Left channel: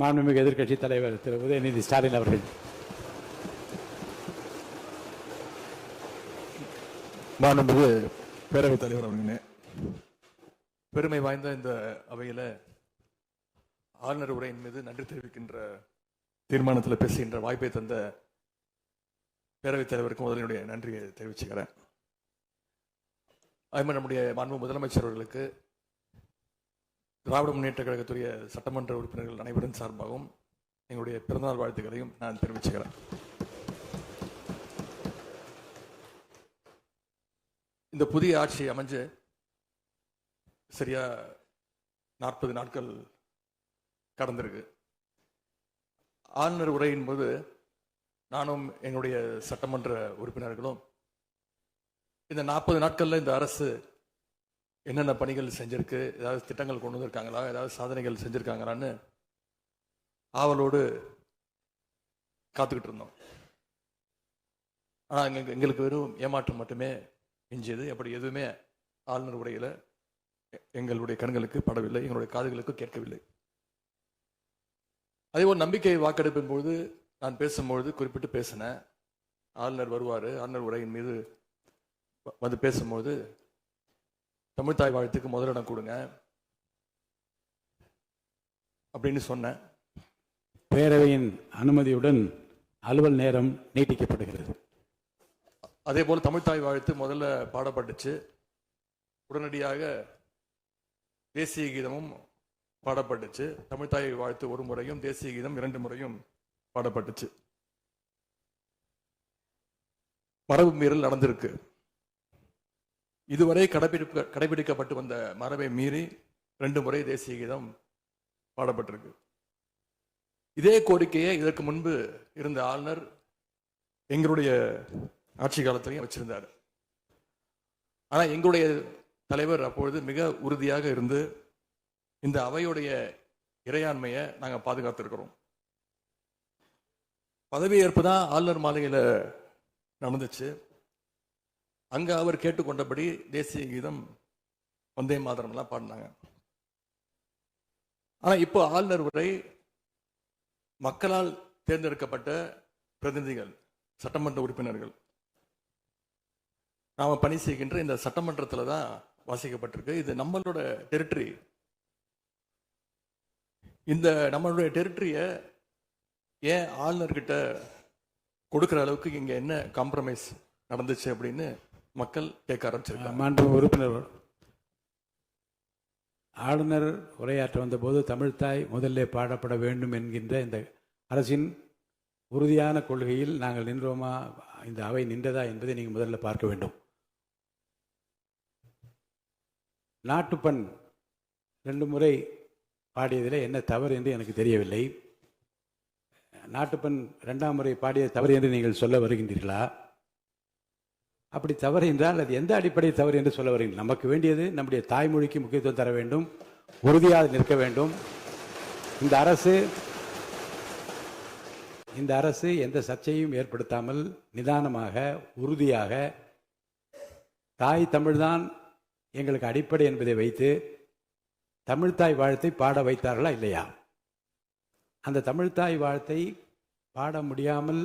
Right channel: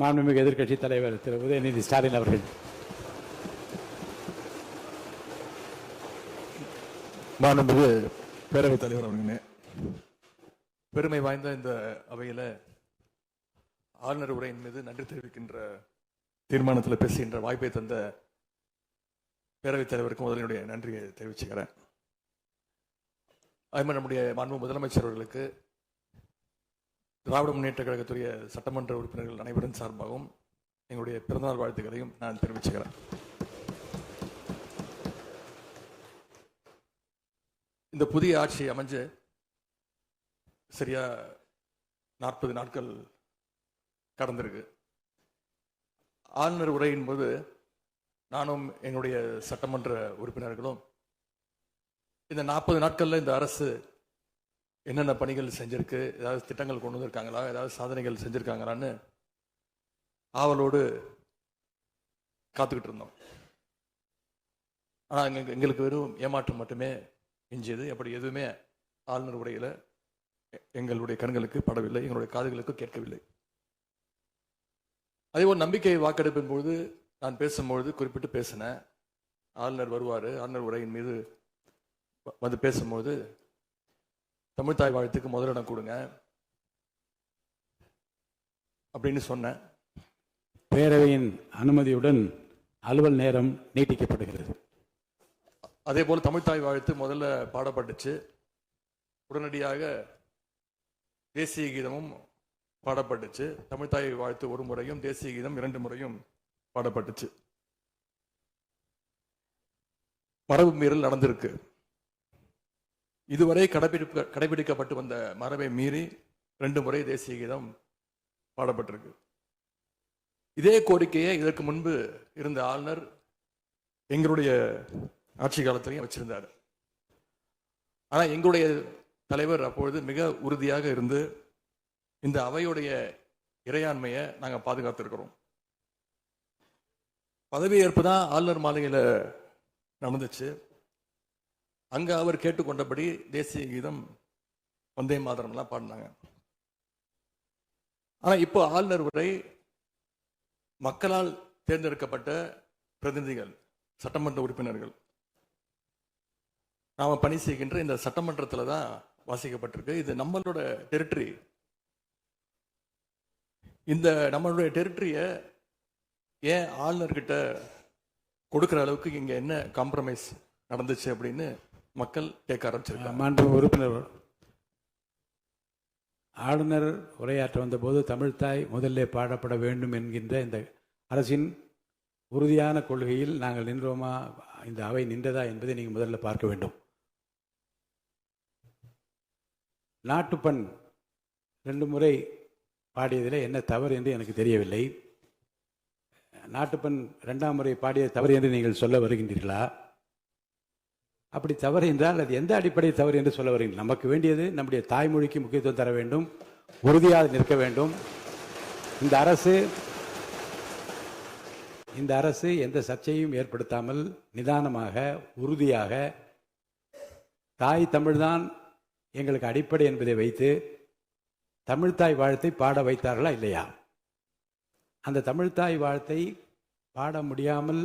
மாண்புமிகு எதிர்க்கட்சித் தலைவர் திரு உதயநிதி ஸ்டாலின் அவர்கள். மாண்புமிகு பேரவைத் தலைவர் அவர்களே, பெருமை வாய்ந்த இந்த அவையில ஆளுநர் உரையின் மீது நன்றி தெரிவிக்கின்ற தீர்மானத்தில் பேசுகின்ற வாய்ப்பை தந்த பேரவைத் தலைவருக்கு முதலினுடைய நன்றியை தெரிவிச்சுக்கிறேன். அதுமாதிரி நம்முடைய மாண்பு முதலமைச்சர் அவர்களுக்கு திராவிட முன்னேற்ற கழகத்துடைய சட்டமன்ற உறுப்பினர்கள் அனைவரின் சார்பாகவும் எங்களுடைய பிறந்தநாள் வாழ்த்துக்களையும் நான் தெரிவிச்சுக்கிறேன். இந்த புதிய ஆட்சி அமைஞ்சு சரியா 40 நாட்கள் கடந்திருக்கு. ஆளுநர் உரையின் போது நானும் எங்களுடைய சட்டமன்ற உறுப்பினர்களும் இந்த 40 நாட்கள்ல இந்த அரசு என்னென்ன பணிகள் செஞ்சிருக்கு, ஏதாவது திட்டங்கள் கொண்டு வந்திருக்காங்களா, ஏதாவது சாதனைகள் செஞ்சிருக்காங்களான்னு ஆவலோடு காத்துக்கிட்டு இருந்தோம். எங்களுக்கு வெறும் ஏமாற்றம் மட்டுமே எஞ்சியது. அப்படி எதுவுமே ஆளுநர் உரையில எங்களுடைய கண்களுக்கு படவில்லை, எங்களுடைய காதுகளுக்கு கேட்கவில்லை. அதே ஒரு நம்பிக்கை வாக்கெடுப்பின் போது நான் பேசும்பொழுது குறிப்பிட்டு பேசினேன், ஆளுநர் வருவாரு, ஆளுநர் உரையின் மீது வந்து பேசும்போது தமிழ்தாய் வாழ்த்துக்கு முதலிடம் கொடுங்க அப்படின்னு சொன்னேன். பேரவையின் அனுமதியுடன் அலுவல் நேரம் நீட்டிக்கப்படுகிறது. அதே போல தமிழ்தாய் வாழ்த்து முதல்ல பாடப்பட்டுச்சு. உடனடியாக தேசிய கீதமும் பாடப்பட்டுச்சு. தமிழ்தாய் வாழ்த்து ஒரு முறையும் தேசிய கீதம் 2 முறையும் பாடப்பட்டுச்சு. மரபு மீறல் நடந்திருக்கு. இதுவரை கடைபிடிக்கப்பட்டு வந்த மரபை மீறி 2 முறை தேசிய கீதம் பாடப்பட்டிருக்கு. இதே கோரிக்கையை இதற்கு முன்பு இருந்த ஆளுநர் எங்களுடைய ஆட்சி காலத்திலையும் வச்சிருந்தார். ஆனா எங்களுடைய தலைவர் அப்பொழுது மிக உறுதியாக இருந்து இந்த அவையுடைய இறையாண்மையை நாங்க பாதுகாத்திருக்கிறோம். பதவியேற்பு தான் ஆளுநர் மாளிகையில் நடந்துச்சு. அங்க அவர் கேட்டுக்கொண்டபடி தேசிய கீதம் வந்தே மாதரம் எல்லாம் பாடினாங்க. ஆனா இப்போ ஆளுநர் உரை மக்களால் தேர்ந்தெடுக்கப்பட்ட பிரதிநிதிகள், சட்டமன்ற உறுப்பினர்கள் நாம பணி செய்கின்ற இந்த சட்டமன்றத்தில் தான் வாசிக்கப்பட்டிருக்கு. இது நம்மளோட டெரிட்டரி. இந்த நம்மளுடைய டெரிட்டரிய ஏன் ஆளுநர்கிட்ட கொடுக்கிற அளவுக்கு இங்க என்ன காம்ப்ரமைஸ் நடந்துச்சு அப்படின்னு மக்கள் கேட்க ஆரம்பிச்சிருக்காங்க. மாண்பு உறுப்பினர், ஆளுநர் உரையாற்ற வந்தபோது தமிழ்தாய் முதல்ல பாடப்பட வேண்டும் என்கின்ற இந்த அரசின் உறுதியான கொள்கையில் நாங்கள் நின்றோமா, இந்த அவை நின்றதா என்பதை நீங்கள் முதல்ல பார்க்க வேண்டும். நாட்டுப்பண் 2 முறை பாடியதில் என்ன தவறு என்று எனக்கு தெரியவில்லை. நாட்டுப்பண் 2ஆம் முறை பாடிய தவறு என்று நீங்கள் சொல்ல வருகின்றீர்களா? அப்படி தவறு என்றால் அது எந்த அடிப்படையில் தவறு என்று சொல்ல வருகிறீர்கள்? நமக்கு வேண்டியது நம்முடைய தாய்மொழிக்கு முக்கியத்துவம் தர வேண்டும், உறுதியாக நிற்க வேண்டும். இந்த அரசு எந்த சர்ச்சையும் ஏற்படுத்தாமல் நிதானமாக உறுதியாக தாய் தமிழ்தான் எங்களுக்கு அடிப்படை என்பதை வைத்து தமிழ்தாய் வாழ்த்தை பாட வைத்தார்களா இல்லையா? அந்த தமிழ்தாய் வாழ்த்தை பாட முடியாமல்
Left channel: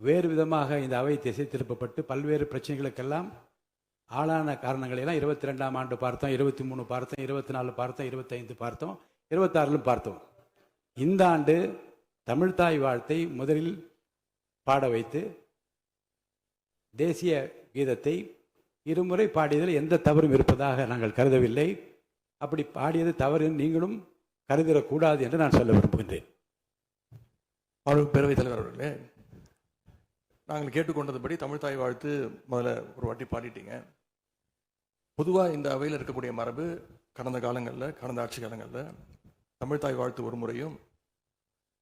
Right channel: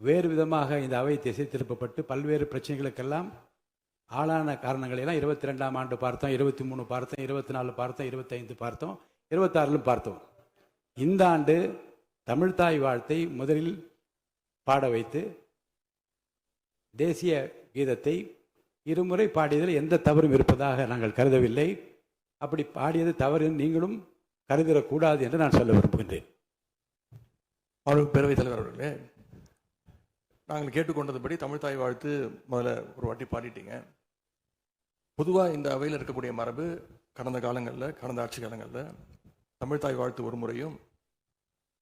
வேறு விதமாக இந்த அவை திசை திருப்பப்பட்டு பல்வேறு பிரச்சனைகளுக்கெல்லாம் ஆளான காரணங்களெல்லாம் 22ஆம் ஆண்டு பார்த்தோம், 23 பார்த்தோம், 24 பார்த்தோம், 25 பார்த்தோம், 26 பார்த்தோம். இந்த ஆண்டு தமிழ்தாய் வாழ்த்தை முதலில் பாட வைத்து தேசிய கீதத்தை 2 முறை பாடியதில் எந்த தவறும் இருப்பதாக நாங்கள் கருதவில்லை. அப்படி பாடியது தவறு நீங்களும் கருதிடக்கூடாது என்று நான் சொல்ல விரும்புகின்றேன். பேரவைத் தலைவர் அவர்களே, நாங்கள் கேட்டுக்கொண்டதுபடி தமிழ்தாய் வாழ்த்து முதல்ல ஒரு வாட்டி பாடிட்டீங்க. பொதுவாக இந்த அவையில் இருக்கக்கூடிய மரபு கடந்த காலங்களில், கடந்த ஆட்சி காலங்களில் தமிழ்தாய் வாழ்த்து ஒரு முறையும்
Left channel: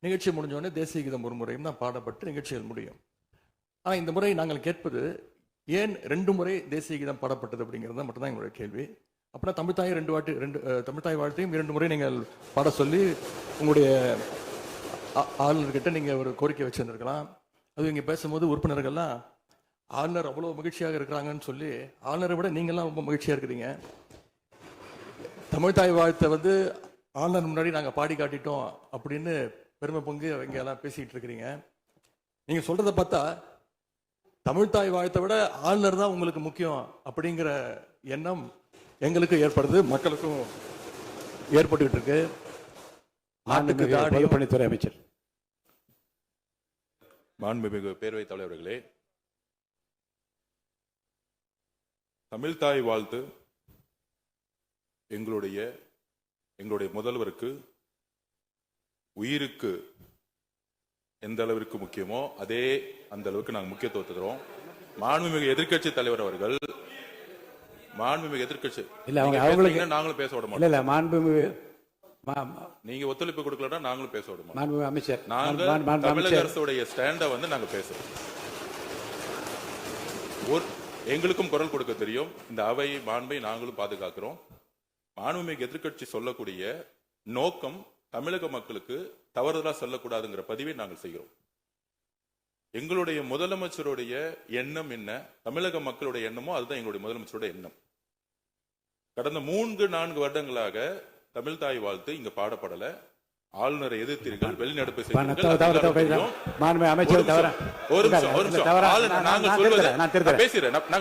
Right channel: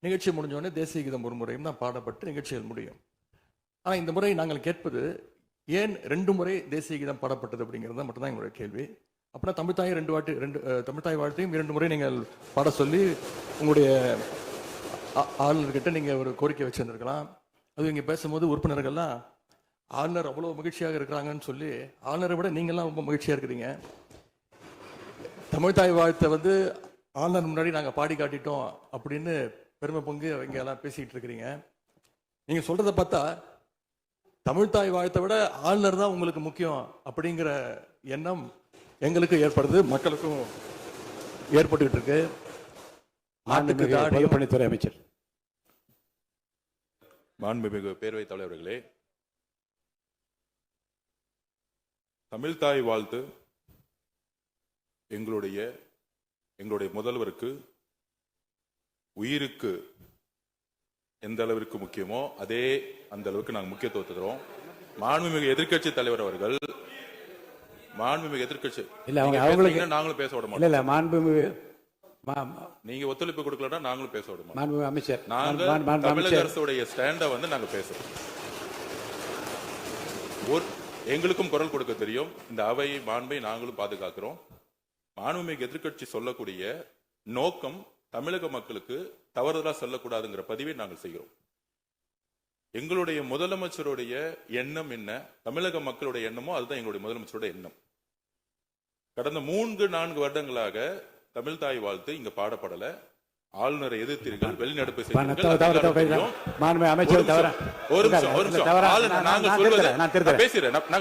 நிகழ்ச்சி முடிஞ்சோடனே தேசிய கீதம் ஒரு முறையும் தான் பாடப்பட்டு நிகழ்ச்சிகள் முடியும். ஆனால் இந்த முறை நாங்கள் கேட்பது ஏன் 2 முறை தேசிய கீதம் பாடப்பட்டது அப்படிங்கிறது மட்டும்தான் எங்களுடைய கேள்வி. அப்படின்னா தமிழ்தாய் தமிழ்தாய் வாழ்த்தையும் 2 முறை நீங்கள் பாட சொல்லி உங்களுடைய ஆளுநர்கிட்ட நீங்க ஒரு கோரிக்கை வச்சிருந்திருக்கலாம். அது இங்க பேசும்போது உறுப்பினர்கள்லாம் ஆளுநர் அவ்வளவு மகிழ்ச்சியாக இருக்கிறாங்கன்னு சொல்லி, ஆளுநரை விட நீங்கள்லாம் ரொம்ப மகிழ்ச்சியா இருக்கிறீங்க. தமிழ்தாய் வாழ்த்தை ஆளுநர் முன்னாடி நாங்க பாடி காட்டிட்டோம் அப்படின்னு பெருமை பொங்கு இங்க எல்லாம் பேசிட்டு இருக்கிறீங்க. நீங்க சொல்றதை பார்த்தா தமிழ்தாய் வாழ்த்தை விட ஆளுநர் தான் உங்களுக்கு முக்கியம் அப்படிங்கிற எண்ணம் எங்களுக்கு ஏற்படுது, மக்களுக்கும் ஏற்பட்டு இருக்கு. நாட்டுக்கு தாடியும் பொதுப்பணித்துறை அமைச்சர். மாண்புமிகு பேரவைத் தலைவர்களே, தமிழ்தாய் வாழ்த்து எங்களுடைய முதல்வருக்கு உயிருக்கு எந்த அளவிற்கு முக்கியமோ அதே அந்த அளவுக்கு நாங்கள் முக்கியத்துவம் தருவோம். மாண்புமிகு எதிர்க்கட்சி தலைவர் அவர்கள் நாங்களும் பேச விட மாட்டோம். இல்ல மாண்புமிகு நீங்க ஒத்துழைப்பு கொடுக்கலன்னா நாங்களும் பேச விட மாட்டோம். மாண்புமிகு அமைச்சர், நாங்கள் தமிழக அரசுடைய ஸ்டாண்ட நாங்க பேசுறோம். எங்களுக்கும் குரல் கொடுக்க தெரியும். இந்த அவை மாண்பை நாங்களும் பாதுகாக்கிறோம். மாண்புமிகு எதிர்க்கட்சி சொல்லக்கூடிய நோக்கம் தமிழக மக்களுக்கு தவறுதலா சொல்லக்கூடாதுங்கிற பதிவை நாங்கள் செய்கிறோம். எங்களுடைய முதலமைச்சருடைய எண்ணம் என்ன, தமிழக மக்களுடைய எண்ணமோ அதுதான் எங்களுடைய முதலமைச்சருடைய எண்ணம். கடந்த 3-4 வருடங்களாக தமிழ்தாய் வாழ்த்து இங்க பாடப்படல. ஆளுநரை எதிர்த்தீர்கள், வெளிநடப்பு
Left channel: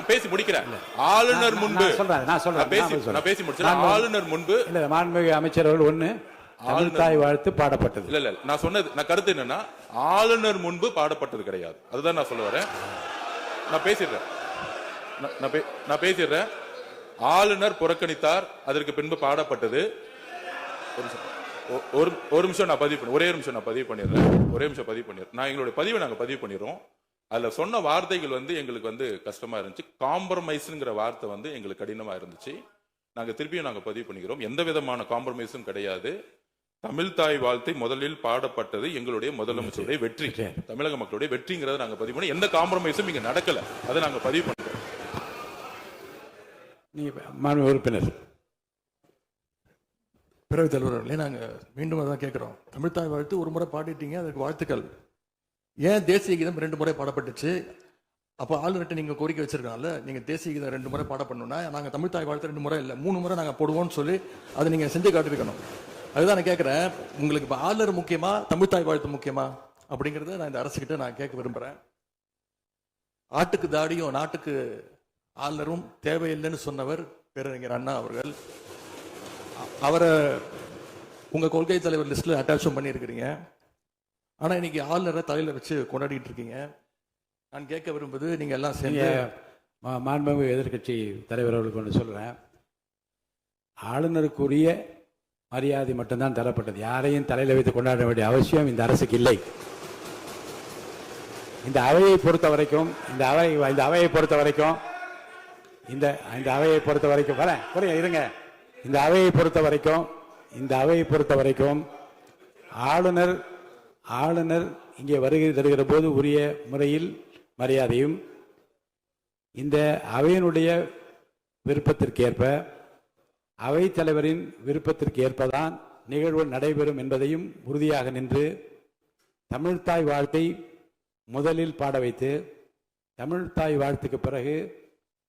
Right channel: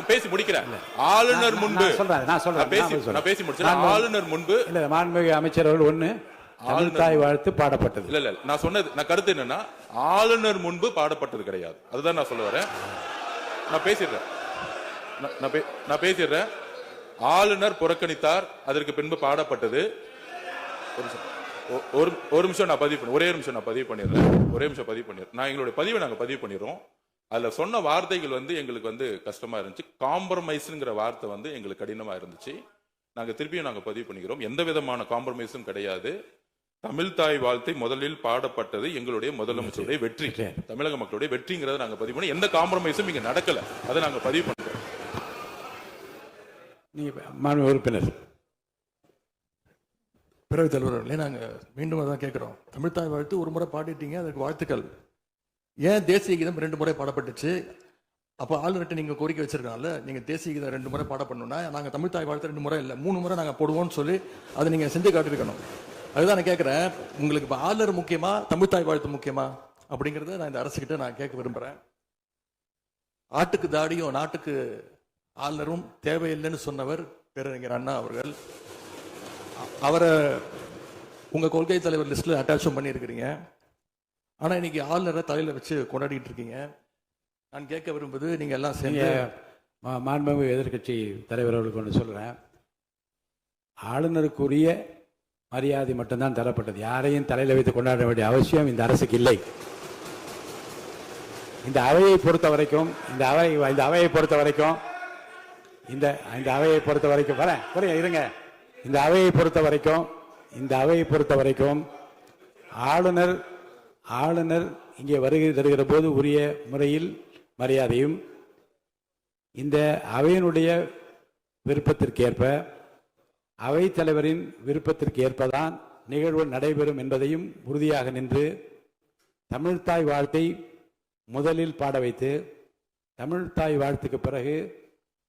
பேசி முடிக்கிறேன். ஆளுநர் முன்பு ஆளுநர் முன்பு அமைச்சர்கள் ஒண்ணு தமிழ்தாய் வாழ்த்து பாடப்பட்டது. இல்ல நான் சொன்னது, நான் கருத்து என்னன்னா ஆளுநர் முன்பு பாடப்பட்டது கிடையாது. அதுதான் நான் சொல்ல வரேன். நான் பேசிடுறேன். ஆளுநர் புறக்கணித்தார், அதற்கு பின்பு பாடப்பட்டது. ஒரு நிமிஷம் நான் பதிவு பண்ணி, ஒரே நிமிஷம் நான் பதிவு பண்ணிடுறேன். நான் எங்களுடைய பதிவை நாங்க பதிவு பண்ணிடுறோம். அதுல சொன்ன வார்த்தைகள் எங்களுக்கு கஷ்டமா இருந்துச்சு. காம்ப்ரமைஸ்ங்கிற வார்த்தை எங்களுக்கு கடினமா இருந்துச்சு. நாங்க திருப்பியும் நாங்க பதிவு பண்ணிக்கிறோம். எந்த விதமான காம்ப்ரமைஸும் கிடையாது. தமிழ்தாய் வாழ்த்தை முதலில் பாடப்பட்டது எங்களுடைய முதலமைச்சருடைய வெற்றி, தமிழக மக்களுடைய வெற்றிங்கிறத நாங்க பதிவு பண்ணி எந்த காம்ப்ரமைஸும் இங்க நடக்கல. அதை நாங்க பதிவு பண்றோம். மாண்பு உறுப்பினர் பேரவைத் தலைவர்களே, நாங்க மீண்டும் அதான் கேட்கிறோம். தமிழ்தாய் வாழ்த்து ஒரு முறை பாடிட்டீங்க, அதுக்கு வாழ்த்துக்கள். ஏன் தேசிய கீதம் 2 முறை பாடப்பட்டுச்சு? அப்ப ஆளுநர்கிட்ட நீங்க கோரிக்கை வச்சிருக்காங்கல்ல, நீங்க தேசிய கீதம் 2 முறை பாடப்படணும்னா நாங்க தமிழ்தாய் வாழ்த்து 2 முறை இல்ல 3 முறை நாங்க போடுவோம்னு சொல்லி அதை நீங்க செஞ்சு காட்டிருக்கணும். அதுதான் நான் கேட்கிறேன். உங்களுக்கு இப்ப ஆளுநர் முக்கியமா, தமிழ்தாய் வாழ்த்து முக்கியமா அப்படிங்கறத நான் இந்த அரசுகிட்ட நான் கேட்க விரும்புறேன். ஆட்டுக்கு தாடியும் நாட்டுக்கு ஆளுநரும் தேவையில்லைன்னு சொன்னவர் பேரறிஞர் அண்ணா அவர்கள். அவரை உங்க கொள்கை தலைவர் லிஸ்ட்ல அட்டாச்சும் பண்ணியிருக்கிறீங்க. ஆனா இன்னைக்கு ஆளுநரை தலையில வச்சு கொண்டாடிட்டு இருக்கீங்க. நான் கேட்க விரும்புவது, நீங்க எல்லாம் சேர்ந்து மாண்புமிகு எதிர்க்கட்சி தலைவர்களுக்கு ஒன்று சொல்றேன். ஆளுநருக்குரிய மரியாதை மட்டும்தான் தரப்பட்டது. யாரையும் தலையில வைத்து கொண்டாட வேண்டிய அவசியம் இந்த அரசுக்கு இல்லை. இந்த அவையை பொறுத்த வரைக்கும் ஆளுநர் இங்கே வருகை தருகிற போது உரிய முறையில் மரியாதையும், இந்த அவையினுடைய விருப்பத்திற்கேற்ப, அவைத் தலைவரின் விருப்பத்திற்கு ஏற்பதான் நிகழ்வு நடைபெறும் என்பதையும் உறுதியாக நின்று தமிழ்தாய் வாழ்த்தை முதலில் பாட வைத்து, தமிழ்தாய் வாழ்த்துக்கு பிறகு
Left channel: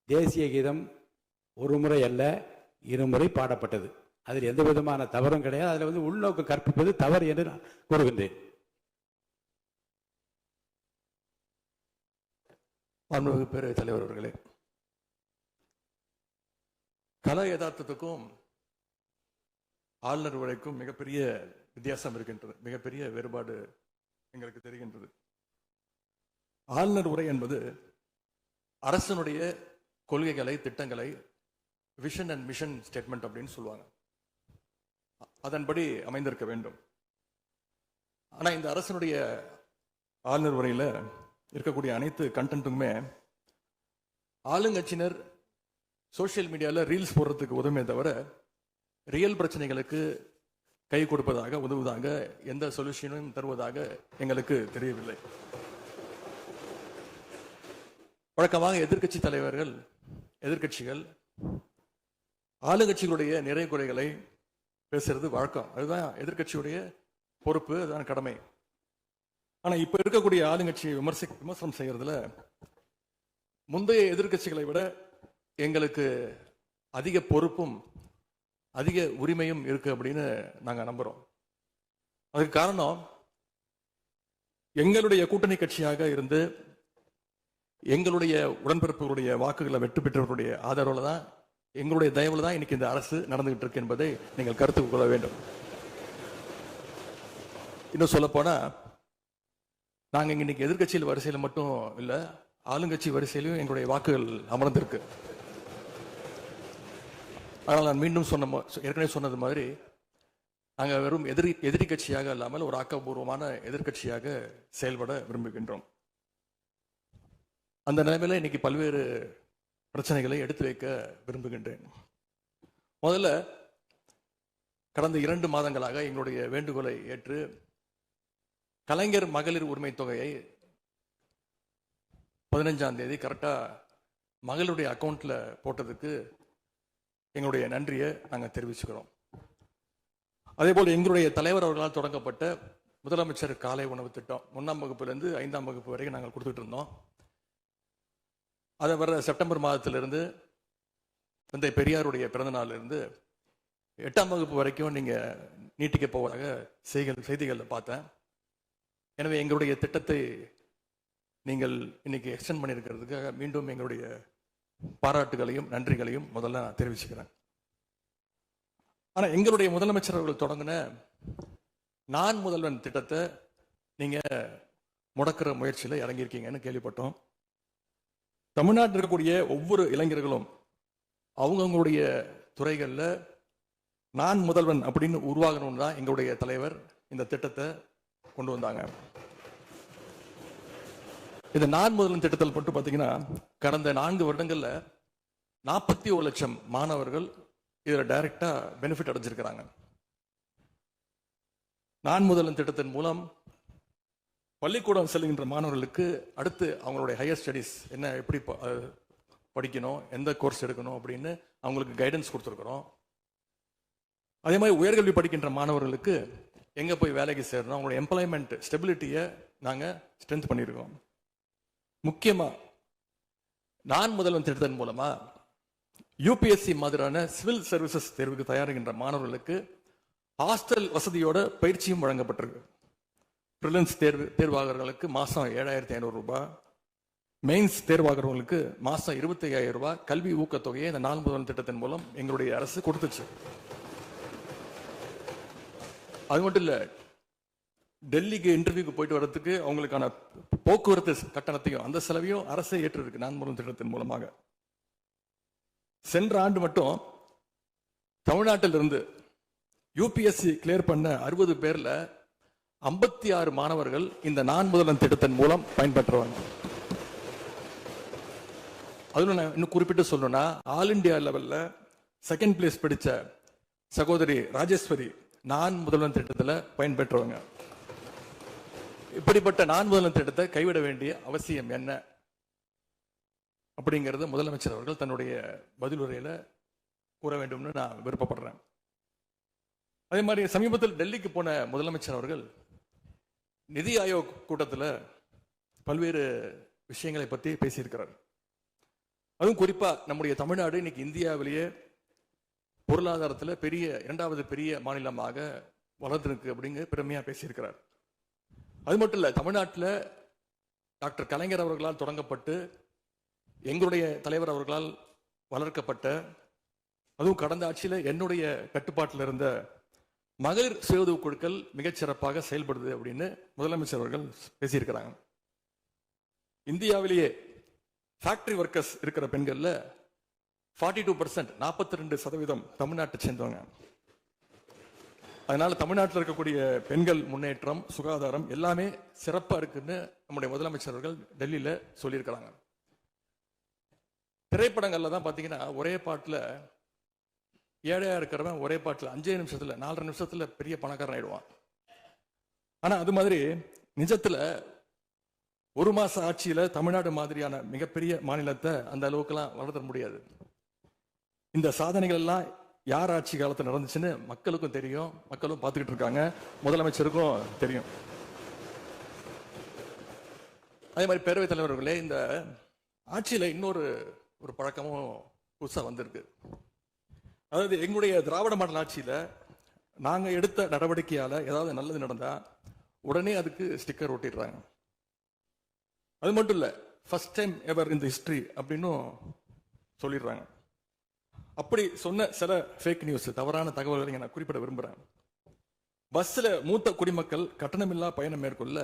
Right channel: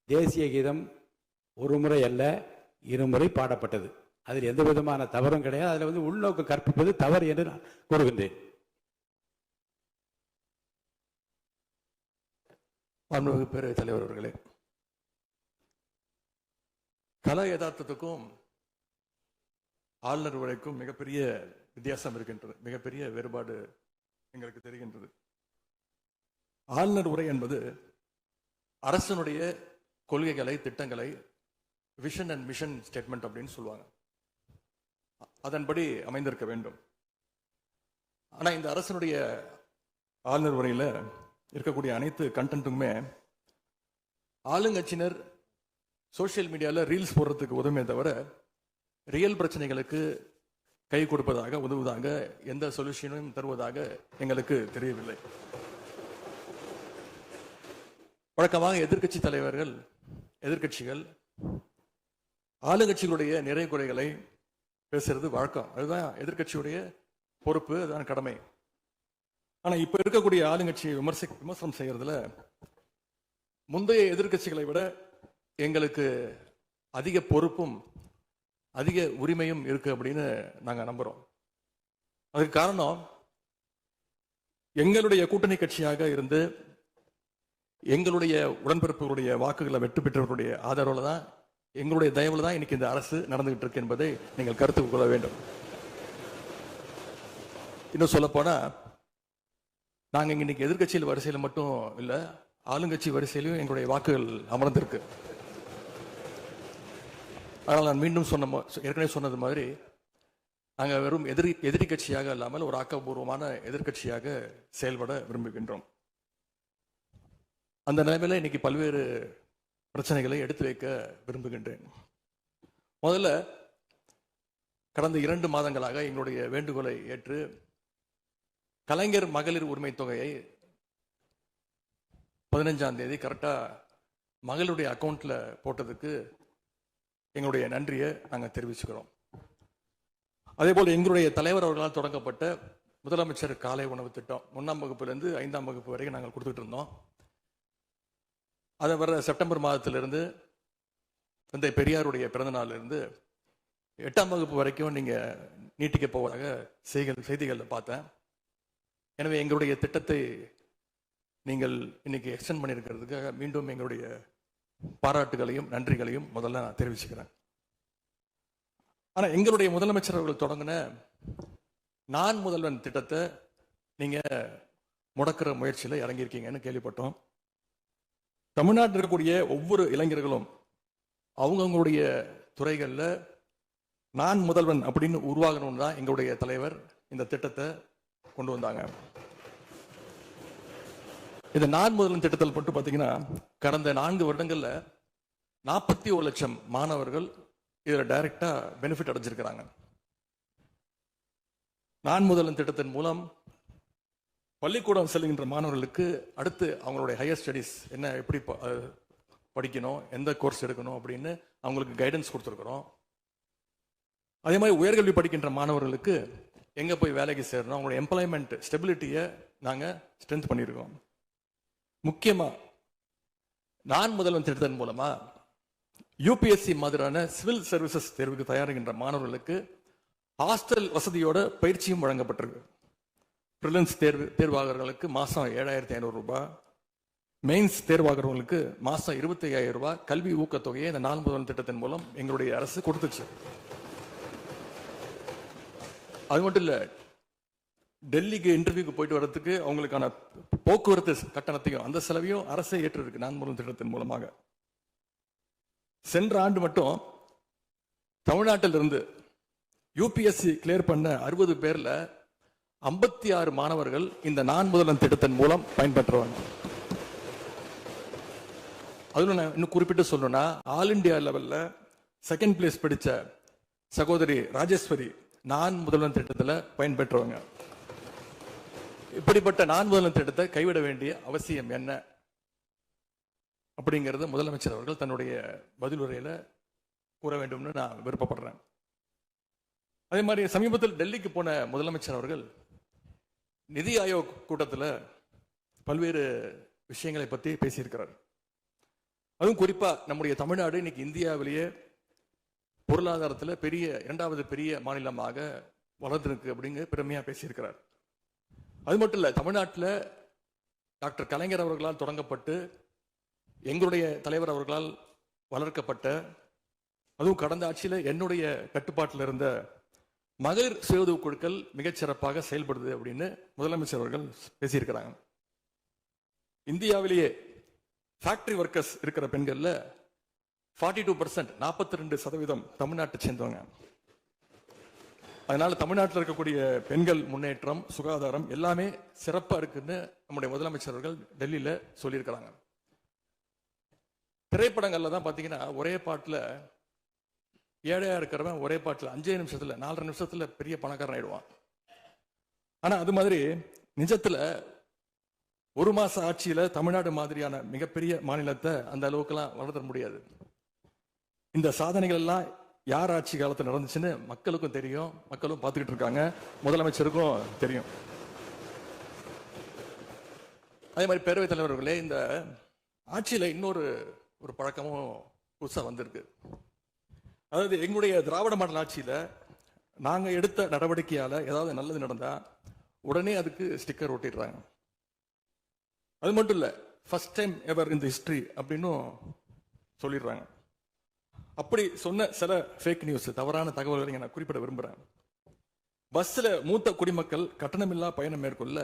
தேசிய கீதம் 1 முறை அல்ல 2 முறை பாடப்பட்டது. அதில் எந்த விதமான தவறும் கிடையாது. அதில் உள்நோக்கம் கற்பிப்பது தவறு என்று நான் கூறுகின்றேன். பேரவைத் தலைவர் அவர்களே, கல யதார்த்தத்துக்கும் ஆளுநர் உரைக்கும் மிகப்பெரிய வித்தியாசம் இருக்கின்றது. மிகப்பெரிய வேறுபாடு எங்களுக்கு தெரிகின்றது. ஆளுநர் உரை என்பது அரசனுடைய கொள்கைகளை, திட்டங்களை, விஷன் அண்ட் மிஷன் ஸ்டேட்மெண்ட் அப்படின்னு சொல்லுவாங்க. அதன்படி அமைந்திருக்க வேண்டும். ஆனா இந்த அரசனுடைய ஆளுநர் உரையில இருக்கக்கூடிய அனைத்து கண்டென்ட்டுமே ஆளுங்கட்சியினர் சோசியல் மீடியால ரீல்ஸ் போடுறதுக்கு உதவியே தவிர ரியல் பிரச்சனைகளுக்கு கை கொடுப்பதாக, உதவுவதாக, எந்த சொல்யூஷனும் தருவதாக எங்களுக்கு தெரியவில்லை. வழக்கமாக எதிர்கட்சி தலைவர்கள், எதிர்கட்சிகள் ஆளுங்கட்சிகளுடைய நிறை குறைகளை பேசுறது வழக்கம். அதுதான் எதிர்கட்சியுடைய பொறுப்பு, அதுதான் கடமை. ஆனா இப்ப இருக்கக்கூடிய ஆளுங்கட்சியை விமர்சனம் செய்யறதுல முந்தைய எதிர்கட்சிகளை விட எங்களுக்கு அதிக பொறுப்பும் அதிக உரிமையும் இருக்கு அப்படின்னு நாங்க நம்புறோம். அதுக்கு காரணம் எங்களுடைய கூட்டணி கட்சியாக இருந்து எங்களுடைய உடன்பிறப்புகளுடைய வாக்குகளை வெற்றி பெற்றவர்களுடைய ஆதரவுல தான், எங்களுடைய தயவுல தான் இன்னைக்கு இந்த அரசு நடந்துகிட்டு இருக்கு என்பதை நீங்கள் கருத்து கொள்ள வேண்டும். இன்னும் சொல்ல போனா, நாங்க இன்னைக்கு எதிர்கட்சியில் வரிசையில மட்டும் இல்ல, ஆளுங்கட்சி வரிசையிலும் எங்களுடைய வாக்குகள் அமர்ந்திருக்கு. ஆனால் நான் மீண்டும் ஏற்கனவே சொன்னது மாதிரி, நாங்க வெறும் எதிரி கட்சியாக இல்லாமல் ஒரு ஆக்கப்பூர்வமான எதிர்கட்சியாக செயல்பட விரும்புகின்றோம். அந்த நிலைமையில இன்னைக்கு பல்வேறு பிரச்சனைகளை எடுத்து வைக்க விரும்புகின்றேன். முதல்ல, கடந்த 2 மாதங்களாக எங்களுடைய வேண்டுகோளை ஏற்று கலைஞர் மகளிர் உரிமை தொகையை 15ஆம் தேதி கரெக்டா மகளுடைய அக்கௌண்ட்ல போட்டதுக்கு எங்களுடைய நன்றியை நாங்க தெரிவிச்சுக்கிறோம். அதே போல எங்களுடைய தலைவர் அவர்களால் தொடங்கப்பட்ட முதலமைச்சர் காலை உணவு திட்டம் 1ஆம் வகுப்பிலிருந்து 5ஆம் வகுப்பு வரைக்கும் நாங்கள் கொடுத்துட்டு இருந்தோம். அதை வர செப்டம்பர் மாதத்திலிருந்து தந்தை பெரியாருடைய பிறந்த நாள்ல இருந்து 8ஆம் வகுப்பு வரைக்கும் நீங்க நீட்டிக்க போவதாக செய்திகள் பார்த்தேன். எனவே எங்களுடைய திட்டத்தை நீங்கள் இன்னைக்கு எக்ஸ்டெண்ட் பண்ணியிருக்கிறதுக்காக மீண்டும் எங்களுடைய பாராட்டுகளையும் நன்றிகளையும் முதல்ல நான் தெரிவிச்சுக்கிறேன். ஆனா எங்களுடைய முதலமைச்சர் அவர்கள் தொடங்கின நான் முதல்வன் திட்டத்தை நீங்க முடக்கிற முயற்சியில இறங்கியிருக்கீங்கன்னு கேள்விப்பட்டோம். தமிழ்நாட்டில் இருக்கக்கூடிய ஒவ்வொரு இளைஞர்களும் அவங்களுடைய துறைகள்ல நான் முதல்வன் அப்படின்னு உருவாகணும் தான் எங்களுடைய தலைவர் இந்த திட்டத்தை கொண்டு வந்தாங்க. இந்த நான் முதல்வன் திட்டத்தில் மட்டும் பாத்தீங்கன்னா கடந்த 4 வருடங்கள்ல 41 லட்சம் மாணவர்கள் இதுல டைரக்டா பெனிஃபிட் அடைஞ்சிருக்கிறாங்க. நான் முதல்வன் திட்டத்தின் மூலம் பள்ளிக்கூடம் செல்கின்ற மாணவர்களுக்கு அடுத்து அவங்களுடைய ஹையர் ஸ்டடீஸ் என்ன, எப்படி படிக்கணும், எந்த கோர்ஸ் எடுக்கணும் அப்படின்னு அவங்களுக்கு கைடன்ஸ் கொடுத்துருக்கிறோம். அதே மாதிரி உயர்கல்வி படிக்கின்ற மாணவர்களுக்கு எங்க போய் வேலைக்கு சேரணும், அவங்களுடைய எம்ப்ளாய்மெண்ட் ஸ்டெபிலிட்டியை நாங்க ஸ்ட்ரென்த் பண்ணியிருக்கோம். முக்கியமா நான் முதல்வன் திட்டத்தின் மூலமா யூபிஎஸ்சி மாதிரியான சிவில் சர்வீசஸ் தேர்வுக்கு தயாரிக்கின்ற மாணவர்களுக்கு ஹாஸ்டல் வசதியோட பயிற்சியும் வழங்கப்பட்டிருக்கு. பிரிலிம்ஸ் தேர்வாளர்களுக்கு மாசம் 7,500 ரூபாய், மெயின்ஸ் தேர்வாளர்களுக்கு மாசம் 25,000 ரூபாய் கல்வி ஊக்கத்தொகையை இந்த நான் முதல்வன் திட்டத்தின் மூலம் எங்களுடைய அரசு கொடுத்துச்சு. அது மட்டும் இல்ல, டெல்லிக்கு இன்டர்வியூக்கு போயிட்டு வர்றதுக்கு அவங்களுக்கான போக்குவரத்து கட்டணத்தையும் அந்த செலவையும் அரசே ஏற்று இருக்கு நான் முதல்வன் திட்டத்தின் மூலமாக. சென்ற ஆண்டு மட்டும் தமிழ்நாட்டில் இருந்து யூபிஎஸ்சி கிளியர் பண்ண 60 பேர்ல 56 மாணவர்கள் இந்த நான் முதல்வன் திட்டத்தின் மூலம் பயன்பெற்றவாங்க. அதுல நான் இன்னும் குறிப்பிட்டு சொல்லணும்னா, ஆல் இண்டியா லெவல்ல செகண்ட் பிளேஸ் பிடிச்ச சகோதரி ராஜேஸ்வரி நான் முதல்வன் திட்டத்தில் பயன்பெற்றவங்க. இப்படிப்பட்ட நான் முதல்வன் திட்டத்தை கைவிட வேண்டிய அவசியம் என்ன அப்படிங்கிறது முதலமைச்சர் அவர்கள் தன்னுடைய பதிலுரையில கூற வேண்டும்னு நான் விருப்பப்படுறேன். அதே மாதிரி சமீபத்தில் டெல்லிக்கு போன முதலமைச்சர் அவர்கள் நிதி ஆயோக் கூட்டத்தில் பல்வேறு விஷயங்களை பற்றி பேசியிருக்கிறார். அதுவும் குறிப்பா நம்முடைய தமிழ்நாடு இன்னைக்கு இந்தியாவிலேயே பொருளாதாரத்தில் 2வது பெரிய மாநிலமாக வளர்ந்திருக்கு அப்படிங்கிற பெருமையா பேசியிருக்கிறார். அது மட்டும் இல்ல, தமிழ்நாட்டில் டாக்டர் கலைஞர் அவர்களால் தொடங்கப்பட்டு எங்களுடைய தலைவர் அவர்களால் வளர்க்கப்பட்ட, அதுவும் கடந்த ஆட்சியில் என்னுடைய கட்டுப்பாட்டில் இருந்த மகளிர் சுய உதவி குழுக்கள் மிகச்சிறப்பாக செயல்படுது அப்படின்னு முதலமைச்சர் அவர்கள் பேசியிருக்கிறாங்க. இந்தியாவிலேயே ஃபேக்டரி ஒர்க்கர்ஸ் இருக்கிற பெண்கள்ல 42%, 42% தமிழ்நாட்டை சேர்ந்தவங்க. அதனால தமிழ்நாட்டில் இருக்கக்கூடிய பெண்கள் முன்னேற்றம், சுகாதாரம் எல்லாமே சிறப்பா இருக்குன்னு நம்முடைய முதலமைச்சர்கள் டெல்லியில சொல்லியிருக்கிறாங்க. திரைப்படங்கள்ல தான் பாத்தீங்கன்னா ஒரே பாட்டுல ஏழையா இருக்கிறவன் ஒரே பாட்டுல 5 நிமிஷத்துல 4 நிமிஷத்துல பெரிய பணக்காரன் ஆயிடுவான். ஆனா அது மாதிரி நிஜத்துல 1 மாச ஆட்சியில தமிழ்நாடு மாதிரியான மிகப்பெரிய மாநிலத்தை அந்த அளவுக்கு எல்லாம் வளர்த்த முடியாது. இந்த சாதனைகள் எல்லாம் யார் ஆட்சி காலத்தில் நடந்துச்சுன்னு மக்களுக்கும் தெரியும், மக்களும் பார்த்துக்கிட்டு இருக்காங்க, முதலமைச்சருக்கும் தெரியும். அதே மாதிரி பேரவைத் தலைவர்களே, இந்த ஆட்சியில இன்னொரு பழக்கமும் புதுசா வந்திருக்கு. அதாவது எங்களுடைய திராவிட மாடல் ஆட்சியில நாங்க எடுத்த நடவடிக்கையால ஏதாவது நல்லது நடந்தா உடனே அதுக்கு ஸ்டிக்கர் ஒட்டிடுறாங்க. அது மட்டும் இல்ல, ஃபர்ஸ்ட் டைம் எவர் இந்த ஹிஸ்டரி அப்படின்னு சொல்லிடுறாங்க. அப்படி சொன்ன சில ஃபேக் நியூஸ், தவறான தகவல்களை நான் குறிப்பிட விரும்புறேன். பஸ்ல மூத்த குடிமக்கள் கட்டணமில்லா பயணம் மேற்கொள்ள,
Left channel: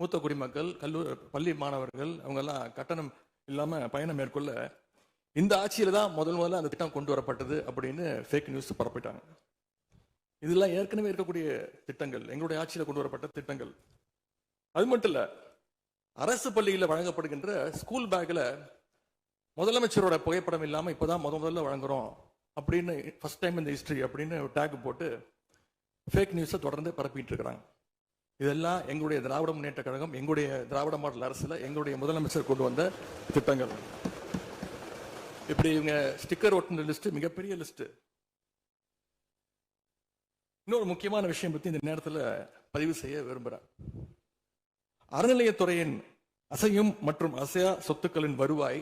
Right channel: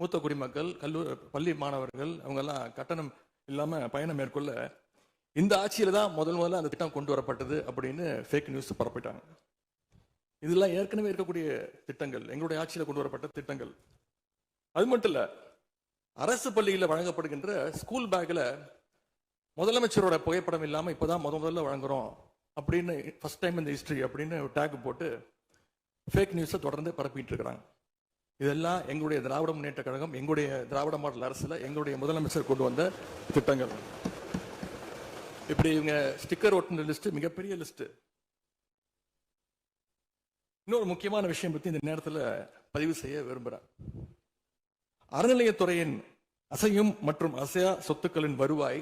மூத்த குடிமக்கள், கல்லூரி பள்ளி மாணவர்கள் அவங்க எல்லாம் கட்டணம் இல்லாம பயணம் மேற்கொள்ள இந்த ஆட்சியில தான் முதல்ல அந்த திட்டம் கொண்டு வரப்பட்டது அப்படின்னு ஃபேக் நியூஸ் பரப்பிட்டாங்க. இதெல்லாம் ஏற்கனவே இருக்கக்கூடிய திட்டங்கள், எங்களுடைய ஆட்சியில கொண்டு வரப்பட்ட திட்டங்கள். அது மட்டும் இல்ல, அரசு பள்ளியில் வழங்கப்படுகின்ற ஸ்கூல் பேக்ல முதலமைச்சரோட புகைப்படம் இல்லாம இப்பதான் முதல்ல வழங்குறோம் அப்படின்னு ஃபர்ஸ்ட் டைம் இந்த ஹிஸ்டரி அப்படின்னு டேக் போட்டு ஃபேக் நியூஸை தொடர்ந்து பரப்பிட்டு இருக்கிறாங்க. இதெல்லாம் எங்களுடைய திராவிட முன்னேற்ற கழகம், எங்களுடைய திராவிட மாடல் அரசுல எங்களுடைய முதலமைச்சர் கொண்டு வந்த திட்டங்கள். இப்படி இவங்க ஸ்டிக்கர் ஒட்டின லிஸ்ட் மிகப்பெரிய லிஸ்ட். இன்னொரு முக்கியமான விஷயம் பத்தி இந்த நேரத்தில் பதிவு செய்ய விரும்புறேன். அறநிலையத்துறையின் அசையும் மற்றும் அசையா சொத்துக்களின் வருவாய்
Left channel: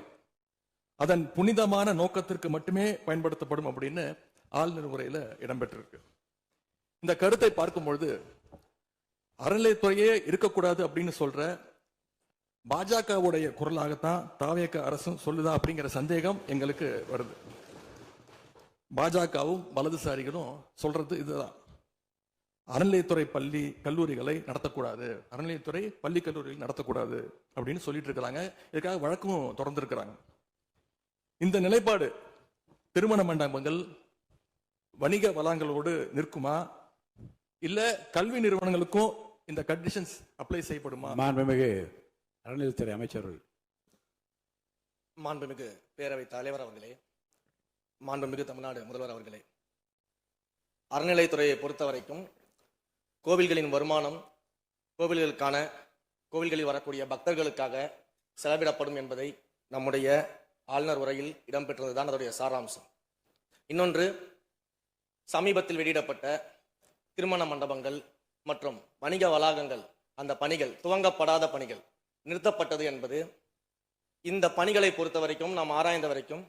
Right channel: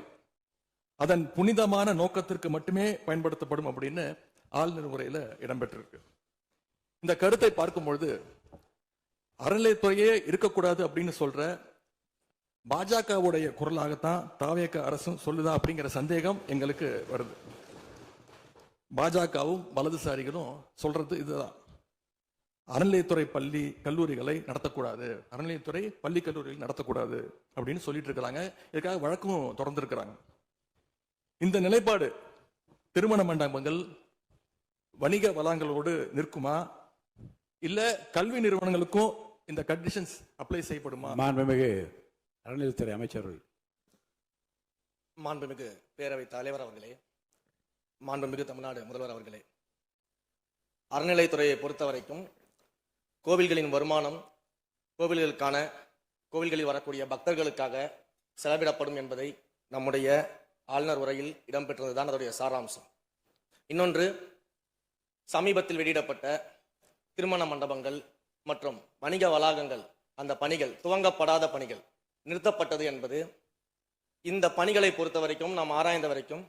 அதன் புனிதமான நோக்கத்திற்கு மட்டுமே பயன்படுத்தப்படும் அப்படின்னு ஆளுநர் உரையில இடம்பெற்றிருக்கு. இந்த கருத்தை பார்க்கும் பொழுது அறநிலையத்துறையே இருக்கக்கூடாது அப்படின்னு சொல்ற பாஜகவுடைய குரலாகத்தான் தாவேக அரசும் சொல்லுதா அப்படிங்கிற சந்தேகம் எங்களுக்கு வருது. பாஜகவும் வலதுசாரிகளும் சொல்றது இதுதான். அறநிலையத்துறை பள்ளி கல்லூரிகளை நடத்தக்கூடாது, அறநிலையத்துறை பள்ளி கல்லூரிகள் நடத்தக்கூடாது அப்படின்னு சொல்லிட்டு இருக்கிறாங்க. இதுக்காக வழக்கும் தொடர்ந்து இருக்கிறாங்க. இந்த நிலைப்பாடு திருமண மண்டபங்கள், வணிக வளங்களோடு நிற்குமா, இல்ல கல்வி நிறுவனங்களுக்கும் இந்த கண்டிஷன்ஸ் அப்ளை செய்யப்படுமா? மாண்புமிகு அறநிலையத்துறை அமைச்சர்கள். மாண்புமிகு பேரவைத் தலைவர் அவர்களே, மாண்புமிகு தமிழ்நாடு முதல்வர் அவர்களே, அறநிலையத்துறையை பொறுத்த வரைக்கும் கோவில்களின் வருமானம் கோவில்களில் வரக்கூடிய பக்தர்களுக்காக செலவிடப்படும் என்பதை நம்முடைய ஆளுநர் உரையில் இடம்பெற்றதுதான் அதனுடைய சாராம்சம். இன்னொன்று, சமீபத்தில் வெளியிடப்பட்ட திருமண மண்டபங்கள் மற்றும் வணிக வளாகங்கள், அந்த பணிகள் துவங்கப்படாத பணிகள் நிறுத்தப்பட்டது என்பது, இந்த பணிகளை பொறுத்த வரைக்கும் நாம் ஆராய்ந்த வரைக்கும்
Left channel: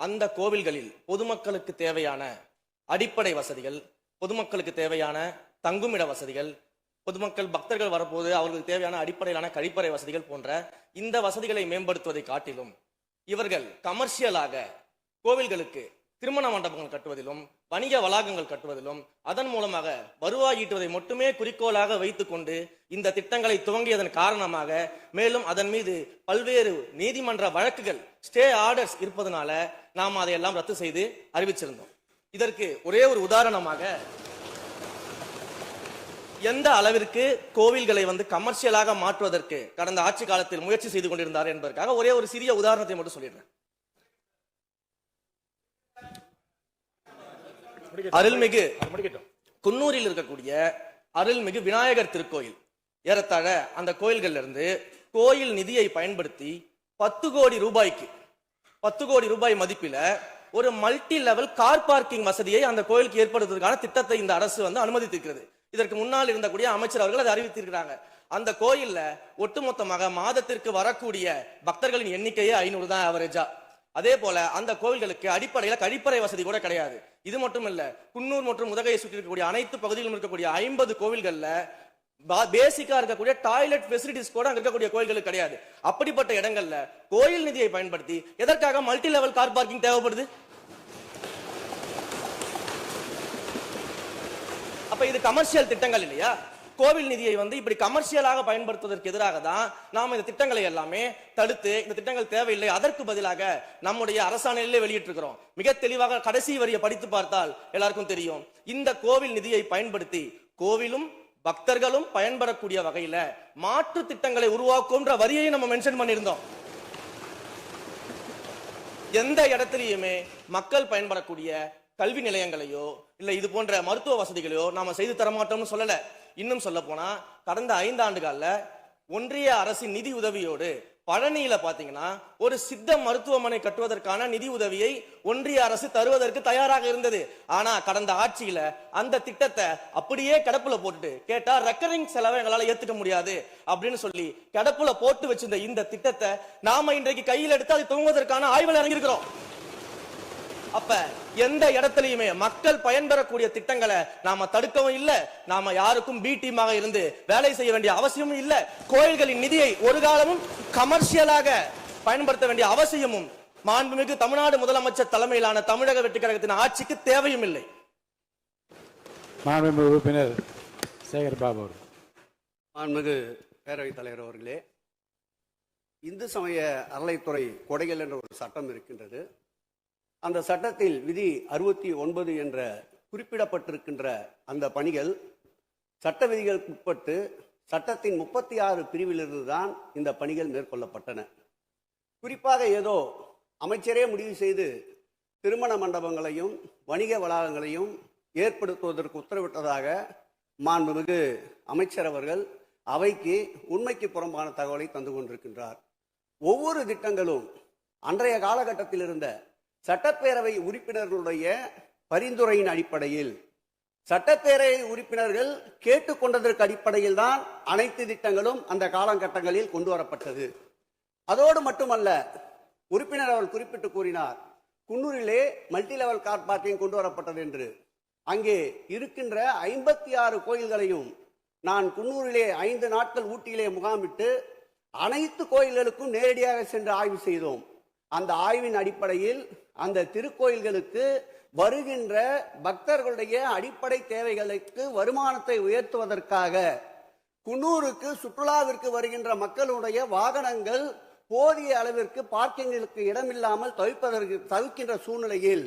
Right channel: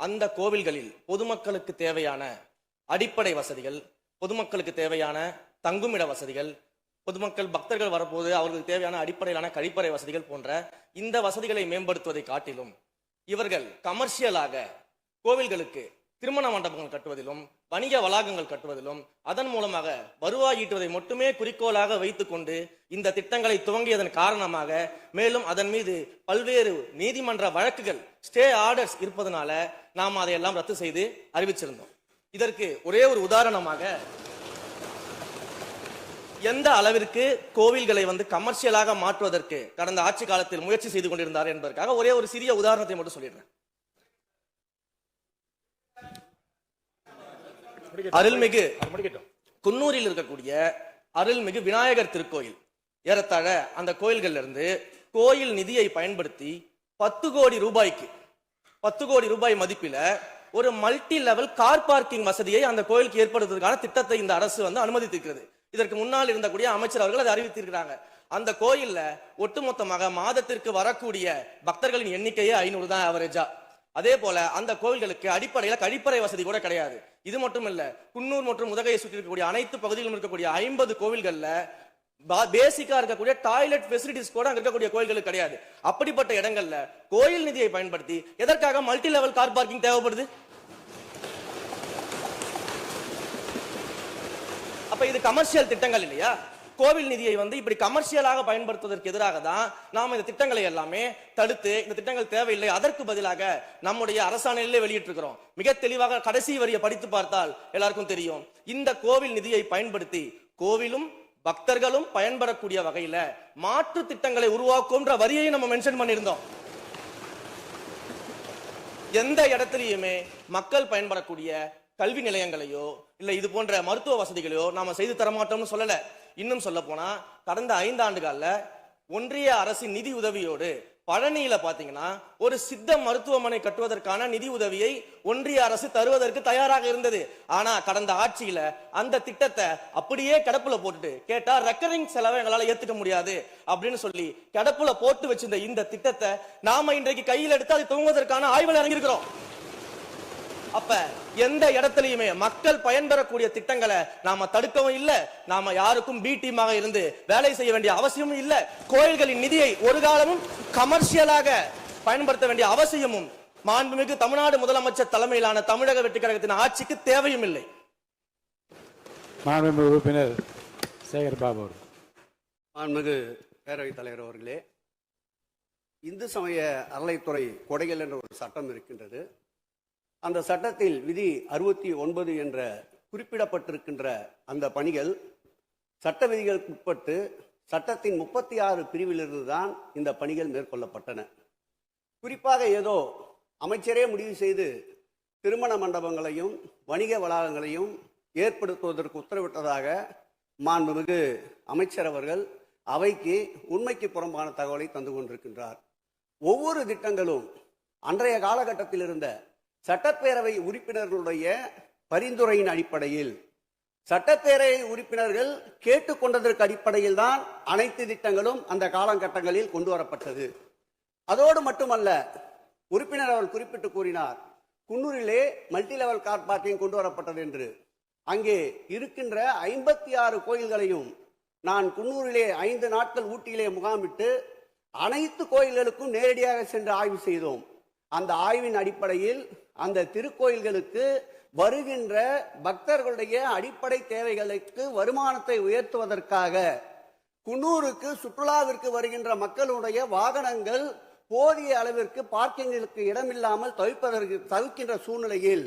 அந்த கோவில்களில் பொதுமக்களுக்கு தேவையான அடிப்படை வசதிகள், பொதுமக்களுக்கு தேவையான தங்குமிட வசதிகள், பொதுமக்கள் பக்தர்கள் வரப்போது அவர்களுக்கு தேவையான அடிப்படையிலான கழிப்பறை வசதிகள் போன்ற இந்த வசதிகளை மேம்படுத்துவதை காட்டிலும் இவர்கள் கமர்ஷியலாக கோவில்களுக்கு திருமண மண்டபங்கள் கட்டுவதிலும் வணிக வளாகங்கள் கட்டுவதிலும் அதன் மூலமாக வருவாய் ஈட்டுவதை மட்டுமே குறிக்கோளாக வைத்துக் கொண்டு இந்த திட்டங்களை துவங்கியதன் காரணமாக மேலும் அதன் மீது பல்வேறு நீதிமன்ற வழக்குகள், ஸ்டே ஆர்டர்ஸ் இருப்பதனால நாம் அதையெல்லாம் ரத்து செய்து அறிவிச்சிருந்தோம். இதற்கு ஒரே ஒரு உதாரணமாக, எந்த அளவிற்கு கோவில்களை கமர்ஷியலாக மாற்றுவதற்கு கடந்த ஆட்சி காலத்தில் முயற்சி செய்து கொண்டிருந்தார் என்பதற்காக ஒரே ஒரு சிறிய உதாரணத்தை மட்டும் சொல்லிடுறேன். அருள்மிகு குன்னூரில் இருக்கக்கூடிய அருள்மிகு விநாயகர் திருக்கோயில், ஏறத்தாழ அந்த கோயில்கள் இருந்து கோயில் நிதியை பயன்படுத்தி 10 கோடி ரூபாய் மதிப்பில ஒரு மல்டி லெவல் கார் பார்க்கிங் வசதியை அந்த கோயிலுக்கு ஏற்படுத்துவதற்கான திட்டத்தை இந்த அரசு அனுமதித்திருக்கிறது. இதற்கு முன்னால் இருந்தக்கூடிய அமைச்சர் அவர்கள் அதை அறிவித்திருக்கிறாங்க. அந்த கோயில்ல ஒட்டுமொத்தமாக மாதத்திற்கு வரக்கூடிய பக்தர்களின் எண்ணிக்கையே 500 தான் ஆவரேஜா. அதே போல அந்த கோவில்களுக்கு அடிப்படையில கழிப்பறை வசதி கூட கிடையாது. இது மட்டும் இல்ல, குன்னூர் மற்றும் உதகையை சுற்றி இருக்கக்கூடிய அனைத்து பகுதிகளிலும் இருக்கக்கூடிய 50 கோவில்கள்ல பேசிக்கா இருக்கக்கூடிய டாய்லெட் ஃபெசிலிட்டிஸ் கூட அங்க இருக்கக்கூடிய கோயில்களுக்கு கிடையாது. அப்படிப்பட்ட இடங்கள்ல கோயில் நிதியை பயன்படுத்தி எதற்காக மல்டி லெவல் கார் பார்க்கிங் தேவைப்படுது? அப்ப இது கமர்ஷியல் திட்டங்கள் இல்லையா? கோவில் நிதியை இப்படி கமர்ஷியலாக பயன்படுத்துவதற்கு எதிராக தான் நாம இந்த திட்டங்களை எல்லாமே தடுத்து, இந்த திட்டங்கள் தேவையில்லை, அதற்கு பதிலாக நம்முடைய அரசாணையிலே வெளியிட்டிருக்கிறோம். மிக தெளிவாக கடைசி வரியை படித்து பார்த்தால் எல்லாருக்கும் தெரியும். இந்த கோவில் நிதியை பயன்படுத்தி கோவிலும் பக்தர்களும் பயன்பெறக்கூடிய வகையில மாற்று திட்டங்களை உருவாக்கும்ன்ற வரியை நம்ம மென்ஷன் பண்ணியிருந்தோம். எந்த இடத்திலையுமே மக்கள் பயன்படக்கூடிய கல்வி நிலையங்களையோ இல்ல இது போன்ற மருத்துவ வசதிகளையோ நாம செய்து தரமாட்டோம்னு சொல்லல. இன்னும் சொல்ல போனா, கடந்த 5 ஆண்டுகள்ல ஒன்றிய அரசின் நிதி உதவியோடு பழனியில பாத்தீங்கன்னா ஒரு சித்த மருத்துவமனை கட்டுவதற்கான நிதி உதவியை ஒன்றிய அரசு தருவதற்கு தயாராக இருந்தது. ஆனா கடந்த ஆட்சியில அந்த திட்டத்தை அப்படியே கிடப்புல போட்டுட்டு, கேட்டா ரெக்கரிங் செலவை எங்களால ஏத்துக்க முடியாது அப்படின்னு சொல்லி கிடப்புல போட்டு வச்சிருந்த இந்த திட்டத்தை நாம இன்றைக்கு கையில் எடுத்து அதை துவங்குவதற்கான ஆய்வில் இறங்கியிருக்கிறோம். அப்ப எந்த இடத்துலயுமே மக்கள் பயன்பெறக்கூடிய திட்டங்களை நாம தடுக்கவும் இல்ல, நாம யாருக்கும் பி டீமாக இருந்து வேலை செய்ய வேண்டிய அவசியமும் இல்ல. கோயில்களின் நிதியை ஒரு காலமும் கமர்ஷியலாக பயன்படுத்த வேண்டிய அவசியமும் மாண்புமிகு தமிழ்நாடு முதலமைச்சர் தலைமையிலான தமிழக வெற்றி கழகத்தின் ஆட்சிக்கு தேவையும் இல்லை. மாண்புமிகு உறுப்பினர் சேகர் பாபு அவர்கள். மாண்புமிகு பேரவைத் தலைவர் அவர்களே, இந்து சமய அறநிலைத்துறை கொடைகள் என்ற ஒரு சட்டம் இருக்கின்றது. அந்த சட்டத்தில் விதி 69 என்ற குறிப்பிடப்பட்டிருக்கின்ற அந்த பணிகள் சட்ட விதிகளுக்கு உட்பட்டு சட்டத்தின் 36 பிரிவிலிருந்து தான் இந்த பணிகள் மேற்கொள்ளப்பட்டன. குறிப்பாக ஏதோ அமைச்சரே முடிவு செய்து திருமண மண்டபங்களையும் வணிக வளாகங்களையும் ஏற்படுத்துவதற்கு உத்தரவிட்டதாக மாண்புமிகு அமைச்சர் அவர்கள் அவைக்கு உண்மைக்கு புறம்பான தகவலை தந்து கொண்டிருக்கின்றார். ஒவ்வொரு திட்டங்களும் அன்றைய காலகட்டத்தில் இருந்த சட்டப்பேரவை உறுப்பினர்களுடைய பரிந்துரையின் அடிப்படையில், சட்டப்பேரவை உறுப்பினர்கள் கேட்டுக்கொண்டதற்கு அடிப்படையில் தான் அனைத்து திட்டங்களும் அந்த காலகட்டங்களில் கொண்டு வரப்பட்டது. அதோடு மட்டுமல்ல, உறுப்பினர் அவர்கள் குறிப்பிட்டு கூறினார், குன்னூரிலே மல்டி லெவல் கார் பார்க்கிங் கொண்டு வரப்பட்டது என்று. அங்கே இருக்கின்ற 56 கோயில்களையும் நான் குன்னூரிலே 5 நாட்கள் ஊட்டியிலே முகாமிட்டு அனைத்து கோயில்களுக்கும் நேரடியாக சென்று ஆய்வு செய்தோம். அந்த ஆய்வின் அடிப்படையில் அந்த திருக்கோயில்களுக்கு வருகின்ற பக்தர்களுடைய அடிப்படை தேவைகளுக்கு வருமானத்தை உயர்த்துவதற்காக குன்னூருக்கு சுற்றுலாவிற்கு வருகின்ற மக்களுடைய வாகனங்கள் போதிய அளவிற்கு பார்க்கிங்களுக்கு இடமில்லாமல் தவிர்க்கின்ற சூழ்நிலையில்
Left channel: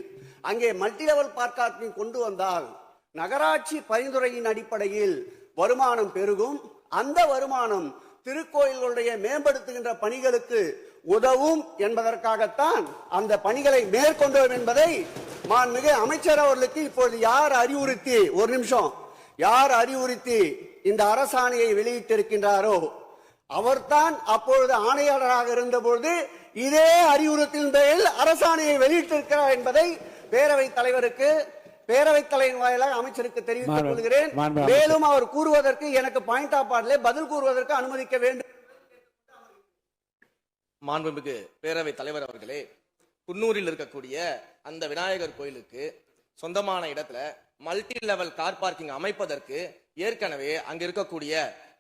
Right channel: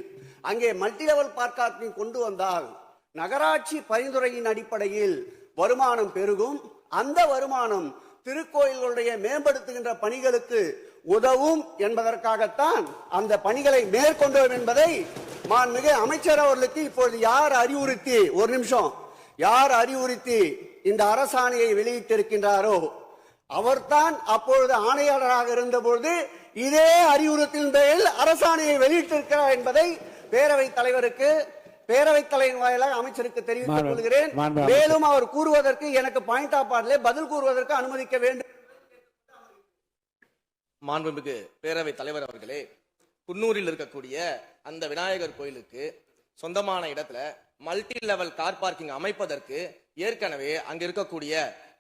அங்கே மல்டி லெவல் பார்க்கிங் கொண்டு வந்தால் நகராட்சி பரிந்துரையின் அடிப்படையில் வருமானம் பெருகும். அந்த வருமானம் திருக்கோயில்களுடைய மேம்படுத்துகின்ற பணிகளுக்கு உதவும் என்பதற்காகத்தான் அந்த பணிகளை மேற்கொண்டோம் என்பதை மாண்புமிகு அமைச்சர் அவர்களுக்கு இப்பொழுது யார் அறிவுறுத்தி, ஒரு நிமிஷம், யார் அறிவுறுத்தி இந்த அரசாணையை வெளியிட்டிருக்கின்றாரோ அவர்தான் அப்பொழுது ஆணையாளராக இருந்தபோது இதே அறிவுறுத்தின் பேரில் அரசாணையை வெளியிட்டிருக்கிறார் என்பதை பேரவைத் தலைவருக்கு, பேரவைத் தலைவர் வாயிலாக அமைச்சருக்கு தெரிவித்துக் கொள்கிறேன். மேலும் அவர் கூறுவதற்கு எனக்கு பாயிண்ட் ஆஃப் ஆர்டர்ல பதில் கூறுவதற்கு அனுமதிக்க வேண்டும். மாண்புமிகு பேரவைத் தலைவர் அவர்களே, குன்னூரில் இருக்கக்கூடிய அந்த விநாயகர் கோயிலுக்கு சொந்தமான இடத்துல மல்டி லெவல் கார் பார்க்கிங் அமைப்பதற்கு ஏற்கனவே அங்க இருக்கக்கூடிய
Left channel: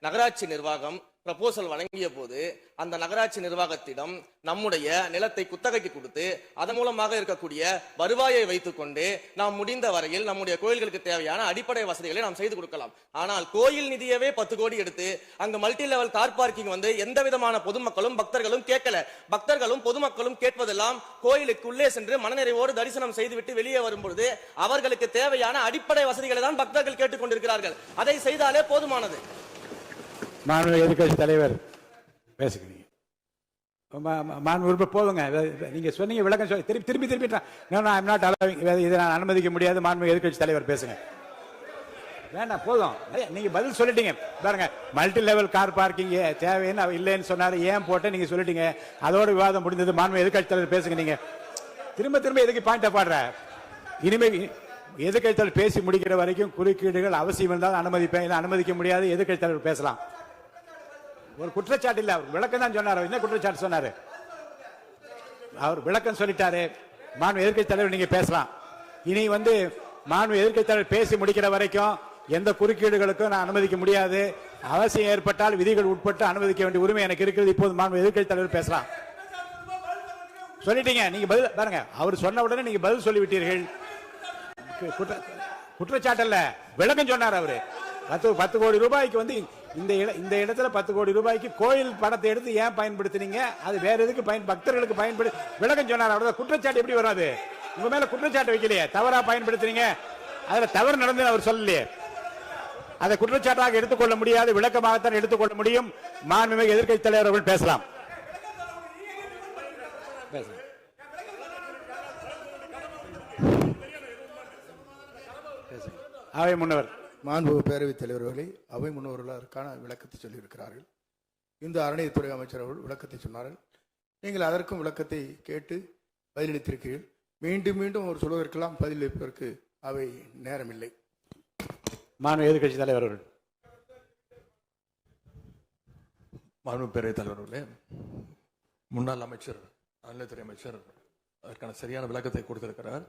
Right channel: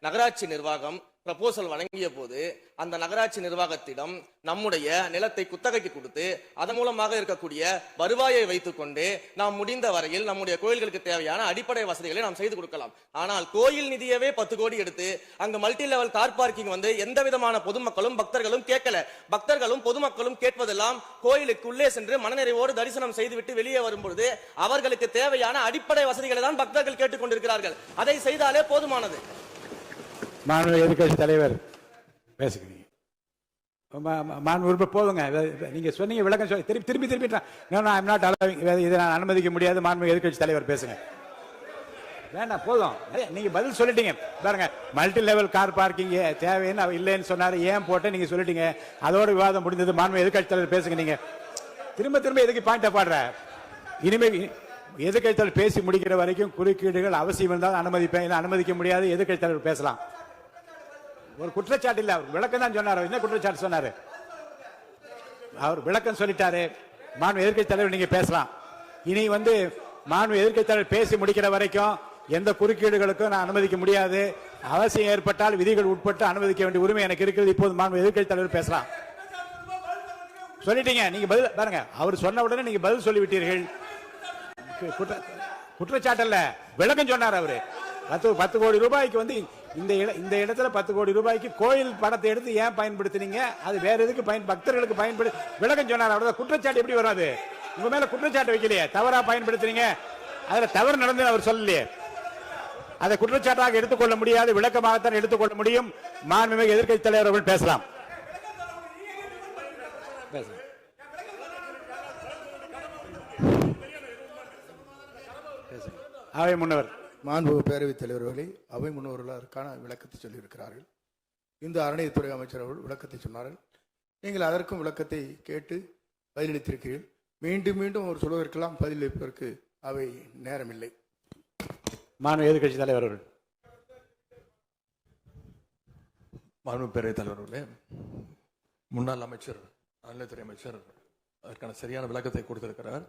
நகராட்சி நிர்வாகம் ப்ரப்போசல் வழங்கிய போது அந்த நகராட்சி நிர்வாகத்திடம் நம்முடைய நிலத்தை குத்தகைக்கு கொடுத்து அதன் மூலமாக இருக்கக்கூடிய வருவாயை வைத்துக் கொண்டு நாம் முடிந்த வரையில் நம்முடைய கோயில்களுக்கு தேவையான அடிப்படை வசதிகளை நாம் செய்து கொடுக்கலாம். ஆனால் கோயில் நிதியவே 10 கோடி எடுத்து அங்கு மல்டி லெவல் கார் பார்க்கிங் வந்து எந்த விதமான பொதுமக்களும் பக்தர்களும் கேட்கல. பக்தர்களும் பொதுமக்களும் கேட்பதெல்லாம் கோயிலுக்குள்ளே சென்று மனநிறைவோடு தரிசனம் செய்துவிட்டு வெளியே வரும்பொழுது அவர்களுக்கு தேவையான அடிப்படை வசதிகளை தான் பக்தர்கள் கேட்டுக் கொண்டிருக்கிறார்கள். அதை செய்தாலே போதுமானது. மாண்பு எதிர்க்கட்சி தலைவர் பேசுகிறீங்க. மாண்பு போதுங்க, நீங்க சொன்னீங்க விளக்கம் சொல்லி திருப்பி இதை நான் அனுமதிக்க முடியாது. மாண்பு எதிர்க்கட்சி தலைவர் பேசுங்க. வேண்டாம், போதும், நீங்க பதில் சொல்லிட்டீங்க. பாருங்க, மல்டி லெவல் கார் பார்க்கிங் தேவைன்னு இல்லைன்னு சொன்னாரு, ஏன் போட்டு நீங்க சொல்லிட்டீங்க. அதோட விவாதம் முடிந்தது. மாண்பு எதிர்க்கட்சி தலைவர் பேசுங்க. நீங்க திரும்ப எதுக்கு பாயிண்ட் பாடுற? இனிமே எதிர்க்கட்சி தலைவர் பேசி முடிக்கிற வரைக்கும் குறுக்கீடுகள் அவசியம் இருந்தால் அனுமதிப்பேன், அனுமதிக்க முடியாது. எதிர்க்கட்சி தலைவர் பேசலாம். ஒரு குற்றச்சாட்டு இல்ல, அவர் விளக்கம் தான் சொன்னார். என்ன குற்றச்சாட்டு சொன்னாரு? அவர் விளக்கம் சொல்லிட்டாரு. மாண்பு எதிர்க்கட்சி தலைவர் நீங்க பேசலாம். இனி மாண்பு எதிர்க்கட்சி தலைவர் பேசி முடிக்கிற வரைக்கும் எந்த குறுக்கீடுகளுக்கும் நான் அனுமதிக்க முடியாது. அவசியம் ஏற்பட்டால் விதிகள் உட்பட்டு அனுமதிக்க வேண்டிய உரிமை எனக்கு இருக்கிறது. இப்போது மாண்பு எதிர்க்கட்சி தலைவர் பேசலாம். சொல்லிட்டீங்க, நீங்க பதில் பாருங்க. அவர் சொன்ன உடனே நீங்க பதில் சொல்லிவிட்டீர்கள். குற்றச்சாட்டு அல்ல, விளக்கம் சொன்னார் அவரு. 10 கோடி ரூபாய்க்கு இந்த இடத்துல 10 கோடி ரூபாய்க்கு கோயில் படத்தை எடுத்து ஏன் பயன்படுத்தினீங்க, அது வேற எதுக்கு பக்தர்களுக்கு பயன்படுத்தி விளக்கம் சொன்னார். அவ்வளவு குற்றச்சாட்டு எப்படி வராது? உங்க மேல குற்றச்சாட்டு வைக்கலையே, தவறா பயன்படுத்துறீங்க, அதுல தவறு நடந்து அவர் சொல்லலையே. அதை குற்றச்சாட்டாக எடுத்துக்கொள்ள முடியாது, விளக்கமாகத்தான் எடுத்துக்கொள்ள முடியும். மாண்புமிகு எதிர்க்கட்சி தலைவர் அவர்கள் பேசலாம். அவை முன்னவர். மாண்புமிகு பேரவைத் தலைவர்களே, அவை முன்னவர்கள் அதற்கான விளக்கத்தை சொல்லியிருக்கிறார்கள். இந்த அறநிலையத்துறை அமைச்சர் அவர்கள் விளக்கத்தை சொன்னார்கள். நீங்கள் அதற்கும் விளக்கத்தை கேட்டு பதிலளித்திருக்கிறீர்கள். மீண்டும் அவர் சொல்வதற்கெல்லாம் பதிலளிப்பதற்கு அவை நேரமில்லை. மாண்பு எதிர்க்கட்சி தலைவர் அவர்கள். மாண்பு பேரவைத் தலைவர்களே, முன்னாள் அமைச்சர் அறநிலையத்துறை அமைச்சர் அதற்கான சரியான விளக்கத்தை கொடுத்திருக்கிறார்.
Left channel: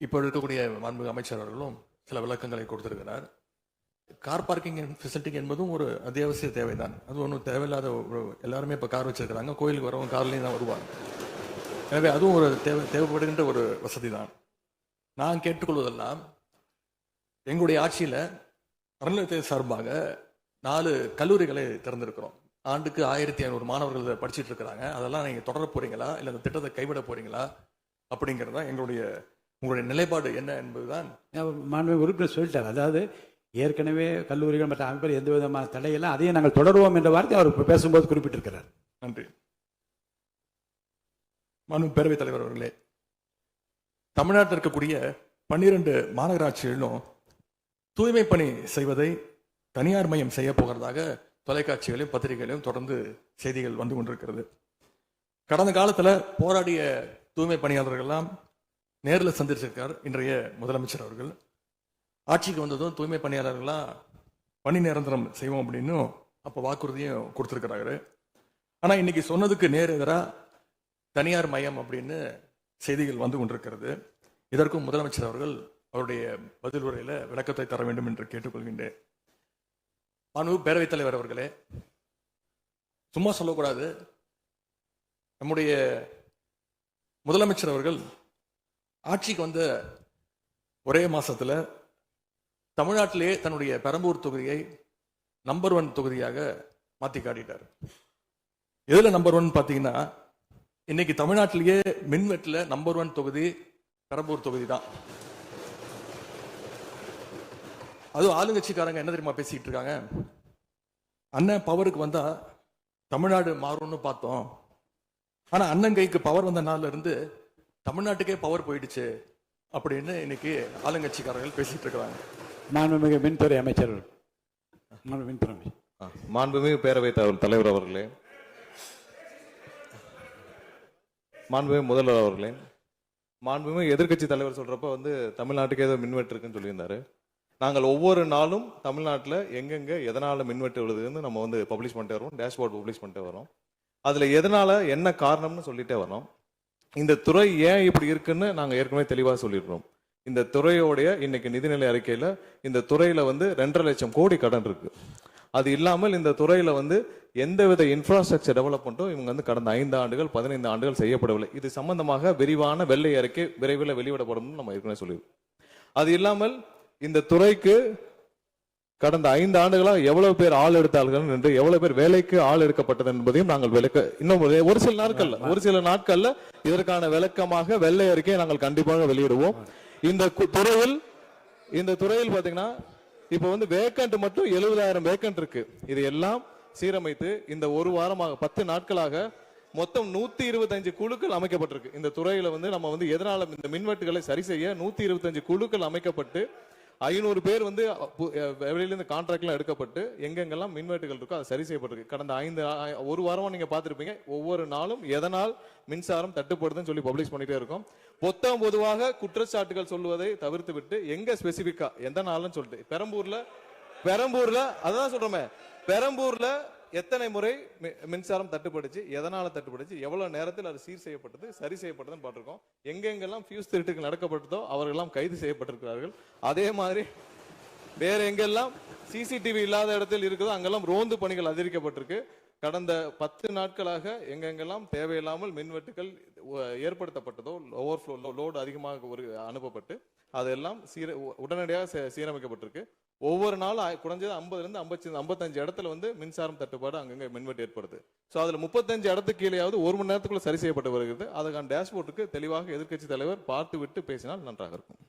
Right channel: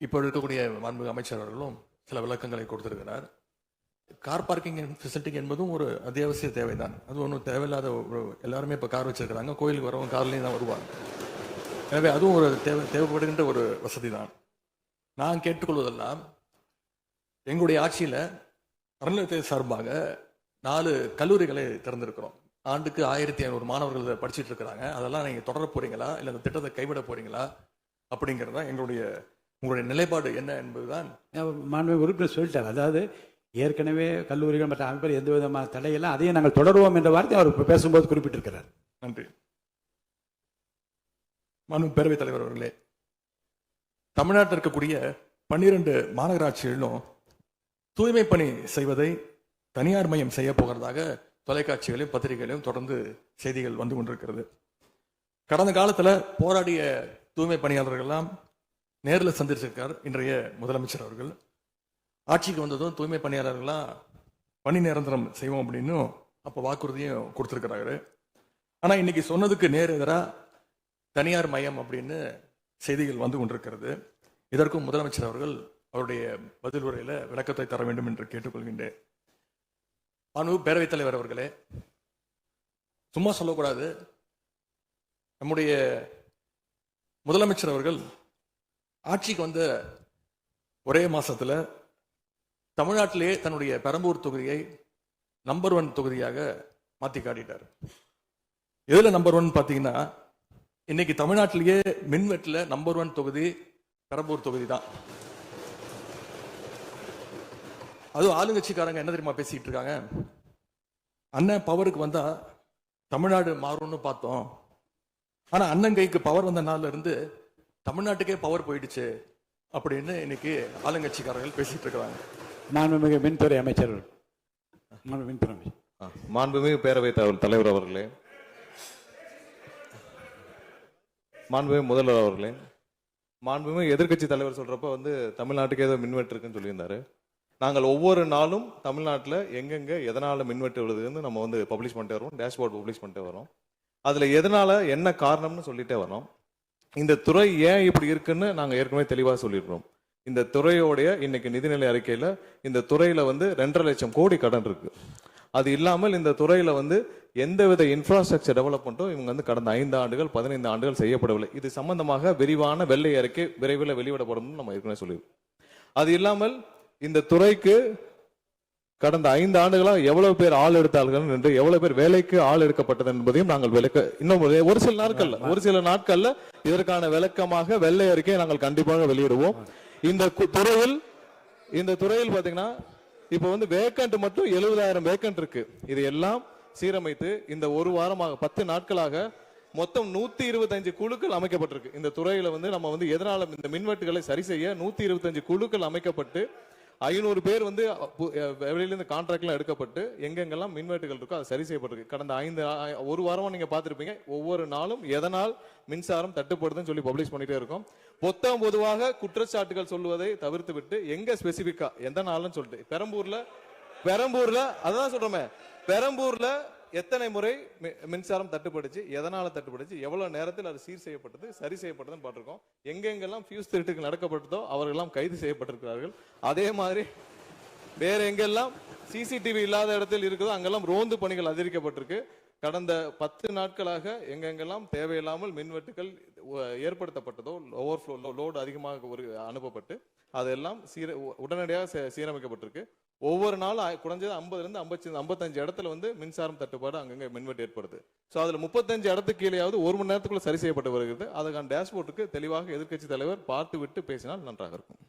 இப்போ இருக்கக்கூடிய மாண்புமிகு அமைச்சர் அவர்களும் சில விளக்கங்களை கொடுத்திருக்கிறார். கார் பார்க்கிங் ஃபெசிலிட்டி என்பதும் ஒரு அத்தியாவசிய தேவைதான். அது ஒன்றும் தேவையில்லாத எல்லாருமே இப்போ கார் வச்சிருக்கிறாங்க, கோயிலுக்கு வரவங்க கார்லேயும் தான் வருவாங்க. எனவே அதுவும் ஒரு தேவைப்படுகின்ற ஒரு வசதி தான். நான் கேட்டுக்கொள்வதெல்லாம், எங்களுடைய ஆட்சியில் அறநிலையத்துறை சார்பாக 4 கல்லூரிகளை திறந்திருக்கிறோம். ஆண்டுக்கு 1500 மாணவர்கள் படிச்சுட்டு இருக்கிறாங்க. அதெல்லாம் நீங்க தொடர போறீங்களா, இல்லை அந்த திட்டத்தை கைவிட போறீங்களா அப்படிங்கிறது தான் உங்களுடைய நிலைப்பாடு என்ன என்பதுதான். மாண்புமிகு உறுப்பினர் சொல்லிட்டார். அதாவது ஏற்கனவே கல்லூரிகள் மற்ற அமைப்பில் எந்த விதமான தடையெல்லாம் அதையும் நாங்கள் தொடருவோம் என்ற வார்த்தை அவர் பேசும்போது குறிப்பிட்டிருக்கிறார். நன்றி. மாண்பு பேரவைத் தலைவர் அவர்களே, தமிழ்நாட்டில் இருக்கக்கூடிய 12 மாநகராட்சிகளிலும் தூய்மை பணி செய்வதை தனியார் மயம் செய்ய போகிறதாக தொலைக்காட்சிகளையும் பத்திரிகைகளையும் தொடர்ந்து செய்திகள் வந்து கொண்டிருக்கிறது. கடந்த காலத்துல போராடிய தூய்மை பணியாளர்கள் எல்லாம் நேரில் சந்திச்சிருக்கார் இன்றைய முதலமைச்சர் அவர்கள். ஆட்சிக்கு வந்ததும் தூய்மை பணியாளர்கள்லாம் பணி நிரந்தரம் செய்வோம் அப்படின்னு அப்ப வாக்குறுதியும் கொடுத்திருக்கிறாரு. ஆனா இன்னைக்கு சொன்னதுக்கு நேர் எதிராக தனியார் மயம் அப்படின்னு செய்திகள் வந்து கொண்டிருக்கிறது. இதற்கும் முதலமைச்சர் அவர்கள் அவருடைய பதில் உரையில விளக்கத்தை தர வேண்டும் என்று கேட்டுக்கொள்கின்றேன். பேரவைத் தலைவர் அவர்களே, சும்மா சொல்லக்கூடாது. நம்முடைய முதலமைச்சர் அவர்கள் ஆட்சிக்கு வந்த ஒரே மாசத்துல தமிழ்நாட்டிலேயே தன்னுடைய பெரம்பூர் தொகுதியை நம்பர் 1 தொகுதியாக மாத்தி காட்டிட்டார். எதுல நம்பர் 1 பாத்தீங்கன்னா, இன்னைக்கு தமிழ்நாட்டிலேயே மின்வெட்டுல நம்பர் 1 தொகுதி பெரம்பூர் தொகுதி தான். அதுவும் ஆளுங்கட்சிக்காரங்க என்ன தெரியுமா பேசிட்டு இருக்காங்க, அண்ணன் பவருக்கு வந்தா தமிழ்நாடு மாறும்னு பார்த்தோம், ஆனா அண்ணன் கைக்கு பவர் வந்த நாள்ல இருந்து தமிழ்நாட்டுக்கே பவர் போயிடுச்சு அப்படின்னு இன்னைக்கு ஆளுங்கட்சிக்காரர்கள் பேசிட்டு இருக்காங்க. மாண்புமிகு மின்துறை அமைச்சர், மாண்புமிகு பேரவைத் தலைவர் அவர்களே, மாண்புமிகு முதல்வர் அவர்களே, மாண்புமிகு எதிர்க்கட்சி தலைவர் சொல்றப்ப தமிழ்நாட்டுக்கு ஏதோ மின்வெட்டு இருக்குன்னு சொல்லியிருந்தாரு. நாங்கள் ஒவ்வொரு நாளும் தமிழ்நாட்டில் எங்கெங்க எதனால மின்வெட்டு விழுதுன்னு நம்ம பப்ளிஷ் பண்ணிட்டே வரோம், டேஷ்போர்ட் பப்ளிஷ் பண்ணிட்டே வரோம். அதுல எதனால என்ன காரணம்னு சொல்லிட்டே வரோம். இந்த துறை ஏன் இப்படி இருக்குன்னு நாங்க ஏற்கனவே தெளிவாக சொல்லியிருக்கோம். இந்த துறையோடைய இன்னைக்கு நிதிநிலை அறிக்கையில இந்த துறையில 2.5 லட்சம் கோடி கடன் இருக்கு. அது இல்லாமல் இந்த துறையில எந்தவித இன்ஃப்ராஸ்ட்ரக்சர் டெவலப்மெண்ட்டும் இவங்க கடந்த 5 ஆண்டுகள் 15 ஆண்டுகள் செய்யப்படவில்லை. இது சம்பந்தமாக விரிவான வெள்ளை அறிக்கை விரைவில் வெளியிடப்படும் நம்ம ஏற்கனவே சொல்லியிருக்கோம். அது இல்லாமல் இந்த துறைக்கு கடந்த 5 ஆண்டுகளாக எவ்வளவு பேர் ஆள் எடுத்தார்கள் என்று, எவ்வளவு பேர் வேலைக்கு ஆள் எடுக்கப்பட்டது என்பதையும் நாங்கள் இன்னும் ஒரு சில நாட்கள்ல இதற்கான விளக்கமாக வெள்ளை அறிக்கையை நாங்கள் கண்டிப்பாக வெளியிடுவோம். இந்த துறையில் பாத்தீங்கன்னா இப்ப வேக்கண்ட் மட்டும் 70,000 வேக்கண்ட் இருக்கு. இது எல்லாம் சீரமைத்து இந்த ஒரு வாரமாக 10 நாட்களாக மொத்தம் 125 குழுக்கள் அமைக்கப்பட்டிருக்கு. இந்த துறையில நம்ம எதனால இந்த மின்வெட்டுகளை சரி செய்ய 125 குழுக்கள் அமைக்கப்பட்டு 500 பேர் வெளியிலிருந்து கான்ட்ராக்ட்லாம் எடுக்கப்பட்டு எங்கெங்கெல்லாம் மின்வெட்டுகள் இருக்கோ அது சரி செய்யப்பட்டிருக்கு. கடந்த ஒரு வாரமா நீங்க பார்த்திருப்பீங்க, ஒவ்வொரு நாளும் எதனால் மின்சாரம் தட்டுப்படுதுன்னு சொல்லி பப்ளிஷ் பண்ணிட்டே இருக்கோம். பொதுவாக குற்றச்சாட்டுகள் சொல்லுவதை தவிர்த்து விட்டு எங்க ஸ்பெசிபிக்கா எந்த நாள்னு சொல்லிட்டு பெரம்பூர்ல அதான் சொல்றோமே, பெரம்பூர்ல எத்தனை முறை மின்சாரம் தட்டுப்படுச்சு, எதனால தட்டுப்படுச்சு, எவ்வளவு நேரத்தில் அது சீர் செய்யப்பட்டது, சரி செய்யப்பட்டதுன்னு பார்த்திருக்கோம். எங்கெங்கெல்லாம் ஃபியூஸ் திருட்டுகள் நடக்கப்பட்டதோ அவர்களெல்லாம் கைது செய்யப்பட்டிருக்கிறார்கள். அதே மாதிரி வேற எங்கெல்லாம் சிசிடிவி இல்லாத இடத்தில் இருக்குதோ அங்கெல்லாம் ரோந்து பணிகள் அதிகரிக்கப்பட்டிருக்கு. கடந்த 10 நாட்களாக எங்கெங்கெல்லாம் தேவையில்லாமல் மின்வெட்டுகள் ஏற்படுத்தப்பட்டதோ, ஓவர்ஃப்ளோ லோடு அதிகமாக அனுப்பப்பட்டு அதெல்லாம் உடனடியாக சீரமைக்கப்பட்டிருக்கு. ஒவ்வொரு நாளும் குறைஞ்சது 50 to 55 இடத்துல மின்சாரம் தட்டுப்பாடு அங்கங்க மின்வெட்டு ஏற்படுது. சோ அதுல 35 இடத்துக்கு கீழேயாவது 1 மணி நேரத்துக்குள்ள சரி செய்யப்பட்டு வருகிறது. அதுக்கான டேஷ்போர்டுக்கு தெளிவாக எதிர்க்கட்சி தலைவர் பார்த்து விட்டு பேசினால் நன்றாக இருக்கும்.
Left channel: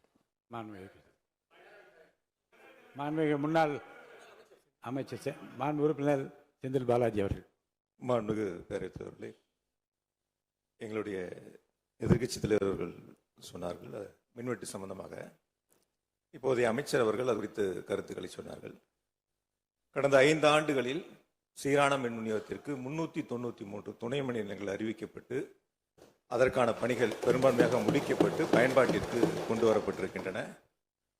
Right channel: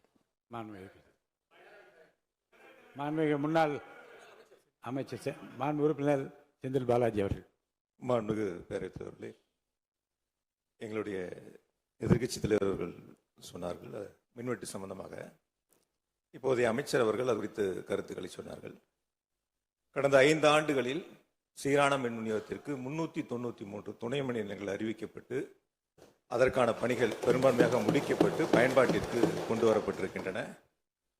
மாண்புமிகு முன்னாள் அமைச்சர் மாண்பு உறுப்பினர் செந்தில் பாலாஜி அவர்கள். மாண்புமிகு பேரவைத் தலைவர்களே, எங்களுடைய எதிர்க்கட்சி தலைவர்கள் சொன்னார்கள் மின்வெட்டு சம்பந்தமாக. இப்போதைய அமைச்சர் அவர்கள் அது குறித்து கருத்துக்களை சொன்னார்கள். கடந்த 5 ஆண்டுகளில் சீரான மின் விநியோகத்திற்கு 393 துணை மின் நிலையங்கள் அறிவிக்கப்பட்டு அதற்கான பணிகள் பெரும்பான்மையாக முடிக்கப்பட்டு பயன்பாட்டிற்கு கொண்டு வரப்பட்டிருக்கின்றன.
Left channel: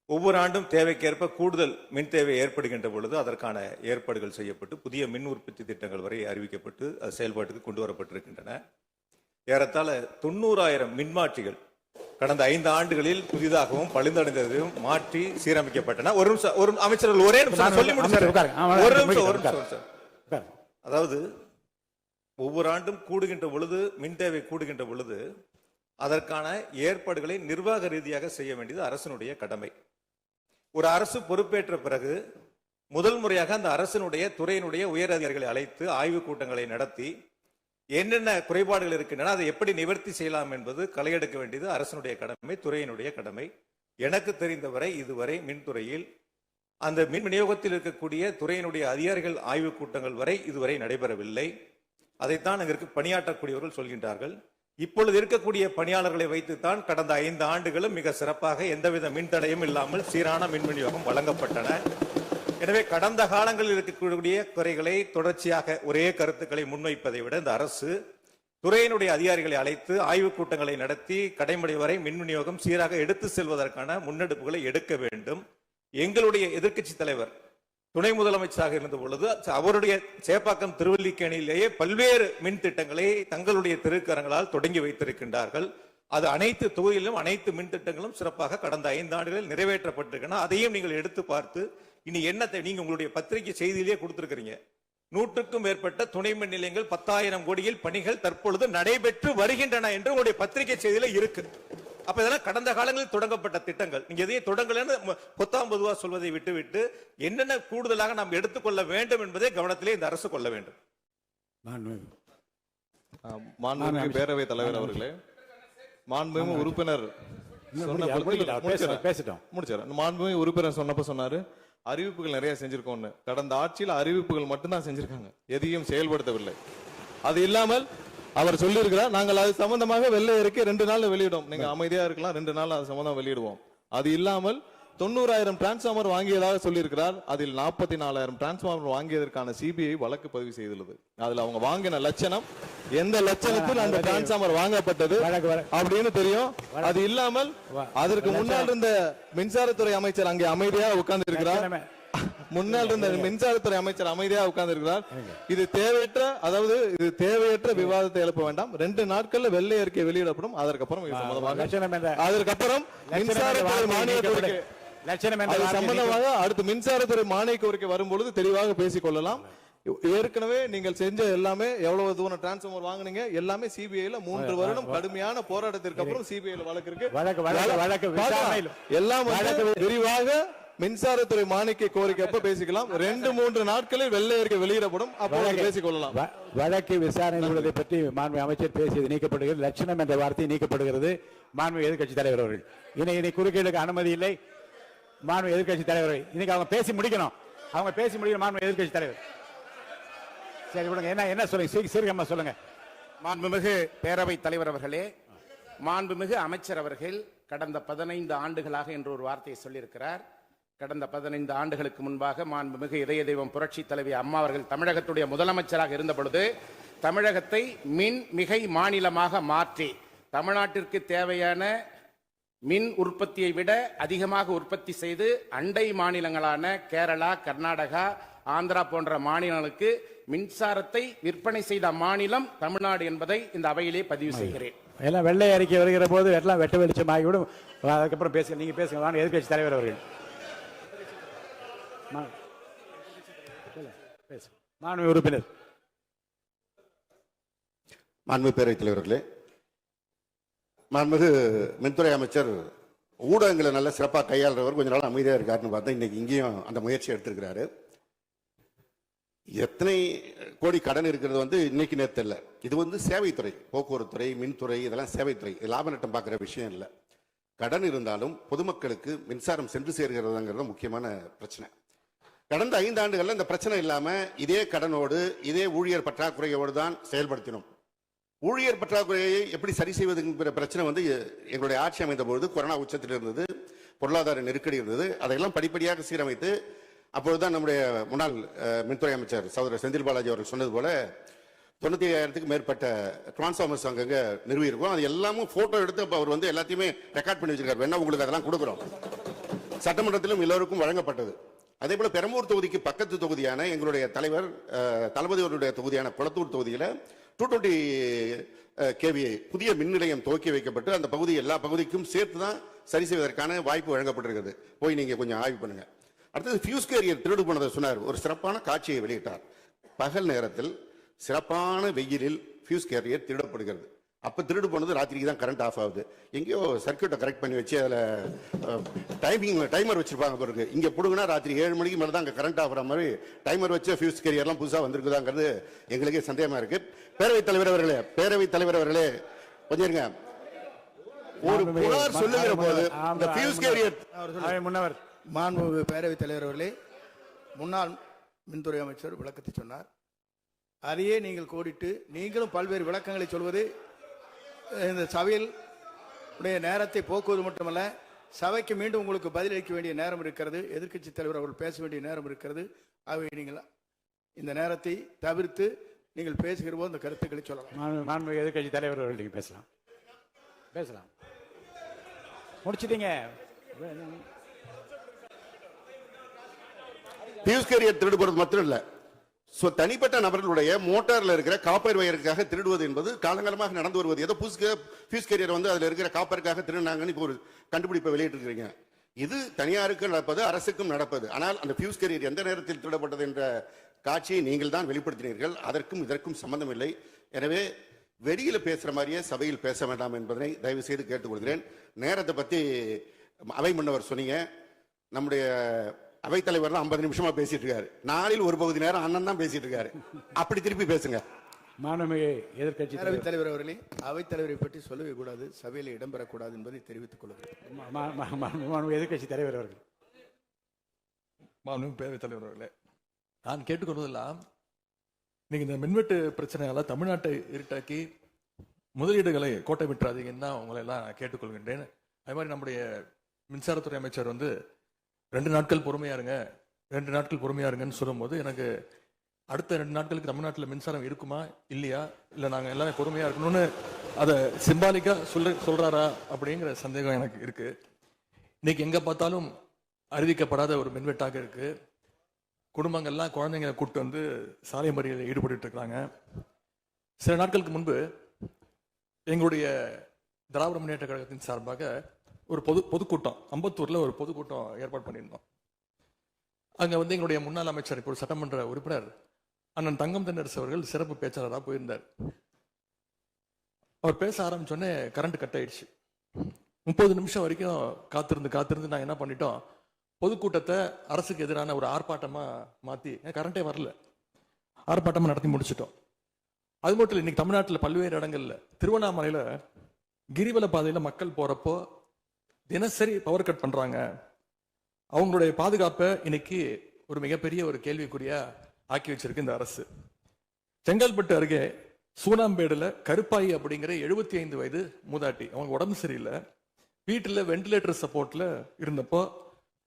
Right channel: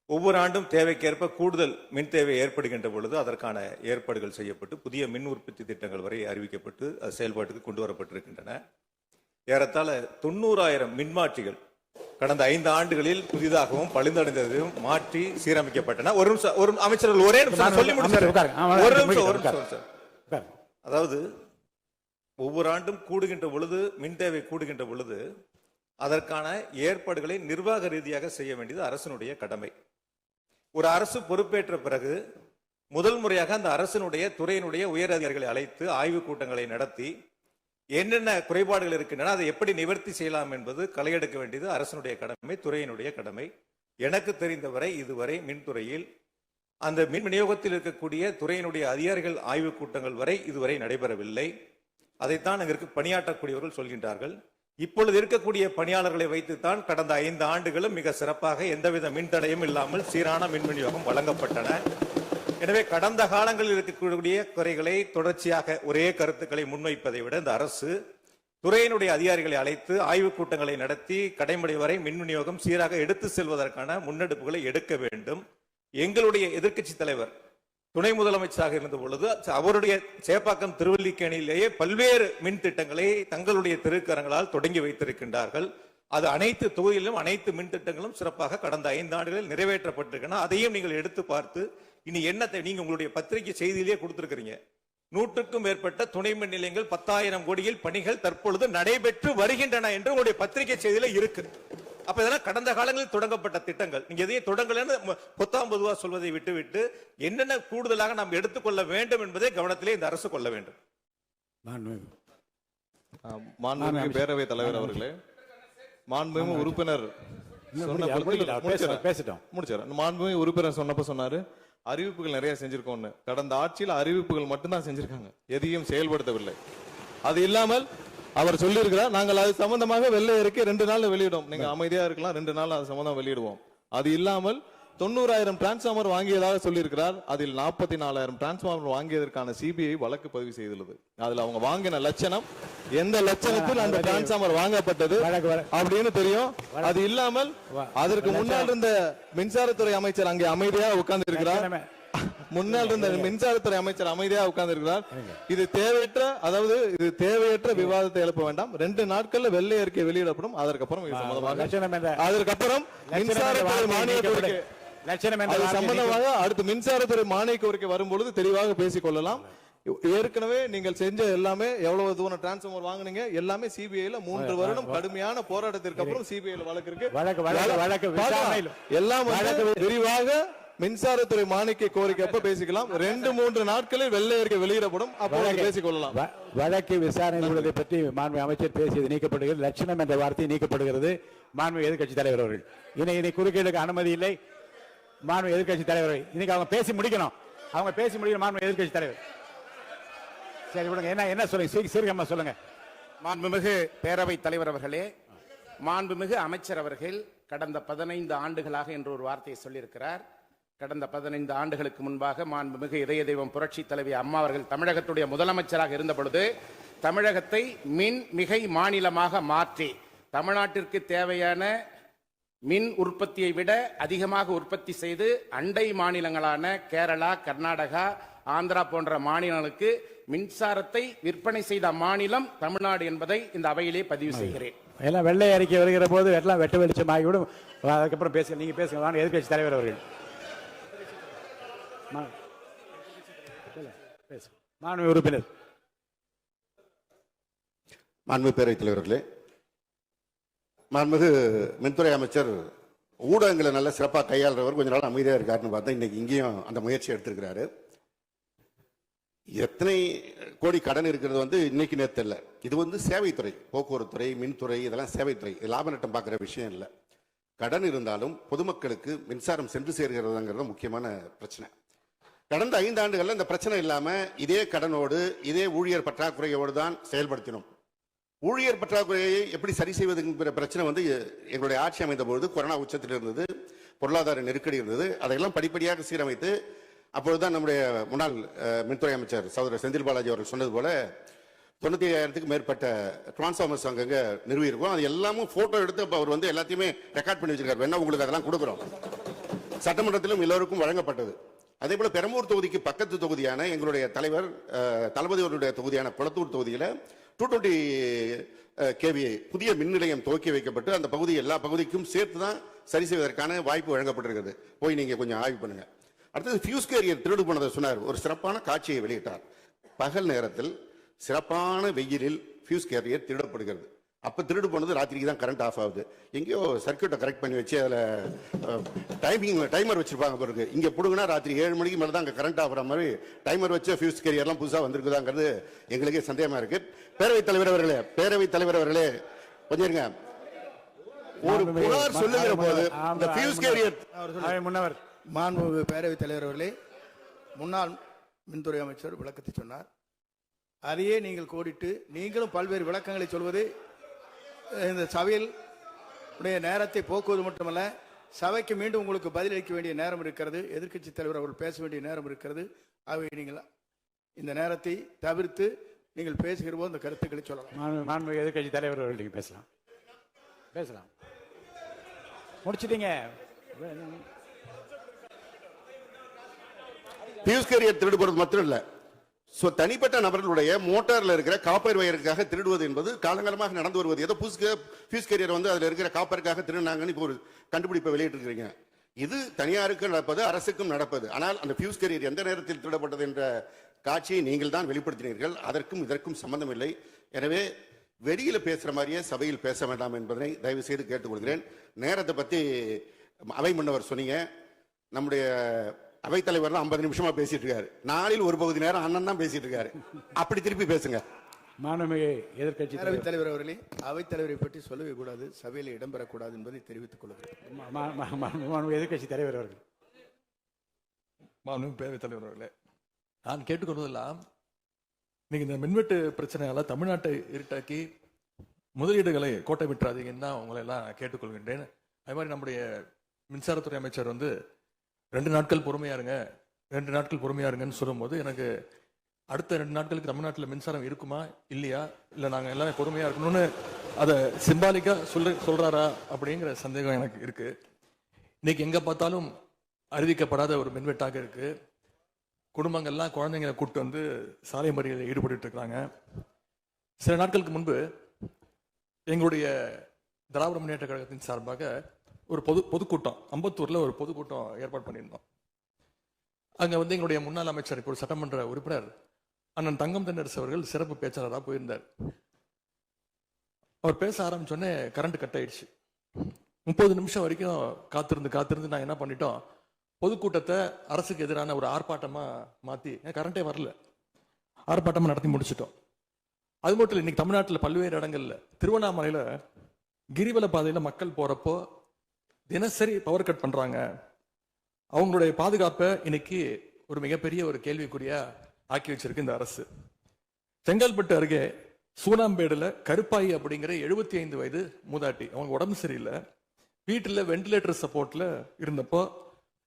ஒவ்வொரு ஆண்டும் தேவைக்கேற்ப கூடுதல் மின் தேவை ஏற்படுகின்ற பொழுது அதற்கான ஏற்பாடுகள் செய்யப்பட்டு புதிய மின் உற்பத்தி திட்டங்கள் வரை அறிவிக்கப்பட்டு அது செயல்பாட்டுக்கு கொண்டு வரப்பட்டிருக்கின்றன. ஏறத்தாழ 90,000 மின்மாற்றிகள் கடந்த 5 ஆண்டுகளில் புதிதாகவும் பழுந்தடைந்ததையும் மாற்றி சீரமைக்கப்பட்டன. ஒரு நிமிஷம், ஒரு அமைச்சர்கள் ஒரே நிமிஷம் சொல்லி முடிச்சாரு. ஒரு நிமிஷம் சார். அதாவது ஒவ்வொரு ஆண்டும் கூடுகின்ற பொழுது, மின் தேவை கூடுகின்ற பொழுது அதற்கான ஏற்பாடுகளை நிர்வாக ரீதியாக செய்ய வேண்டியது அரசினுடைய கடமை. ஒரு அரசு பொறுப்பேற்ற பிறகு முதல் முறையாக அந்த அரசினுடைய துறையினுடைய உயர் அதிகாரிகளை அழைத்து ஆய்வுக் கூட்டங்களை நடத்தி என்னென்ன குறைபாடுகள் இருக்கின்றன, அதை எப்படி நிவர்த்தி செய்யலாம் என்பது களையெடுக்க வேண்டியது அரசினுடைய கடமை, துறையினுடைய கடமை. எனக்கு தெரிந்தவரை இதுவரை மின்துறையில் அந்த மின் விநியோகத்தில் இருக்கக்கூடிய துறையினுடைய அதிகாரிகள் ஆய்வுக் கூட்டங்கள் வரை இதுவரை நடைபெறவில்லை. அதைத்தான் அங்கிருக்கு பணியாற்றக்கூடியவர்கள் சொல்கின்றார்கள். இப்பொழுது இருக்கக்கூடிய பணியாளர்களை வைத்துத்தான் கடந்த 5 ஆண்டுகளும் மிக சிறப்பாக எந்தவித மின்தடையும் இல்லாமல் சீரான மின் விநியோகம் வழங்கப்பட்டன. எனவே கடந்த காலங்களில் இருக்கக்கூடிய குறைகளை தொடர்ச்சியாக ஒரே கருத்துக்களை முன்வைப்பதை விட இந்த அரசு துறையினுடைய அதிகாரிகளை அழைத்து ஆய்வுக் கூட்டங்களை நடத்தி கடைமுறை வரை மின் விநியோகம் சீராக எடுத்து செல்வதற்கான முன்னெடுப்புகளை எடுக்க வேண்டும். எங்களுடைய எதிர்க்கட்சி தலைவர் துணை முதலமைச்சராக இருந்த பொழுது அவருடைய சேப்பாக்கம் திருவல்லிக்கேணியிலேயே பல்வேறு மின் திட்டங்களை தங்களுடைய திருக்கரங்களால் தொடங்கி வைத்திருக்கின்றார்கள். அது அனைத்து தொகுதியிலும் அனைத்து மின் திட்டங்களும் சிறப்பாக கடந்த 5 ஆண்டுகளில் நிறைவேற்றப்பட்டிருக்கின்றன. அதையும் நீங்கள் எடுத்து பார்த்து இனி என்னத்தை நீங்க உங்களுடைய பத்திரிகை செய்தியிலேயே கொடுத்திருக்கிறீங்க. 100க்கும் மேற்பட்ட துணை மின் நிலையங்கள் 10,000 கோடியில் பணிகள் தற்பொழுது நடைபெற்று வருகின்றன என்று உங்களுடைய பத்திரிகை செய்தியில இருக்கு. அப்ப இதெல்லாம் கடந்த காலங்களில் தொடங்கப்பட்ட திட்டங்கள். நீங்க எதையும் தொடங்கலன்னு பொத்தாம் பொதுவா சொல்வதை விட்டுவிட்டு என்னென்ன கூடுதலாக நாம் எடுத்துக்கொள்ள வேண்டும் என்பதை கவனத்திலே இந்த அரசு கொள்ள வேண்டும். மாண்புமிகு பேரவைத் தலைவர் அவர்களே, மாண்புமிகு உறுப்பினர் மாண்புமிகு உறுப்பினர் சொன்னப்ப சொன்னாரு அறிவிப்புகள் நிறைய செஞ்சிருக்கோம்னு. கடந்த ஆட்சியில் அறிவிப்புகள் மட்டும்தான் செஞ்சிருக்காங்க, எதையும் செயல்படுத்தவில்லை. அது இல்லாமல் அவர் சொல்லியிருக்கிறார், நாங்கள் அது சம்பந்தமாக வெள்ளை அறிக்கை 2 நாள்ல வெளியிடுவோம். நீங்க அமைதியா இருக்கலாம், 2 நாள் அது சம்பந்தம் வெளியிடுவோம். அது இல்லாமல் 90,000 டிரான்ஸ்பார்மர் வாங்கியதாக சொல்லியிருக்கிறார். அதில் 44,000 டிரான்ஸ்பார்மர் வாங்கியதற்கான சிபிஐ வழக்கு பதிவு செய்துள்ளது. அதுல அவங்க வாங்கின லட்சணம், எந்த லட்சணத்தில் அந்த டிரான்ஸ்பார்மர் வாங்கப்பட்டது அப்படின்னு தெரியும். அது இல்லாமல் அதற்கு முன்னால் இருந்த மின்சாரத்துறை அமைச்சர் அங்கே அமைதியாக உட்கார்ந்து இருக்கிறார். முன்னாள் இருந்த மின்சாரத்துறை அமைச்சர் அமைதியாக உட்கார்ந்து இருக்கிறார். இது தேவையற்ற, அதாவது இது தேவையற்ற விவாதத்தை எழுப்ப வேண்டாம். 2 நாட்கள்ல வெள்ளை அறிக்கை வெளியிடப்படும். அதற்கப்புறம் அதற்கப்புறம் மின்சாரத்துறை மானிய கோரிக்கை சம்பந்தமாக அடுத்து மின்சாரத்துறை மானிய கோரிக்கை வரும்பொழுது தெளிவாக பேசிக் கொள்ளலாம். ஏற்கனவே நீங்கள் செஞ்ச எல்லாமே, எவ்வளவு தூரம் டிரான்ஸ்பார்மர் வாங்குனீங்க எல்லாமே சிபிஐல 3 வருடம் கடுமையான போராட்டத்திற்கு அப்புறம் சிபிஐல வழக்கு இருக்கு. எல்லாம் விரிவாக மின்சாரத்துறை மானிய கோரிக்கை எப்ப பேசிக்கலாம். 2-3 நாட்களில் வெள்ளை அறிக்கை வெளியிடப்படும், அப்போது பேசிக் கொள்ளலாம். வழக்கு விசாரணை உள்ளதை பற்றி மாண்பு அமைச்சர் பேசியது நீக்கப்படுகிறது. லட்சணம் என்ற வார்த்தை நீக்கப்படுகிறது. மாண்பு எதிர்க்கட்சி தலைவர் அவர்கள் இனி குறுக்கீடுக்கு அனுமதி இல்லை. மாண்பு எதிர்க்கட்சி தலைவர் இன்னைக்கு அவங்க பேசி முடிக்கணும். அவங்க பேசி முடிக்கணும். மாண்பு எதிர்க்கட்சி தலைவர் சரி விடுங்க. என்ன சொல்லுங்க, சீக்கிரமா சொல்லுங்க. மாண்புமிகு பேரவைத் தலைவர் அவர்களே, மாண்புமிகு அமைச்சர் அவர்கள் கடந்த 15 ஆண்டுகளாக என்று ஒரு வார்த்தையை சொல்லியிருக்கிறார். கடந்த 15 ஆண்டுகளுக்கு முன்பாக மாண்புமிகு இதய தெய்வம் புரட்சி தலைவி அம்மா அவர்கள் தமிழகத்துடைய முதலமைச்சராக இருந்த பொழுது தமிழகத்தை மின் மிகை மாநிலமாக மாற்றி தமிழ்நாட்டிற்கு தேவையான மின் உற்பத்தியை விட அதிகமாக உற்பத்தி செய்து அண்டை மாநிலங்களான கேரளா, கர்நாடகா, ஆந்திரா போன்ற மாநிலங்களுக்கு மின்சாரத்தை விற்பனை செய்த மாநிலம் தமிழ்நாடு என்பதை இந்த அவையிலே பதிவு செய்கிறேன். எல்லாம் வெள்ளை அறிக்கை வருகிற போது எல்லாம் வெட்ட வெளிச்சம் ஆகிவிடும். அதுக்கப்புறம் பேச நீங்க பேசுங்க. எதிர்க்கட்சி தலைவர் அவர்கள் மாண்பு உறுப்பினர். மாண்பு பேரவைத் தலைவர்களே, மாண்புமிகு மின்துறை அமைச்சர் ஊடகங்களை நல்ல சிறப்பாக கையாளுறவர். கொஞ்ச நாள் அமைதியா இருக்காருன்னு பார்த்தா இன்னைக்கு இங்கேயும் அந்த முயற்சி எடுத்திருக்கிறாரு. எத்தனை கோடி கடன் இருக்கிறது இன்னைக்கு நேற்று இல்லை. இது சேவைத்துறை, போக்குவரத்து துறை, மின்துறை, இதெல்லாம் சேவைத்துறை. லாப நட்டம் பார்க்குற விஷயம் இல்லை. கடன் இருந்தாலும் பொதுமக்களுக்கு மின்சாரம் சென்று சேர்கிறதாங்கிறது முக்கியமான பிரச்சனை. கடந்த 5 ஆண்டுகள்ல இந்த பிரச்சனை இல்லாம இதே கடனோடு இதே ஊழியர் பற்றாக்குறையோடு தான் செயல்படுத்தினோம். ஊழியர் பற்றாக்குறையை எப்படி சரி செய்வதுங்கிற பிரச்சனை எங்களுடைய ஆட்சி அமைந்த பொழுது கொரோனா உச்சத்தில் இருந்தது, பொருளாதார நெருக்கடி இருந்தது. அதையெல்லாம் படிப்படியாக சீரமைத்து அப்பொழுதுதான் நம்முடைய முன்னாள் மின்துறை அமைச்சர் சகோதரர் செந்தில் பாலாஜி அவர்கள் சொன்னது போல 95,000க்கும் மேற்பட்ட டிரான்ஸ்பார்மர்ஸ் அங்கங்க நிறுவியிருக்கோம். அது எல்லாமும் போட்டோ எடுத்து அவர் எல்லாத்தையுமே ரெக்கார்ட் பண்ணி வச்சிருக்காரு. வேணா உங்களுக்கு அதெல்லாம் கொடுக்குறோம். சட்டமன்றத்திலும் எல்லோருக்கும் வழங்கப்பட்டது. அதே போல பெரம்பூர் தொகுதிக்கு பக்கத்து தொகுதியான எங்களுடைய தலைவர் தளபதி அவருடைய தொகுதியான குளத்தூர் தொகுதியில 220 கேவிஐ புதிய மின் நிலையம் துவக்கி வைக்கப்பட்டு அந்த பகுதி எல்லா பகுதிக்கும் சேர்த்து தான் சரி செய்வதற்கான வாய்ப்பு வழங்கப்பட்டிருக்கிறது. போய் நீங்க கொஞ்சம் ஆய்வு பண்ணுங்க. அடுத்தது ஃபியூஸ் கேரியர் திருடு போனதை சொன்னார். ஒரு சிறப்பான காட்சியை வெளியிட்டார். பகல் நேரத்தில் சிறப்பான வெயிலில் ஃபியூஸ் கேரியர் திருடப்படுகிறது. அப்ப திருடு போனது ராத்திரிக்கு தான் கரண்ட் ஆஃப் ஆகுது. எங்கேயோ சர்க்கியூட்டை கரெக்ட் பண்ணி வச்சு அதுல டைமர் வச்சிருப்பாங்க பாருங்க. இங்க புடுங்கினா ராத்திரி 7 மணிக்கு மேல தான் அங்க கரண்ட் ஆஃப் ஆகிற மாதிரி டைமர் வச்சு ஃபியூஸ் கேரியர்லாம் புதுசா வந்திருக்குதாங்கிறது எங்களுக்கே சந்தேகமா இருக்கு. பேரவைத் தலைவர் அவர்களே கொஞ்சம் இருங்க. ஒரு புகார் சொல்லுகிற போது இந்த ஃபியூஸ் கேரியர் முன்னவர் மாண்புமிகு பேரவைத் தலைவர் அவர்களே, முன்னாள் மின்துறை அமைச்சர் விளக்கத்தை சொன்னார். அதையே நீங்கள் கோடிட்டு நீங்களும் பல்வேறு விளக்கங்களை சொல்வது இந்த சபையில் உடைய நேரத்தை போக்குவது மட்டுமல்ல, சபைக்கு மீண்டும் உங்களுக்கு பதிலளிக்க வேண்டிய நேரம் இருக்கிறது. எதிர்க்கட்சி தலைவர் அவர்கள் பேச வேண்டிய நேரம் இருக்கிறது. ஆகவே நீங்கள் இந்த நேரத்தை தவிர்த்து நீங்கள் பேசுகிற போது இந்த கருத்துக்களை சொல்லலாம். மாண்புமிகு எதிர்க்கட்சி தலைவர் அவர்கள் நீங்க பேசலாம். முடிச்சிட்டீங்க. ஃபியூஸ் கேரியர் திருடு போறது மட்டும் இல்ல, தனிப்பட்ட நபர்களுடைய மோட்டார்ல இருக்கிற காப்பர் வயருக்காக திருடுவது என்பது காலங்காலமாக நடந்து வருவது. ஏதோ ஃபியூஸ் கேரியர் வந்து அதுல இருக்கிற காப்பருக்காக திருடினாங்கன்னு இப்போ ஒரு கண்டுபிடிப்பை வெளியிட்டு இருக்கீங்க. இது தனியாருக்கு நடப்பது, அரசுக்கும் நடப்பது. ஆனால் அந்த ஃபியூஸ் கேரியர் எந்த நேரத்தில் திருடப்பட்டது என்ற காட்சியை நீங்கள் தான் வெளிப்படுத்தினீர்கள். அதற்கும் இதற்கும் சம்பந்தம் இல்லை. எனவே வெளியில பேசுற மாதிரியே சபையில் பேச வேண்டாம் என்பதை தயவு செய்து கேட்டுக்கொள்கிறேன். நேரத்தை பத்தி அவை முன்னவர் சொன்னீங்க. நம்முடைய அவைத்தலைவர் 50 நிமிஷமா பேசிட்டு இருக்காரு. நாளில் ஒரு பகுதி நேரம் அண்ணன் தான் பேசிட்டு இருக்காரு. அப்படி திருப்பி பேசுங்க. மாண்புமிகு எதிர்க்கட்சி தலைவர் அவர்களே, அவைத்தலைவரை பற்றி சொல்லவே கூடாது, சபையில் இடம்பெறக்கூடாது என்பதை தெரிவித்துக் கொள்கிறேன். எதிர்க்கட்சி தலைவர் அவர்கள். மாண்புமிகு பேரவைத் தலைவர் அவர்களே, நான் கேட்டுக்கொள்வதெல்லாம் நீங்க இந்த மின்வெட்டு பிரச்சனையால தமிழ்நாட்டை இருட்டாக்கி முதலீடுகளை கோட்டை விட்டுறாதீங்கன்னு தான் உங்களை எல்லாம் கேட்டுக்கொள்கின்றேன். அதே மாதிரி நம்முடைய மின்சாரத்துறை அமைச்சர் வந்து 2 நாட்கள் பொறுமையா இருங்கன்னு சொல்லும்போது எனக்கு அடுத்த 2 நாட்களுக்கு தமிழ்நாட்டில் மின்சாரம் இருக்குமா இல்லையா, இல்ல நாங்க எல்லாம் பொறுமையா இருக்கணும்னு அதை சிம்பாலிக்கா சொல்றாரா அப்படிங்கிற சந்தேகம் எனக்கு இருக்கு. இன்னைக்கு எங்க பார்த்தாலும் அறிவிக்கப்படாத ஒரு மின்வெட்டாக இருக்கு. குடும்பங்கள்லாம் குழந்தைங்களை கூப்பிட்டு வந்து சாலை மறியலில் ஈடுபட்டு இருக்காங்க. சில நாட்களுக்கு முன்பு எங்களுடைய திராவிட முன்னேற்ற கழகத்தின் சார்பாக ஒரு பொதுக்கூட்டம் அம்பத்தூர்ல ஒரு பொதுக்கூட்டம் ஏற்பாடு பண்ணியிருந்தோம். அங்க வந்து எங்களுடைய முன்னாள் அமைச்சர், இப்போ சட்டமன்ற உறுப்பினர் அண்ணன் தங்கம் தென்னரசு அவர்கள் சிறப்பு பேச்சாளராக போயிருந்தார். அவர் பேச ஆரம்பிச்சோடனே கரண்ட் கட் ஆயிடுச்சு. 30 நிமிஷம் வரைக்கும் காத்திருந்து நான் என்ன பண்ணிட்டோம், பொதுக்கூட்டத்தை அரசுக்கு எதிரான ஒரு ஆர்ப்பாட்டமா மாத்தி, கரண்டே வரல, ஆர்ப்பாட்டமா நடத்தி முடிச்சிட்டோம். அது மட்டும் இல்லை, இன்னைக்கு தமிழ்நாட்டில் பல்வேறு இடங்கள்ல, திருவண்ணாமலையில கிரிவல பாதையில மக்கள் போறப்போ தினசரி பவர் கட் பண்றாங்க. அவங்களுடைய பாதுகாப்பை இன்னைக்கு ஒரு மிகப்பெரிய ஒரு கேள்விக்குறியா ஆக்கி வச்சிருக்கு இந்த அரசு. செங்கல்பட்டு அருகே சூனாம்பேடுல கருப்பாயி அப்படிங்கிற 75 வயது மூதாட்டி, அவங்க உடம்பு சரியில்லை, வீட்டுல வெண்டிலேட்டர் சப்போர்ட்ல இருந்தப்போ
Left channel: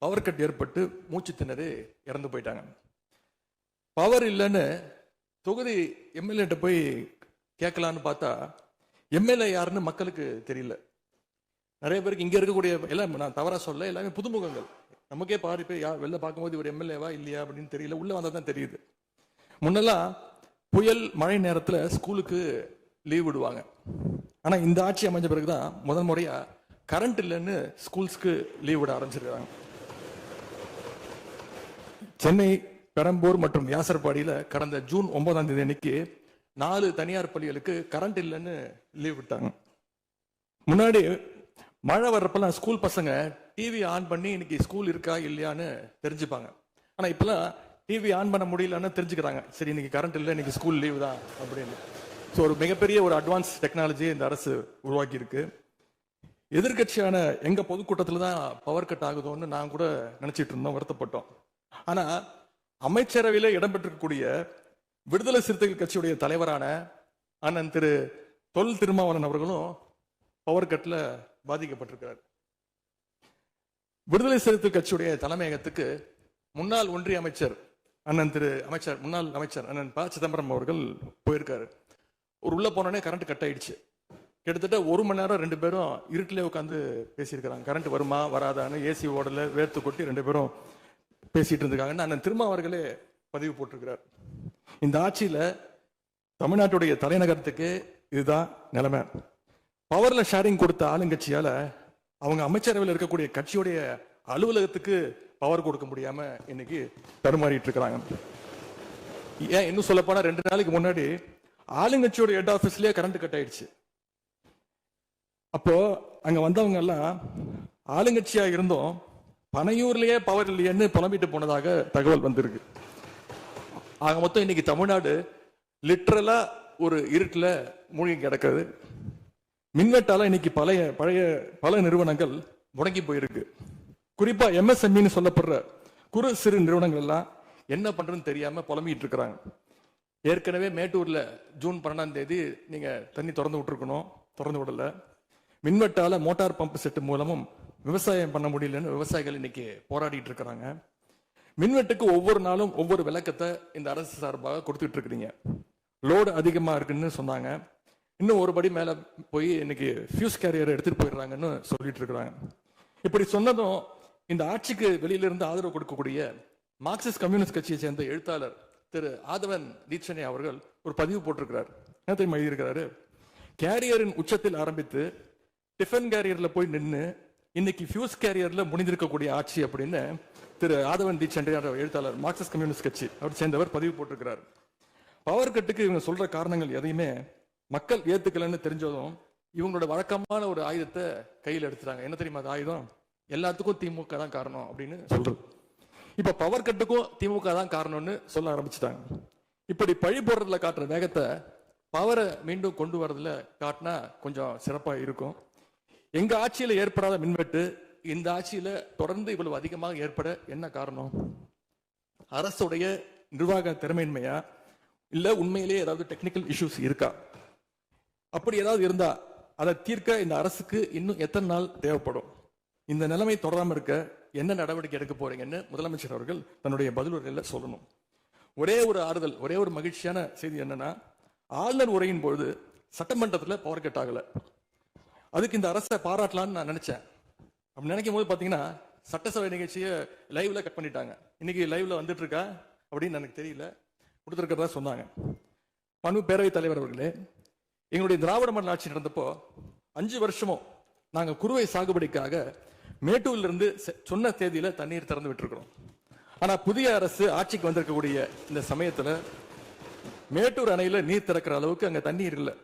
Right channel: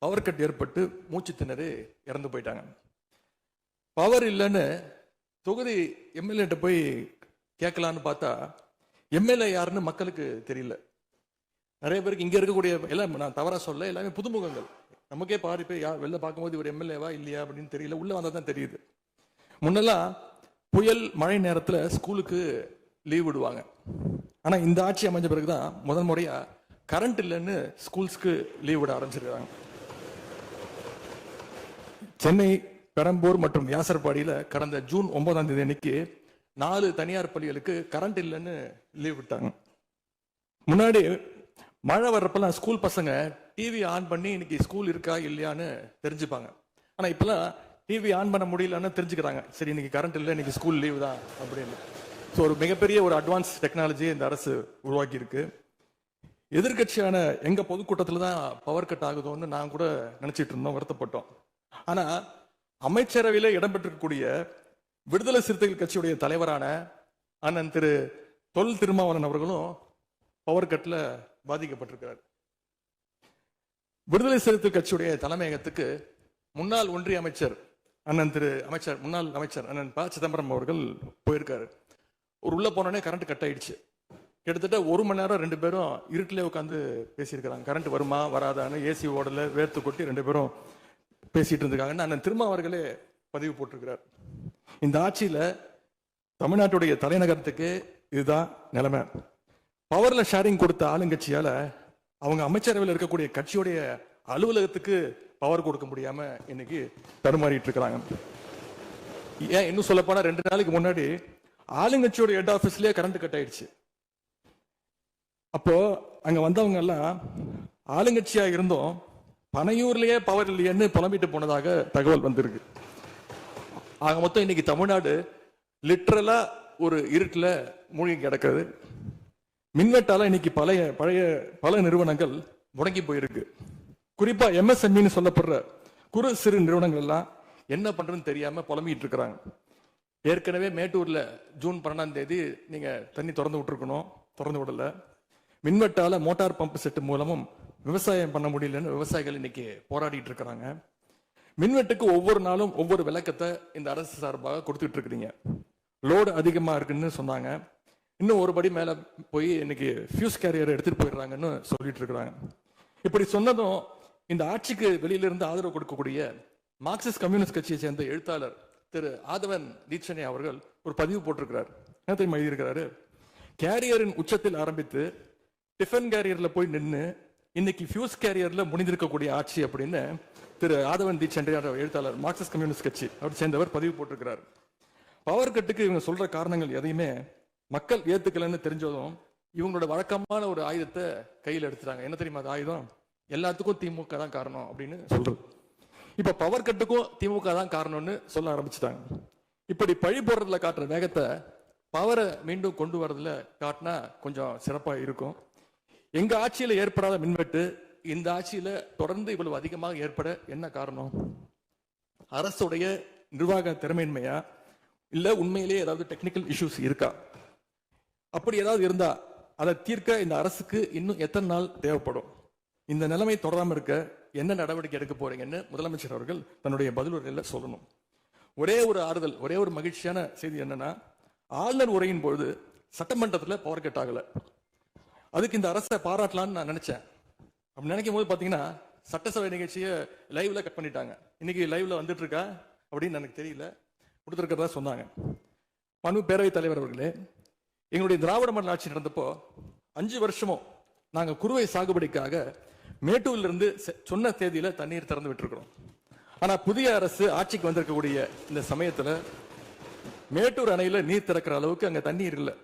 பவர் கட் ஏற்பட்டு மூச்சு திணறி இறந்து போயிட்டாங்க. பவர் இல்லைன்னு தொகுதி எம்எல்ஏ போய் கேட்கலான்னு பார்த்தா எம்எல்ஏ யாருன்னு மக்களுக்கு தெரியல. நிறைய பேருக்கு இங்க இருக்கக்கூடிய எல்லாம், நான் தவறா சொல்ல, எல்லாமே புதுமுகங்கள். நமக்கே பாரு போய் வெளில பார்க்கும்போது இவர் எம்எல்ஏவா இல்லையா அப்படின்னு தெரியல, உள்ள வந்தா தான் தெரியுது. முன்னெல்லாம் புயல் மழை நேரத்துல ஸ்கூலுக்கு லீவ் விடுவாங்க. ஆனா இந்த ஆட்சி அமைஞ்ச பிறகுதான் முதல் முறையா கரண்ட் இல்லைன்னு ஸ்கூல்ஸ்க்கு லீவ் விட ஆரம்பிச்சிருக்காங்க. சென்னை, பெரம்பூர் மற்றும் வியாசர்பாடியில கடந்த ஜூன் 9ஆம் தேதி அன்னைக்கு 4 தனியார் பள்ளிகளுக்கு கரண்ட் இல்லைன்னு லீவ் விட்டாங்க. முன்னாடி மழை வர்றப்பெல்லாம் ஸ்கூல் பசங்க டிவி ஆன் பண்ணி இன்னைக்கு ஸ்கூல் இருக்கா இல்லையான்னு தெரிஞ்சுப்பாங்க. ஆனா இப்பெல்லாம் டிவி ஆன் பண்ண முடியலன்னு தெரிஞ்சுக்கிறாங்க, சரி இன்னைக்கு கரண்ட் இல்லை, இன்னைக்கு ஸ்கூல் லீவ் தான் அப்படின்னு. ஸோ ஒரு மிகப்பெரிய ஒரு அட்வான்ஸ் டெக்னாலஜி இந்த அரசு உருவாக்கி இருக்கு. எதிர்கட்சியான எங்க பொதுக்கூட்டத்துல தான் பவர் கட் ஆகுதோன்னு நான் கூட நினைச்சிட்டு இருந்தோம், வருத்தப்பட்டோம். ஆனா அமைச்சரவையில இடம்பெற்றிருக்கக்கூடிய விடுதலை சிறுத்தைகள் கட்சியுடைய தலைவரான அண்ணன் திரு தொல் திருமாவளவன் அவர்களும் பவர் கட்ல பாதிக்கப்பட்டிருக்கிறார். விடுதலை சிறுத்தைகள் கட்சியுடைய தலைமையகத்துக்கு முன்னாள் ஒன்றிய அமைச்சர் முன்னாள் அமைச்சர் அண்ணன் ப சிதம்பரம் அவர்கள் போயிருக்காரு. ஒரு உள்ள போனோடனே கரண்ட் கட் ஆயிடுச்சு. கிட்டத்தட்ட 1 மணி நேரம் 2 பேரும் இருட்டிலே உட்காந்து பேசியிருக்கிறாங்க. கரண்ட் வருமா வராதான்னு, ஏசி ஓடல, வேர்த்து கொட்டி 2 பேரும் பேசிட்டு இருந்திருக்காங்கன்னு அண்ணன் திருமாவர்களே பதிவு போட்டிருக்கிறார். இந்த ஆட்சியில தமிழ்நாட்டுடைய தலைநகரத்துக்கு இதுதான் நிலைமை. பவர்ல ஷேரிங் கொடுத்த ஆளுங்கட்சியால அவங்க அமைச்சரவையில் இருக்கக்கூடிய கட்சியுடைய அலுவலகத்துக்கு பவர் கொடுக்க முடியாம இன்னைக்கு தடுமாறிட்டு இருக்கிறாங்க. ஏன் இன்னும் சொல்ல போனா 2 நாளைக்கு முன்னாடி ஆளுங்கட்சியோட ஹெட் ஆபீஸ்லயே கரண்ட் கட் ஆயிடுச்சு. அப்போ அங்க வந்தவங்க எல்லாம் ஆளுங்கட்சியா இருந்தும் பனையூர்லயே பவர் இல்லையன்னு புலம்பிட்டு போனதாக தகவல் வந்திருக்கு. ஆக மொத்தம் இன்னைக்கு தமிழ்நாடு லிட்டரலா ஒரு இருட்டுல மூழ்கி கிடக்குது. மின்வெட்டால இன்னைக்கு பல நிறுவனங்கள் முடங்கி போயிருக்கு. குறிப்பா MSME சொல்லப்படுற குறு சிறு நிறுவனங்கள் எல்லாம் என்ன பண்றதுன்னு தெரியாம புலம்பிட்டு இருக்கிறாங்க. ஏற்கனவே மேட்டூர்ல ஜூன் 12ஆம் தேதி நீங்க தண்ணி திறந்து விட்டுருக்கணும், திறந்து விடல. மின்வெட்டால மோட்டார் பம்பு செட்டு மூலமும் விவசாயம் பண்ண முடியலன்னு விவசாயிகள் இன்னைக்கு போராடிட்டு இருக்கிறாங்க. மின்வெட்டுக்கு ஒவ்வொரு நாளும் ஒவ்வொரு விளக்கத்தை இந்த அரசு சார்பாக கொடுத்துட்டு இருக்கிறீங்க. லோடு அதிகமா இருக்குன்னு சொன்னாங்க. இன்னும் ஒரு படி மேல போய் இன்னைக்கு ஃபியூஸ் கேரியர் எடுத்துட்டு போயிடுறாங்கன்னு சொல்லிட்டு இருக்கிறாங்க. இப்படி சொன்னதும் இந்த ஆட்சிக்கு வெளியில இருந்து ஆதரவு கொடுக்கக்கூடிய மார்க்சிஸ்ட் கம்யூனிஸ்ட் கட்சியை சேர்ந்த எழுத்தாளர் திரு ஆதவன் தீட்சணே அவர்கள் ஒரு பதிவு போட்டிருக்கிறார். என்ன தெரியுமா எழுதியிருக்கிறாரு? கேரியரின் உச்சத்தில் ஆரம்பித்து டிஃபன் கேரியர்ல போய் நின்று இன்னைக்கு ஃபியூஸ் கேரியர்ல முடிந்திருக்கக்கூடிய ஆட்சி அப்படின்னு திரு ஆதவன் தீட்சண்டே எழுத்தாளர் மார்க்சிஸ்ட் கம்யூனிஸ்ட் கட்சி அவர் சேர்ந்தவர் பதிவு போட்டிருக்கிறார். பவர் கட்டுக்கு இவங்க சொல்ற காரணங்கள் எதையுமே மக்கள் ஏத்துக்கலன்னு தெரிஞ்சதும் இவங்களோட வழக்கமான ஒரு ஆயுதத்தை கையில் எடுத்துட்டாங்க. என்ன தெரியுமா அது ஆயுதம்? எல்லாத்துக்கும் திமுக தான் காரணம் அப்படின்னு சொல்றது. இப்ப பவர் கட்டுக்கும் திமுக தான் காரணம்னு சொல்ல ஆரம்பிச்சுட்டாங்க. இப்படி பழி போடுறதுல காட்டுற வேகத்தை பவரை மீண்டும் கொண்டு வரதுல காட்டினா கொஞ்சம் சிறப்பா இருக்கும். எங்க ஆட்சியில ஏற்படாத மின்வெட்டு இந்த ஆட்சியில தொடர்ந்து இவ்வளவு அதிகமாக ஏற்பட என்ன காரணம்? அரசுடைய நிர்வாக திறமையின்மையா இல்ல உண்மையிலேயே ஏதாவது டெக்னிக்கல் இஷ்யூஸ் இருக்கா? அப்படி ஏதாவது இருந்தா அதை தீர்க்க இந்த அரசுக்கு இன்னும் எத்தனை நாள் தேவைப்படும்? இந்த நிலைமை தொடராம இருக்க என்ன நடவடிக்கை எடுக்க போறீங்கன்னு முதலமைச்சர் அவர்கள் தன்னுடைய பதிலுரையில சொல்லணும். ஒரே ஒரு ஆறுதல், ஒரே ஒரு மகிழ்ச்சியான செய்தி என்னன்னா, ஆளுநர் உரையின் பொழுது சட்டமன்றத்துல பவர் கட் ஆகல. அதுக்கு இந்த அரசை பாராட்டலாம்னு நான் நினைச்சேன். அப்படி நினைக்கும் போது பாத்தீங்கன்னா சட்டசபை நிகழ்ச்சியை லைவ்ல கட் பண்ணிட்டாங்க. இன்னைக்கு லைவ்ல வந்துட்டு இருக்கா அப்படின்னு எனக்கு தெரியல, கொடுத்திருக்கிறதா சொன்னாங்க. மனு பேரவைத் தலைவர் அவர்களே, எங்களுடைய திராவிட மாடல் ஆட்சி நடந்தப்போ 5 வருஷமும் நாங்க குறுவை சாகுபடிக்காக மேட்டூர்ல இருந்து சொன்ன தேதியில தண்ணீர் திறந்து விட்டுருக்கிறோம். ஆனா புதிய அரசு ஆட்சிக்கு வந்திருக்கக்கூடிய இந்த சமயத்துல மேட்டூர் அணையில நீர் திறக்கிற அளவுக்கு அங்க தண்ணீர் இல்லை.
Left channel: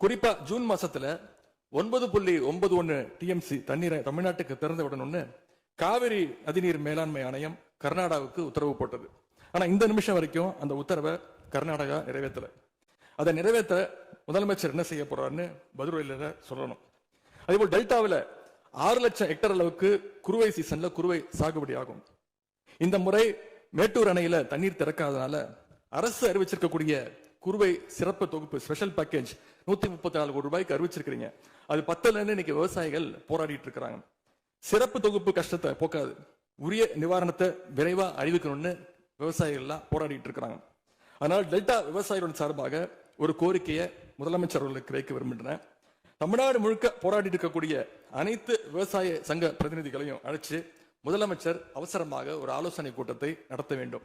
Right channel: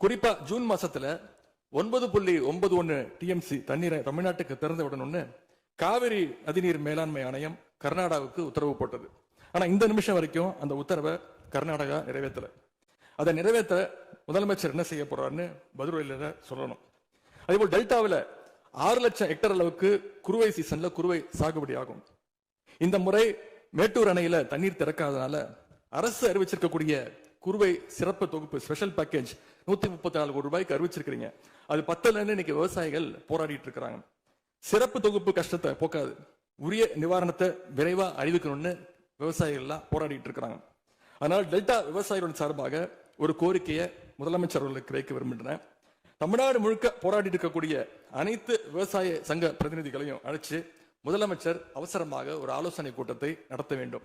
குறிப்பா ஜூன் மாசத்துல 9.91 TMC தண்ணீரை தமிழ்நாட்டுக்கு திறந்து விடணும்னு காவிரி நதிநீர் மேலாண்மை ஆணையம் கர்நாடகாவுக்கு உத்தரவு போட்டது. ஆனா இந்த நிமிஷம் வரைக்கும் அந்த உத்தரவை கர்நாடகா நிறைவேற்றல. அதை நிறைவேற்ற முதலமைச்சர் என்ன செய்ய போறாருன்னு பதிலுரையில சொல்லணும். அதேபோல் டெல்டாவில் 6 லட்சம் ஹெக்டர் அளவுக்கு குறுவை சீசன்ல குறுவை சாகுபடி ஆகும். இந்த முறை மேட்டூர் அணையில தண்ணீர் திறக்காதனால அரசு அறிவிச்சிருக்கக்கூடிய குறுவை சிறப்பு தொகுப்பு ஸ்பெஷல் பேக்கேஜ் 134 கோடி ரூபாய்க்கு அறிவிச்சிருக்கீங்க. அது பத்தலன்னு இன்னைக்கு விவசாயிகள் போராடிட்டு இருக்கிறாங்க. சிறப்பு தொகுப்பு கஷ்டத்தை போக்காது, உரிய நிவாரணத்தை விரைவா அறிவிக்கணும்னு விவசாயிகள் எல்லாம் போராடிட்டு இருக்கிறாங்க. அதனால் டெல்டா விவசாயிகளின் சார்பாக ஒரு கோரிக்கையை முதலமைச்சர் அவர்களுக்கு வைக்க விரும்புகிறேன். தமிழ்நாடு முழுக்க போராடி இருக்கக்கூடிய அனைத்து விவசாய சங்க பிரதிநிதிகளையும் அழைச்சு முதலமைச்சர் அவசரமாக ஒரு ஆலோசனை கூட்டத்தை நடத்த வேண்டும்.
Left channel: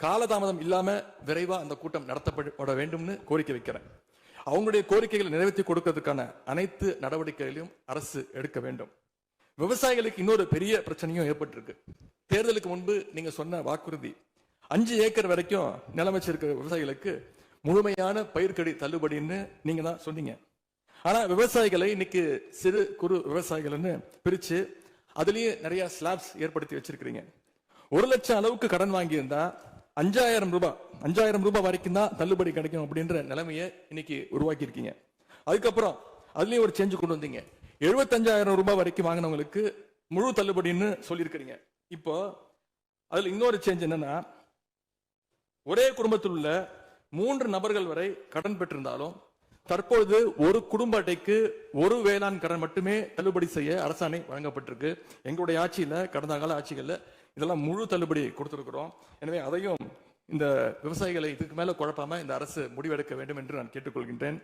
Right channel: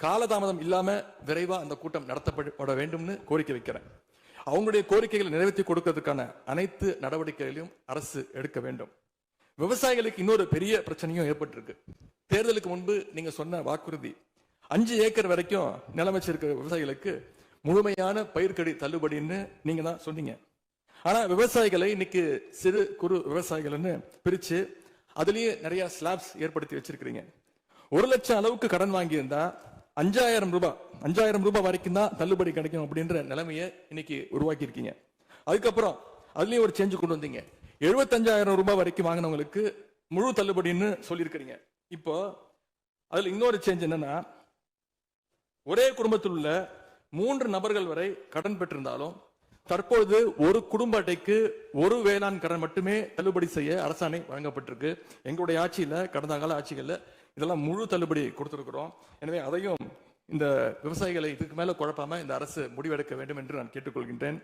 காலதாமதம் இல்லாம விரைவா அந்த கூட்டம் நடத்தப்பட வேண்டும்னு கோரிக்கை வைக்கிறேன். அவங்களுடைய கோரிக்கைகளை நிறைவேற்றி கொடுக்கிறதுக்கான அனைத்து நடவடிக்கைகளையும் அரசு எடுக்க வேண்டும். விவசாயிகளுக்கு இன்னொரு பெரிய பிரச்சனையும் ஏற்பட்டிருக்கு. தேர்தலுக்கு முன்பு நீங்க சொன்ன வாக்குறுதி 5 ஏக்கர் வரைக்கும் நிலம் வச்சிருக்கிற விவசாயிகளுக்கு முழுமையான பயிர்க்கடி தள்ளுபடின்னு நீங்க தான் சொன்னீங்க. ஆனா விவசாயிகளை இன்னைக்கு சிறு குறு விவசாயிகள்னு பிரிச்சு அதுலயே நிறைய ஸ்லாப்ஸ் ஏற்படுத்தி வச்சிருக்கீங்க. 1 லட்சம் அளவுக்கு கடன் வாங்கியிருந்தா 5,000 ரூபாய் வரைக்கும் தான் தள்ளுபடி கிடைக்கும் அப்படின்ற நிலைமையை இன்னைக்கு உருவாக்கி இருக்கீங்க. அதுக்கப்புறம் அதுலயும் ஒரு சேஞ்ச் கொண்டு வந்தீங்க. 75,000 ரூபாய் வரைக்கும் வாங்கினவங்களுக்கு முழு தள்ளுபடின்னு சொல்லியிருக்கிறீங்க. இப்போ அதுல இன்னொரு சேஞ்ச் என்னன்னா, ஒரே குடும்பத்தில் உள்ள 3 நபர்கள் வரை கடன் பெற்றிருந்தாலும் தற்பொழுது ஒரு குடும்ப அட்டைக்கு ஒரு வேளாண் கடன் மட்டுமே தள்ளுபடி செய்ய அரசாணை வழங்கப்பட்டிருக்கு. எங்களுடைய ஆட்சியில கடந்த கால ஆட்சிகள்ல இதெல்லாம் முழு தள்ளுபடி கொடுத்திருக்கிறோம். எனவே அதையும் இந்த விவசாயிகளை இதுக்கு மேல குழப்பாம இந்த அரசு முடிவெடுக்க வேண்டும் என்று நான் கேட்டுக்கொள்கின்றேன்.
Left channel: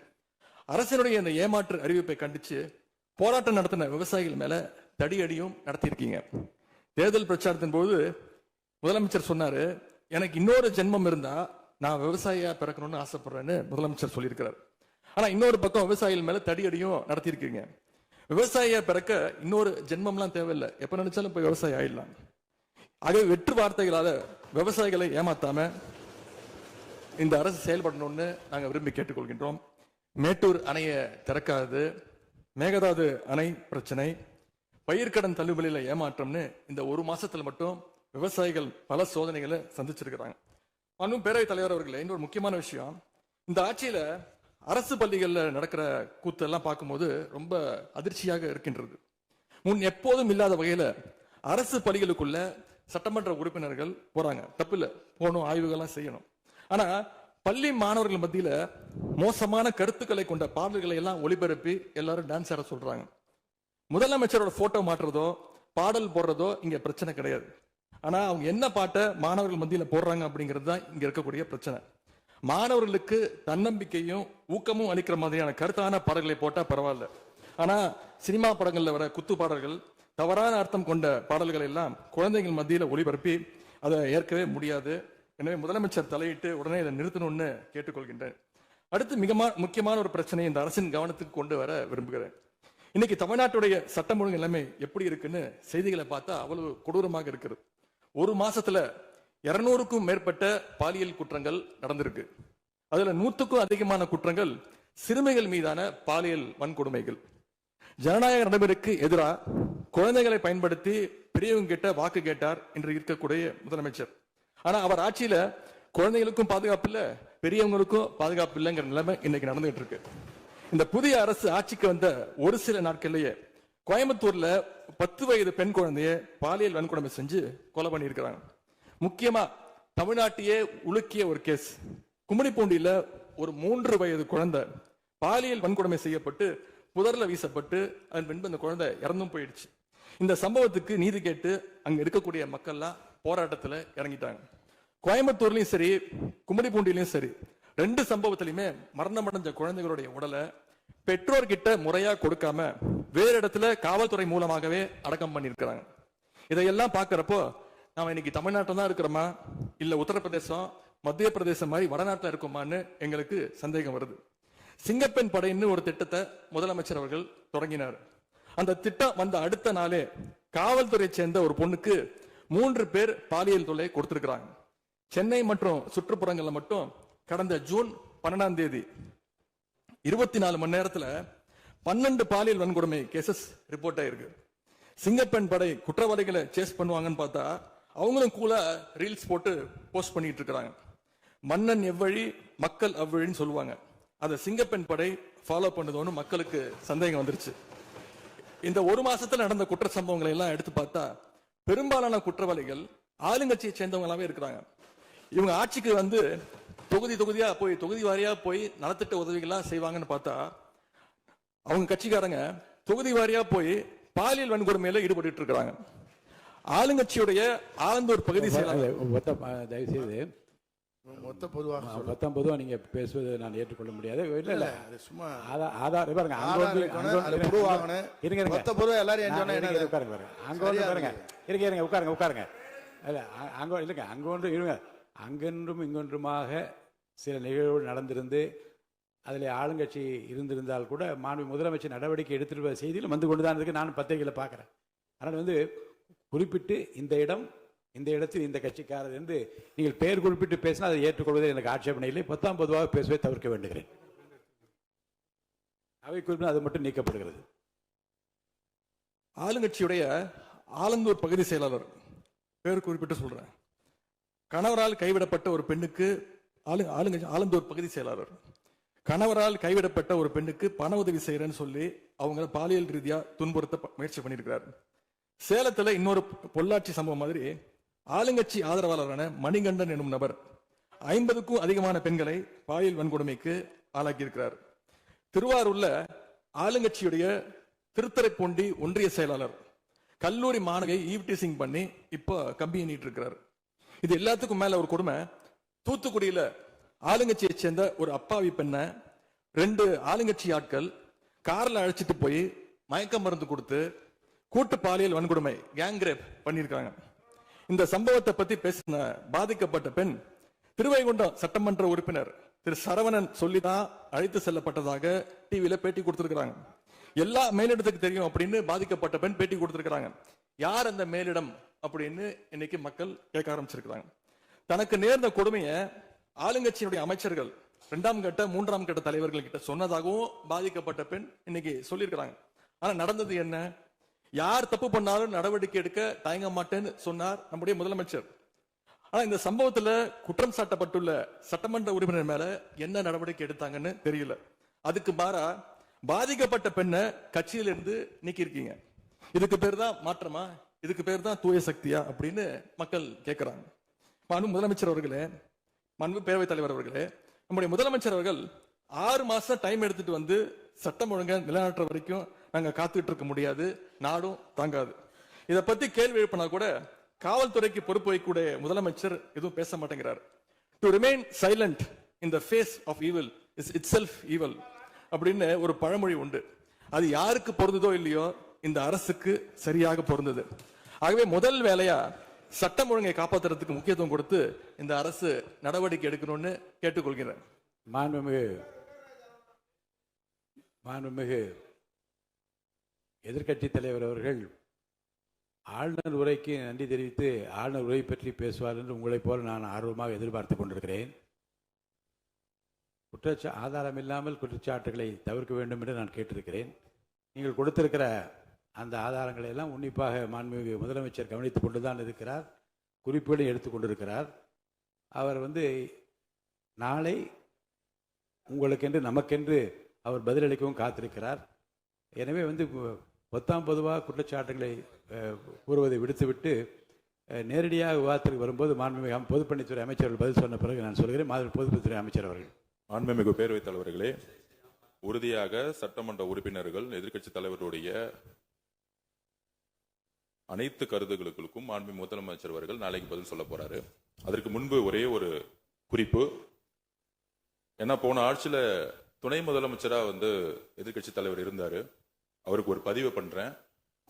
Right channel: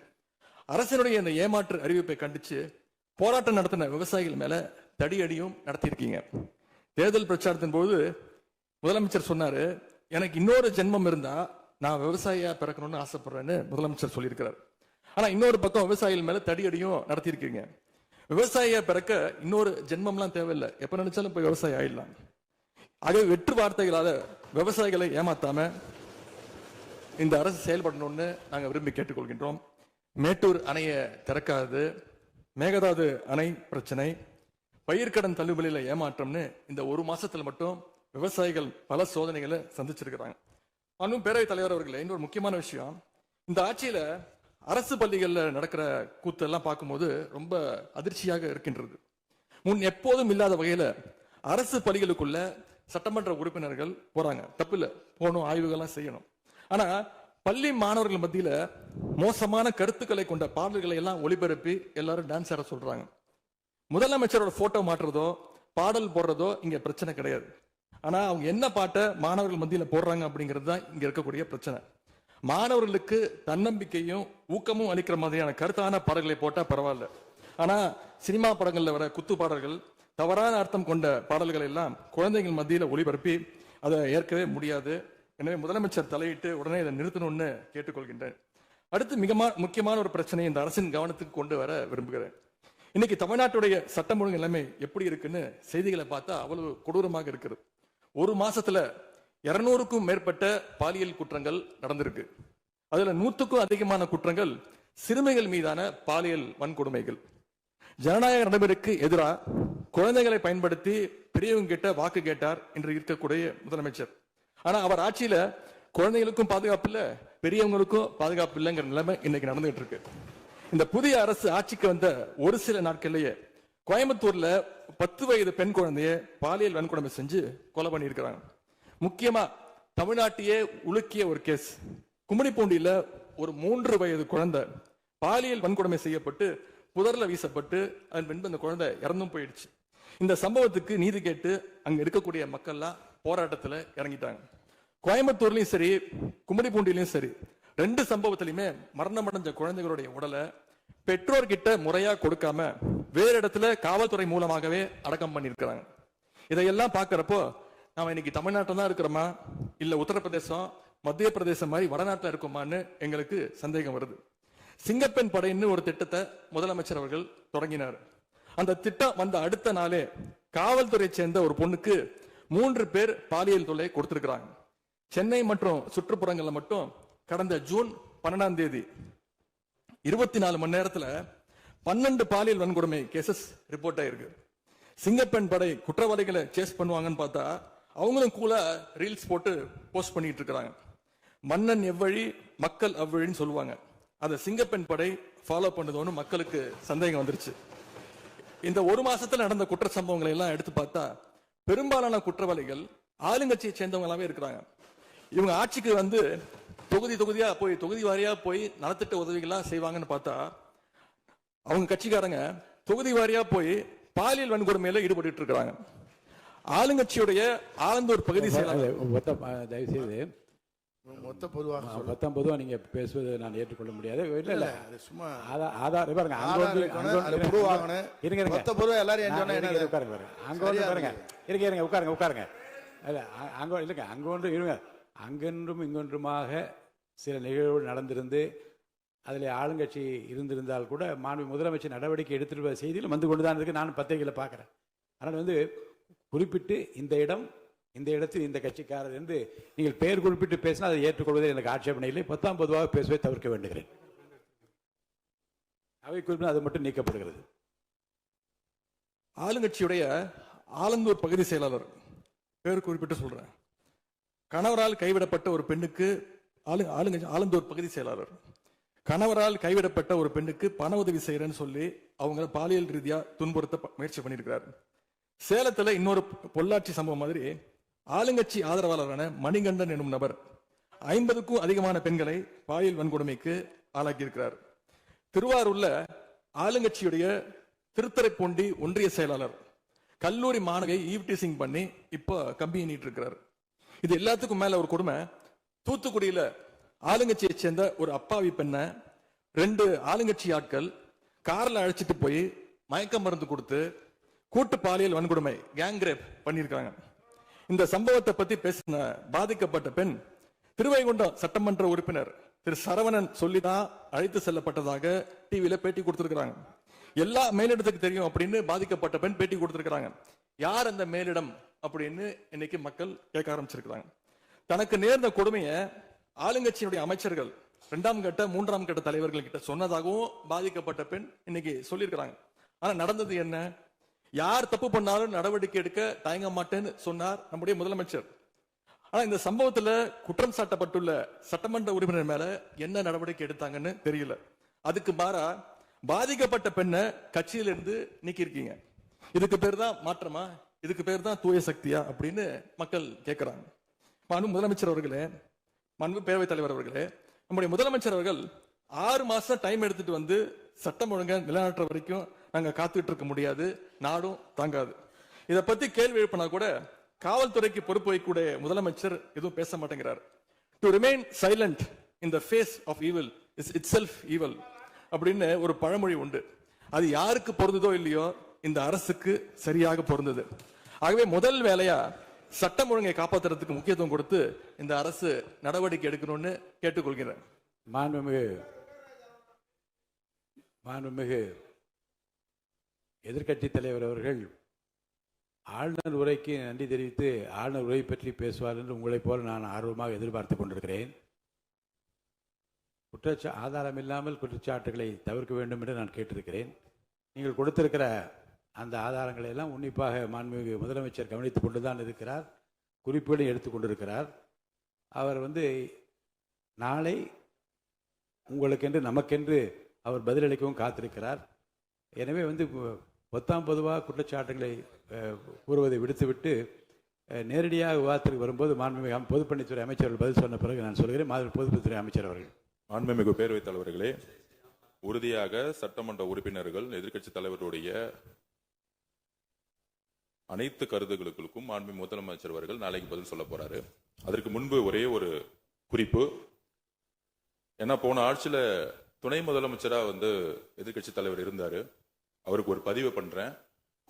அரசினுடைய இந்த ஏமாற்று அறிவிப்பை கண்டிச்சு போராட்டம் நடத்தின விவசாயிகள் மேல தடியடியும் நடத்தியிருக்கீங்க. தேர்தல் பிரச்சாரத்தின் போது முதலமைச்சர் சொன்னாரு, எனக்கு இன்னொரு ஜென்மம் இருந்தா நான் விவசாயியா பிறக்கணும்னு ஆசைப்படுறேன்னு முதலமைச்சர் சொல்லியிருக்கிறார். ஆனா இன்னொரு பக்கம் விவசாயிகள் மேல தடியடியும் நடத்தியிருக்கீங்க. விவசாயியா பிறக்க இன்னொரு ஜென்மம்லாம் தேவையில்லை, எப்ப நினைச்சாலும் போய் விவசாயி ஆயிடலாம். ஆகவே வெற்று வார்த்தைகளால விவசாயிகளை ஏமாத்தாம இந்த அரசு செயல்படணும்னு நாங்க விரும்பி கேட்டுக்கொள்கின்றோம். மேட்டூர் அணையை திறக்காது, மேகதாது அணை பிரச்சனை, பயிர்க்கடன் தள்ளுபடியில ஏமாற்றம்னு இந்த ஒரு மாசத்துல மட்டும் விவசாயிகள் பல சோதனைகளை சந்திச்சிருக்கிறாங்க. இன்னும் பேரவைத் தலைவர் அவர்களே, இன்னொரு முக்கியமான விஷயம், இந்த ஆட்சியில அரசு பள்ளிகள்ல நடக்கிற கூத்து எல்லாம் பார்க்கும்போது ரொம்ப அதிர்ச்சியாக இருக்கின்றது. முன் எப்போதும் இல்லாத வகையில அரசு பள்ளிகளுக்குள்ள சட்டமன்ற உறுப்பினர்கள் போறாங்க, தப்பு இல்ல, போகணும், ஆய்வுகள்லாம் செய்யணும். ஆனா பள்ளி மாணவர்கள் மத்தியில மோசமான கருத்துக்களை கொண்ட பாடல்களை எல்லாம் ஒளிபரப்பி எல்லாரும் டான்ஸ் ஆட சொல்றாங்க. முதலமைச்சரோட போட்டோ மாற்றுறதோ பாடல் போடுறதோ இங்க பிரச்சனை கிடையாது. ஆனா அவங்க என்ன பாட்டை மாணவர்கள் மத்தியில போடுறாங்க அப்படிங்கிறது தான் இங்க இருக்கக்கூடிய பிரச்சனை. மாணவர்களுக்கு தன்னம்பிக்கையும் ஊக்கமும் அளிக்கிற மாதிரியான கருத்தான பாடல்களை போட்டா பரவாயில்ல. ஆனா சினிமா படங்கள்ல வர குத்து பாடல்கள், தவறான அர்த்தம் கொண்ட பாடல்கள் எல்லாம் குழந்தைகள் மத்தியில ஒளிபரப்பி அதை ஏற்கவே முடியாது. எனவே முதலமைச்சர் தலையிட்டு உடனே இதை நிறுத்தணும்னு கேட்டுக்கொள்கின்றேன். அடுத்து மிக முக்கியமான ஒரு பிரச்சனையை இந்த அரசின் கவனத்துக்கு கொண்டு வர விரும்புகிறேன். இன்னைக்கு தமிழ்நாட்டுடைய சட்டம் ஒழுங்கு நிலைமை எப்படி இருக்குன்னு செய்திகளை பார்த்தா அவ்வளவு கொடூரமாக இருக்கிறது. ஒரு மாசத்துல 200க்கும் மேற்பட்ட பாலியல் குற்றங்கள் நடந்திருக்கு. அதுல 100க்கும் அதிகமான குற்றங்கள் சிறுமிகள் மீதான பாலியல் வன்கொடுமைகள். ஜனநாயக நடைமுறைக்கு எதிராக குழந்தைகளை பயன்படுத்தி பெரியவங்க கிட்ட வாக்கு கேட்டார் என்று இருக்கக்கூடிய முதலமைச்சர். ஆனா அவர் ஆட்சியில குழந்தைகளுக்கும் பாதுகாப்பு இல்ல, பெரியவங்களுக்கும் பாதுகாப்பு இல்லைங்கிற நிலைமை இன்னைக்கு நடந்துட்டு இருக்கு. இந்த புதிய அரசு ஆட்சிக்கு வந்த ஒரு சில நாட்கள்லயே கோயம்புத்தூர்ல 10 வயது பெண் குழந்தைய பாலியல் வன்கொடுமை செஞ்சு கொலை பண்ணி இருக்கிறாங்க. முக்கியமா தமிழ்நாட்டையே உலுக்கிய ஒரு கேஸ், கும்மிடிப்பூண்டியில ஒரு 3 வயது குழந்தை பாலியல் வன்கொடுமை செய்யப்பட்டு புதர்ல வீசப்பட்டு அதன் பின்பு அந்த குழந்தை இறந்தும் போயிடுச்சு. இந்த சம்பவத்துக்கு நீதி கேட்டு அங்க இருக்கக்கூடிய மக்கள்லாம் போராட்டத்துல இறங்கிட்டாங்க. கோயம்புத்தூர்லயும் சரி, கும்மிடிப்பூண்டிலையும் சரி, 2 சம்பவத்திலுமே மரணமடைஞ்ச குழந்தைகளுடைய உடலை பெற்றோர்கிட்ட முறையா கொடுக்காம வேற இடத்துல காவல்துறை மூலமாகவே அடக்கம் பண்ணிருக்கிறாங்க. இதையெல்லாம் பாக்குறப்போ நாம இன்னைக்கு தமிழ்நாட்டில் தான் இருக்கிறோமா, இல்ல உத்தரப்பிரதேசம், மத்திய பிரதேசம் மாதிரி வடநாட்டில் இருக்குமான்னு எங்களுக்கு சந்தேகம் வருது. சிங்கப்பெண் படைன்னு ஒரு திட்டத்தை முதலமைச்சர் அவர்கள் தொடங்கினார். அந்த திட்டம் வந்த அடுத்த நாளே காவல்துறை சேர்ந்த ஒரு பொண்ணுக்கு 3 பேர் பாலியல் தொல்லை கொடுத்திருக்கிறாங்க. சென்னை மற்றும் சுற்றுப்புறங்கள்ல மட்டும் கடந்த ஜூன் 12ஆம் தேதி 24 மணி நேரத்துல 12 பாலியல் வன்கொடுமை கேசஸ் ரிப்போர்ட் ஆயிருக்கு. சிங்கப்பெண் படை குற்றவாளிகளை சேஸ் பண்ணுவாங்கன்னு பார்த்தா அவங்களும் கூட ரீல்ஸ் போட்டு போஸ்ட் பண்ணிட்டு இருக்காங்க. மன்னன் எவ்வழி மக்கள் அவ்வழின்னு சொல்லுவாங்க. அதை சிங்கப்பெண் படை ஃபாலோ பண்ணுதோன்னு மக்களுக்கு சந்தேகம் வந்துருச்சு. இந்த ஒரு மாசத்துல நடந்த குற்ற சம்பவங்களை எல்லாம் எடுத்து பார்த்தா பெரும்பாலான குற்றவாளிகள் ஆளுங்கட்சியை சேர்ந்தவங்களாவே இருக்கிறாங்க. இவங்க ஆட்சிக்கு வந்து தொகுதியா போய் தொகுதி வாரியா போய் நலத்திட்ட உதவிகள்லாம் செய்வாங்கன்னு பார்த்தா அவங்க கட்சிக்காரங்க தொகுதி வாரியா போய் பாலியல் வன்கொடுமையில ஈடுபட்டு இருக்காங்க. ஆளுங்கட்சியுடைய ஆலந்தூர் பகுதி தயவுசெய்து மொத்த பொதுவாக நீங்க பேசுவது நான் ஏற்றுக்கொள்ள முடியாது. இல்ல அது சும்மா ஆதார் பாருங்க, உட்காருங்க. அங்கொன்றும் இங்கொன்றுமாக சில நிகழ்வுகள் நடந்திருந்து அதில் ஆளுங்கட்சி இருந்திருந்தால் கூட மாண்பு முதலமைச்சர் நடவடிக்கை எடுத்துட்டு செய்தியில் வந்து கொண்டுதான் இருக்கு. நான் பத்திரிகையில் பார்க்கிறேன். ஆனால் வந்து குறிப்பிட்டு இந்த இடத்தில் இந்த கட்சிக்காரர் என்று நீங்கள் பெயர் குறிப்பிட்டு பேசினா அதை ஏற்றுக்கொள்வதில் எனக்கு ஆட்சேபனை இல்லை. பொதுவாக பேசுவதை தவிர்க்க வேண்டுகிறேன். அவை குறிப்பிட்டு அது மட்டும் நீக்கப்படுகிறது. ஆளுங்கட்சியுடைய ஆலந்தூர் பகுதி செயலாளர் பேர் குறிப்பிட்டு சொல்றேன். கணவரால் கைவிடப்பட்ட ஒரு பெண்ணுக்கு ஆலந்தூர் பகுதி செயலாளர் கணவரால் கைவிடப்பட்ட ஒரு பெண்ணுக்கு பண உதவி செய்யறேன்னு சொல்லி அவங்க பாலியல் ரீதியா துன்புறுத்த முயற்சி பண்ணியிருக்கிறார். சேலத்துல இன்னொரு பொள்ளாச்சி சம்பவம் மாதிரி ஆளுங்கட்சி ஆதரவாளரான மணிகண்டன் எனும் நபர் 50க்கும் அதிகமான பெண்களை பாலியல் வன்கொடுமைக்கு ஆளாக்கியிருக்கிறார். திருவாரூர்ல ஆளுங்கட்சியுடைய திருத்துறைப்பூண்டி ஒன்றிய செயலாளர் கல்லூரி மாணவியை ஈவ்டீசிங் பண்ணி இப்ப கம்பி எண்ணிட்டு இருக்கிறார். இது எல்லாத்துக்கும் மேல ஒரு கொடுமை, தூத்துக்குடியில ஆளுங்கட்சியை சேர்ந்த ஒரு அப்பாவி பெண்ணை 2 ஆளுங்கட்சி ஆட்கள் கார்ல அழைச்சிட்டு போய் மயக்க மருந்து கொடுத்து கூட்டு பாலியல் வன்கொடுமை கேங் ரேப் பண்ணிருக்காங்க. இந்த சம்பவத்தை பத்தி பேசின பாதிக்கப்பட்ட பெண் திருவைகுண்டம் சட்டமன்ற உறுப்பினர் திரு சரவணன் சொல்லிதான் அழைத்து செல்லப்பட்டதாக டிவியில பேட்டி கொடுத்திருக்கிறாங்க. எல்லா மேலிடத்துக்கு தெரியும் அப்படின்னு பாதிக்கப்பட்ட பெண் பேட்டி கொடுத்திருக்கிறாங்க. யார் அந்த மேலிடம் அப்படின்னு இன்னைக்கு மக்கள் கேட்க ஆரம்பிச்சிருக்கிறாங்க. தனக்கு நேர்ந்த கொடுமையை ஆளுங்கட்சியினுடைய அமைச்சர்கள் 2ஆம் கட்ட 3ஆம் கட்ட தலைவர்கள் கிட்ட சொன்னதாகவும் பாதிக்கப்பட்ட பெண் இன்னைக்கு சொல்லியிருக்கிறாங்க. ஆனா நடந்தது என்ன? யார் தப்பு பண்ணாலும் நடவடிக்கை எடுக்க தயங்க மாட்டேன்னு சொன்னார் நம்முடைய முதலமைச்சர். ஆனா இந்த சம்பவத்துல குற்றம் சாட்டப்பட்டுள்ள சட்டமன்ற உறுப்பினர் மேல என்ன நடவடிக்கை எடுத்தாங்கன்னு தெரியல. அதுக்கு மாறா பாதிக்கப்பட்ட பெண்ணை கட்சியிலிருந்து நீக்கி இருக்கீங்க. இதுக்கு பேர் தான் மாற்றமா? இதுக்கு பேர் தான் தூய சக்தியா அப்படின்னு மக்கள் கேட்கிறாங்க. முதலமைச்சர் அவர்களே, மாண்பு பேரவைத் தலைவர் அவர்களே, நம்முடைய முதலமைச்சர் அவர்கள் 6 மாசம் டைம் எடுத்துட்டு வந்து சட்டம் ஒழுங்கை நிலைநாட்டுற வரைக்கும் நாங்க காத்துட்டு இருக்க முடியாது, நாடும் தாங்காது. இதை பத்தி கேள்வி எழுப்பினா கூட காவல்துறைக்கு பொறுப்பு வைக்கக்கூடிய முதலமைச்சர் எதுவும் பேச மாட்டேங்கிறார். To remain silent in the face of evil is itself evil அப்படின்னு ஒரு பழமொழி உண்டு. அது யாருக்கு பொருந்ததோ இல்லையோ இந்த அரசுக்கு சரியாக பொருந்தது. ஆகவே முதல் வேலையா சட்டம் ஒழுங்கை காப்பாற்றுறதுக்கு முக்கியத்துவம் கொடுத்து இந்த அரசு நடவடிக்கை எடுக்கணும்னு கேட்டுக்கொள்கிறேன். மாண்புமிகு எதிர்க்கட்சி தலைவர் அவர்கள் ஆளுநர் உரைக்கு நன்றி தெரிவித்து ஆளுநர் உரை பற்றி பேசுவார் என்று உங்களைப் போல நான் ஆர்வமாக எதிர்பார்த்து கொண்டிருக்கிறேன். ஆதாரம் இல்லாமல் குற்றச்சாட்டுகளை தவிர்க்க வேண்டும் என்று நான் கேட்டிருக்கிறேன். நீங்கள் கொடுத்திருக்கிற அந்த ஆதாரங்களை எல்லாம் உன்னிப்பாக மாண்புமிகு முதலமைச்சர் கவனித்துக் கொண்டுதான் இருக்கிறார், குறிப்புகளை எடுத்துக் கொண்டிருக்கிறார். அவர் நாளை உங்களுக்கென்று நமக்கென்று அவர் பதிலளிக்கவும் காத்திருக்கிறார். எனவே பொதுவாக குற்றச்சாட்டுகளை கூறுவதை விடுத்துவிட்டு நேரடியாக விவாதத்திற்கு வரும்போது மாண்புமிகு பொதுப்பணித்துறை அமைச்சர்கள் பதில் சொன்ன பிறகு நான் சொல்கிறேன். பொதுப்பணித்துறை அமைச்சர் அவர்கள். மாண்புமிகு பேரவைத் தலைவர்களே, உறுதியாக சட்டமன்ற உறுப்பினர்கள் எதிர்க்கட்சி தலைவருடைய அனைத்து கருத்துக்களுக்கும் மாண்புமிகு முதலமைச்சர் அவர்கள் நாளைக்கு பதில் சொல்ல போறாரு. அதற்கு முன்பு ஒரே ஒரு குறிப்பு. ஏன்னா போன ஆட்சியில துணை முதலமைச்சரா எதிர்க்கட்சி தலைவர் இருந்தாரு. அவருக்கு ஒரு பதிவு பண்றேன்.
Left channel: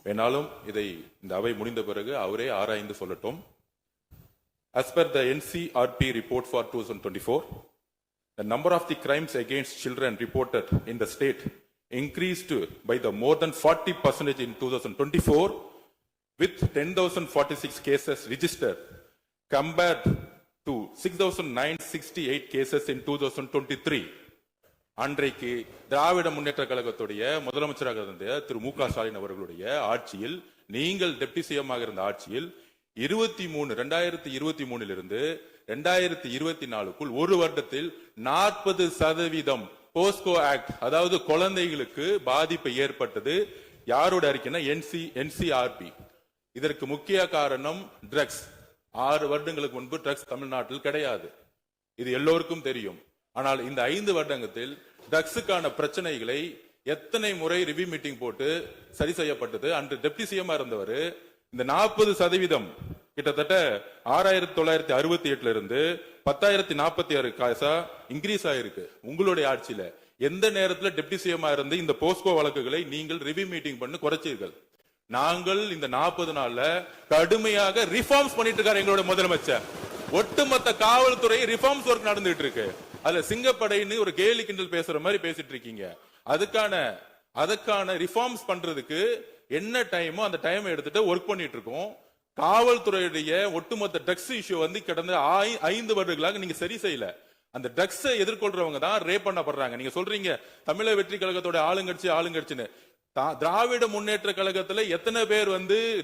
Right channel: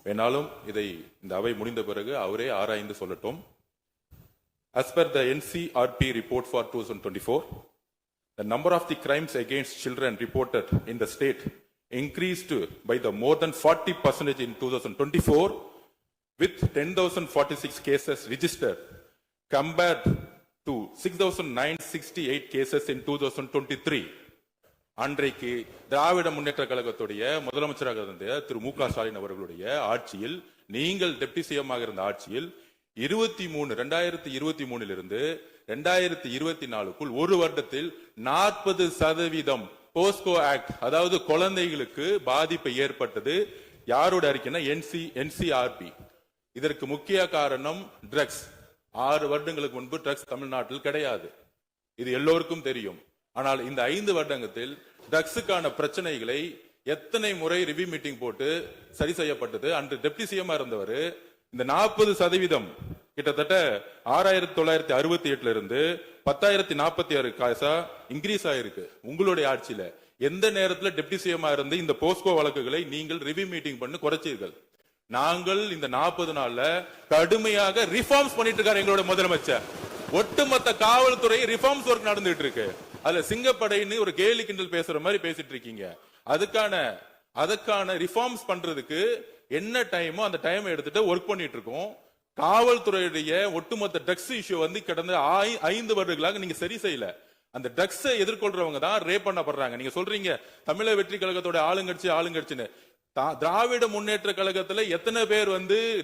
வேணாலும் இதை இந்த அவை முடிந்த பிறகு அவரே ஆராய்ந்து சொல்லட்டும். As per the NCRP report for 2024, the number of the crimes against children reported in the state increased by the more than 40% in 2024, with 10,046 cases registered compared to 6,968 cases in 2023. அன்றைக்கு திராவிட முன்னேற்ற கழகத்துடைய முதலமைச்சராக இருந்த திரு மு க ஸ்டாலின் அவர்களுடைய ஆட்சியில், நீங்கள் டெப்டி சிஎம்மாக இருந்த ஆட்சியில் 2023 இருந்து 2024க்குள் ஒரு வருடத்தில் 40% போஸ்கோ ஆக்ட், அதாவது குழந்தைகளுக்கு பாதிப்பு ஏற்பட்டது. யாரோட அறிக்கைன்னா NCRP. இதற்கு முக்கிய காரணம் ட்ரக்ஸ். 6 வருடங்களுக்கு முன்பு ட்ரக்ஸ் தமிழ்நாட்டில் கிடையாது, இது எல்லோருக்கும் தெரியும். ஆனால் இந்த 5 வருடத்தில் ட்ரக்ஸுக்கான பிரச்சனைகளை எத்தனை முறை ரிவ்யூ மீட்டிங் போட்டு சரி செய்யப்பட்டது. அன்று டெப்டி சிஎம் இருந்தவர் இந்த 40% கிட்டத்தட்ட 6,968 இருந்து 10,046 காசா இன்க்ரீஸ் ஆயிருக்கு. உங்களுடைய ஆட்சியில எந்த நேரத்தில் டெப்டி சிஎம் இருந்து இந்த போஸ்கோ வழக்குகளை நீங்கள் ரிவ்யூ மீட்டிங் பண்ணி குறைச்சீர்கள்? நாங்கள் இந்த 40 நாள்ல கடுமையாக ரிஃபார்ம்ஸ் பண்ணிட்டு இருக்காரு எங்களோட முதலமைச்சர். ஒட்டுமொத்த காவல்துறை ரிஃபார்ம்ஸ் ஒர்க் நடந்துட்டு இருக்கு. அதுல சிங்கப்படைன்னு ஒரு கேலி கிண்டல் பேசுற மாதிரி பேசிட்டு இருக்கீங்க. அதுக்கான ரிஃபார்ம்ஸ் பண்றதுக்கு என்ன டைமோ அந்த டைம் எடுத்துட்டு ஒர்க் பண்ணிட்டு இருக்கோம். காவல்துறையுடைய ஒட்டுமொத்த ட்ரக்ஸ் இஷ்யூ கடந்த 5 வருடங்களாக நீங்க சரி செய்யல. அந்த ட்ரக்ஸ் எதிர்கொள்றவங்க தான் ரேப் பண்ணப்படுறாங்க. நீங்க சொல்றீங்க தமிழக வெற்றி கழகத்தோட ஆளுங்கட்சின்னு. திராவிட முன்னேற்ற கழகத்துல எத்தனை பேர்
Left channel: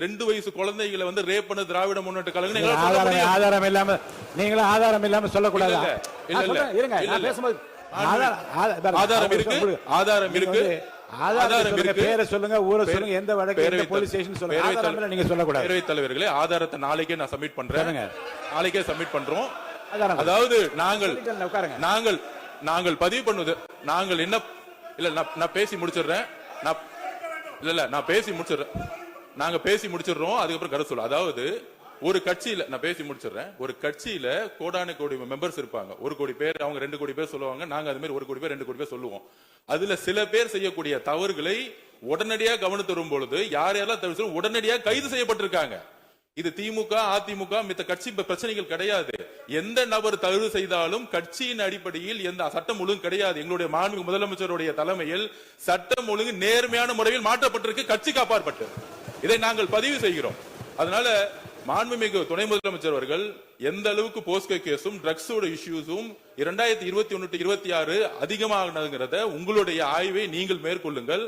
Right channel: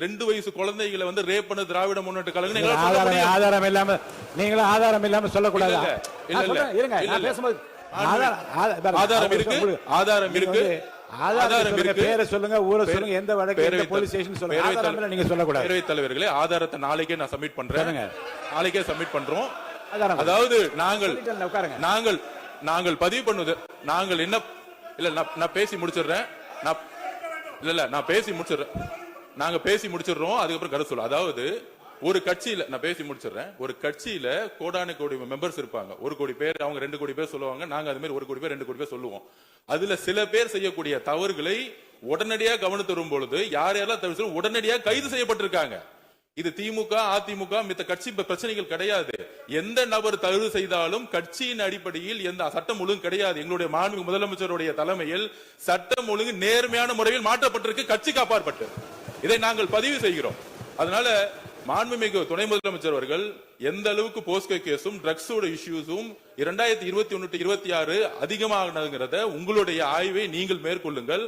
2 வயசு குழந்தைகளை ரேப் பண்ண திராவிட முன்னேற்ற கழகம் ஆதாரம் இல்லாம நீங்களும் ஆதாரம் இல்லாம சொல்லக்கூடாது. ஆதாரம் இருக்கு. பேரை சொல்லுங்க, ஊரை சொல்லுங்க, எந்த வழக்கு போலீஸ் ஸ்டேஷன் சொல்லுங்க. ஆதாரம் நீங்க சொல்லக்கூடாது. பேரவைத் தலைவர்களே, ஆதாரத்தை நாளைக்கே நான் சப்மிட் பண்றேன். நாளைக்கே சப்மிட் பண்றோம். அதாவது நாங்கள் பதிவு பண்ணுவது, நாங்கள் என்ன இல்ல நான் பேசி முடிச்சிடுறேன். நான் பேசி முடிச்சிடுறேன். நாங்க பேசி முடிச்சிடுறோம், அதுக்கப்புறம் கருத்து சொல்ல. அதாவது ஒரு கட்சியில நான் பேசி முடிச்சிடுறேன். ஒரு கட்சியில கோடான கோடி மெம்பர்ஸ் இருப்பாங்க. 1 கோடி பேர், அவங்க 2 கோடி பேர் சொல்லுவாங்க. நாங்க அது மாதிரி 1 கோடி பேர் 2 கோடி பேர் சொல்லுவோம். அதுல சில பேர் செய்யக்கூடிய தவறுகளை உடனடியாக கவனித்து வரும் பொழுது யாரெல்லாம் தவிர உடனடியாக கைது செய்யப்பட்டிருக்காங்க. இது திமுக, அதிமுக மித்த கட்சி பிரச்சனைகள் கிடையாது. எந்த நபர் தவறு செய்தாலும் கட்சியின் அடிப்படையில் எந்த சட்டம் ஒழுங்கு கிடையாது. எங்களுடைய மாண்புமிகு முதலமைச்சருடைய தலைமையில் சட்டம் ஒழுங்கு நேர்மையான முறையில் மாற்றப்பட்டிருக்கு, கட்சிக்கு அப்பாற்பட்டு. இதை நாங்கள் பதிவு செய்கிறோம். அதனால மாண்புமிகு துணை முதலமைச்சர் அவர்கள் எந்த அளவுக்கு போஸ்கோ கேஸும் ட்ரக்ஸோட இஷ்யூஸும் 2021-26 அதிகமாகிறத உங்களுடைய ஆய்வை நீங்கள் மேற்கொள்ளுங்கள்,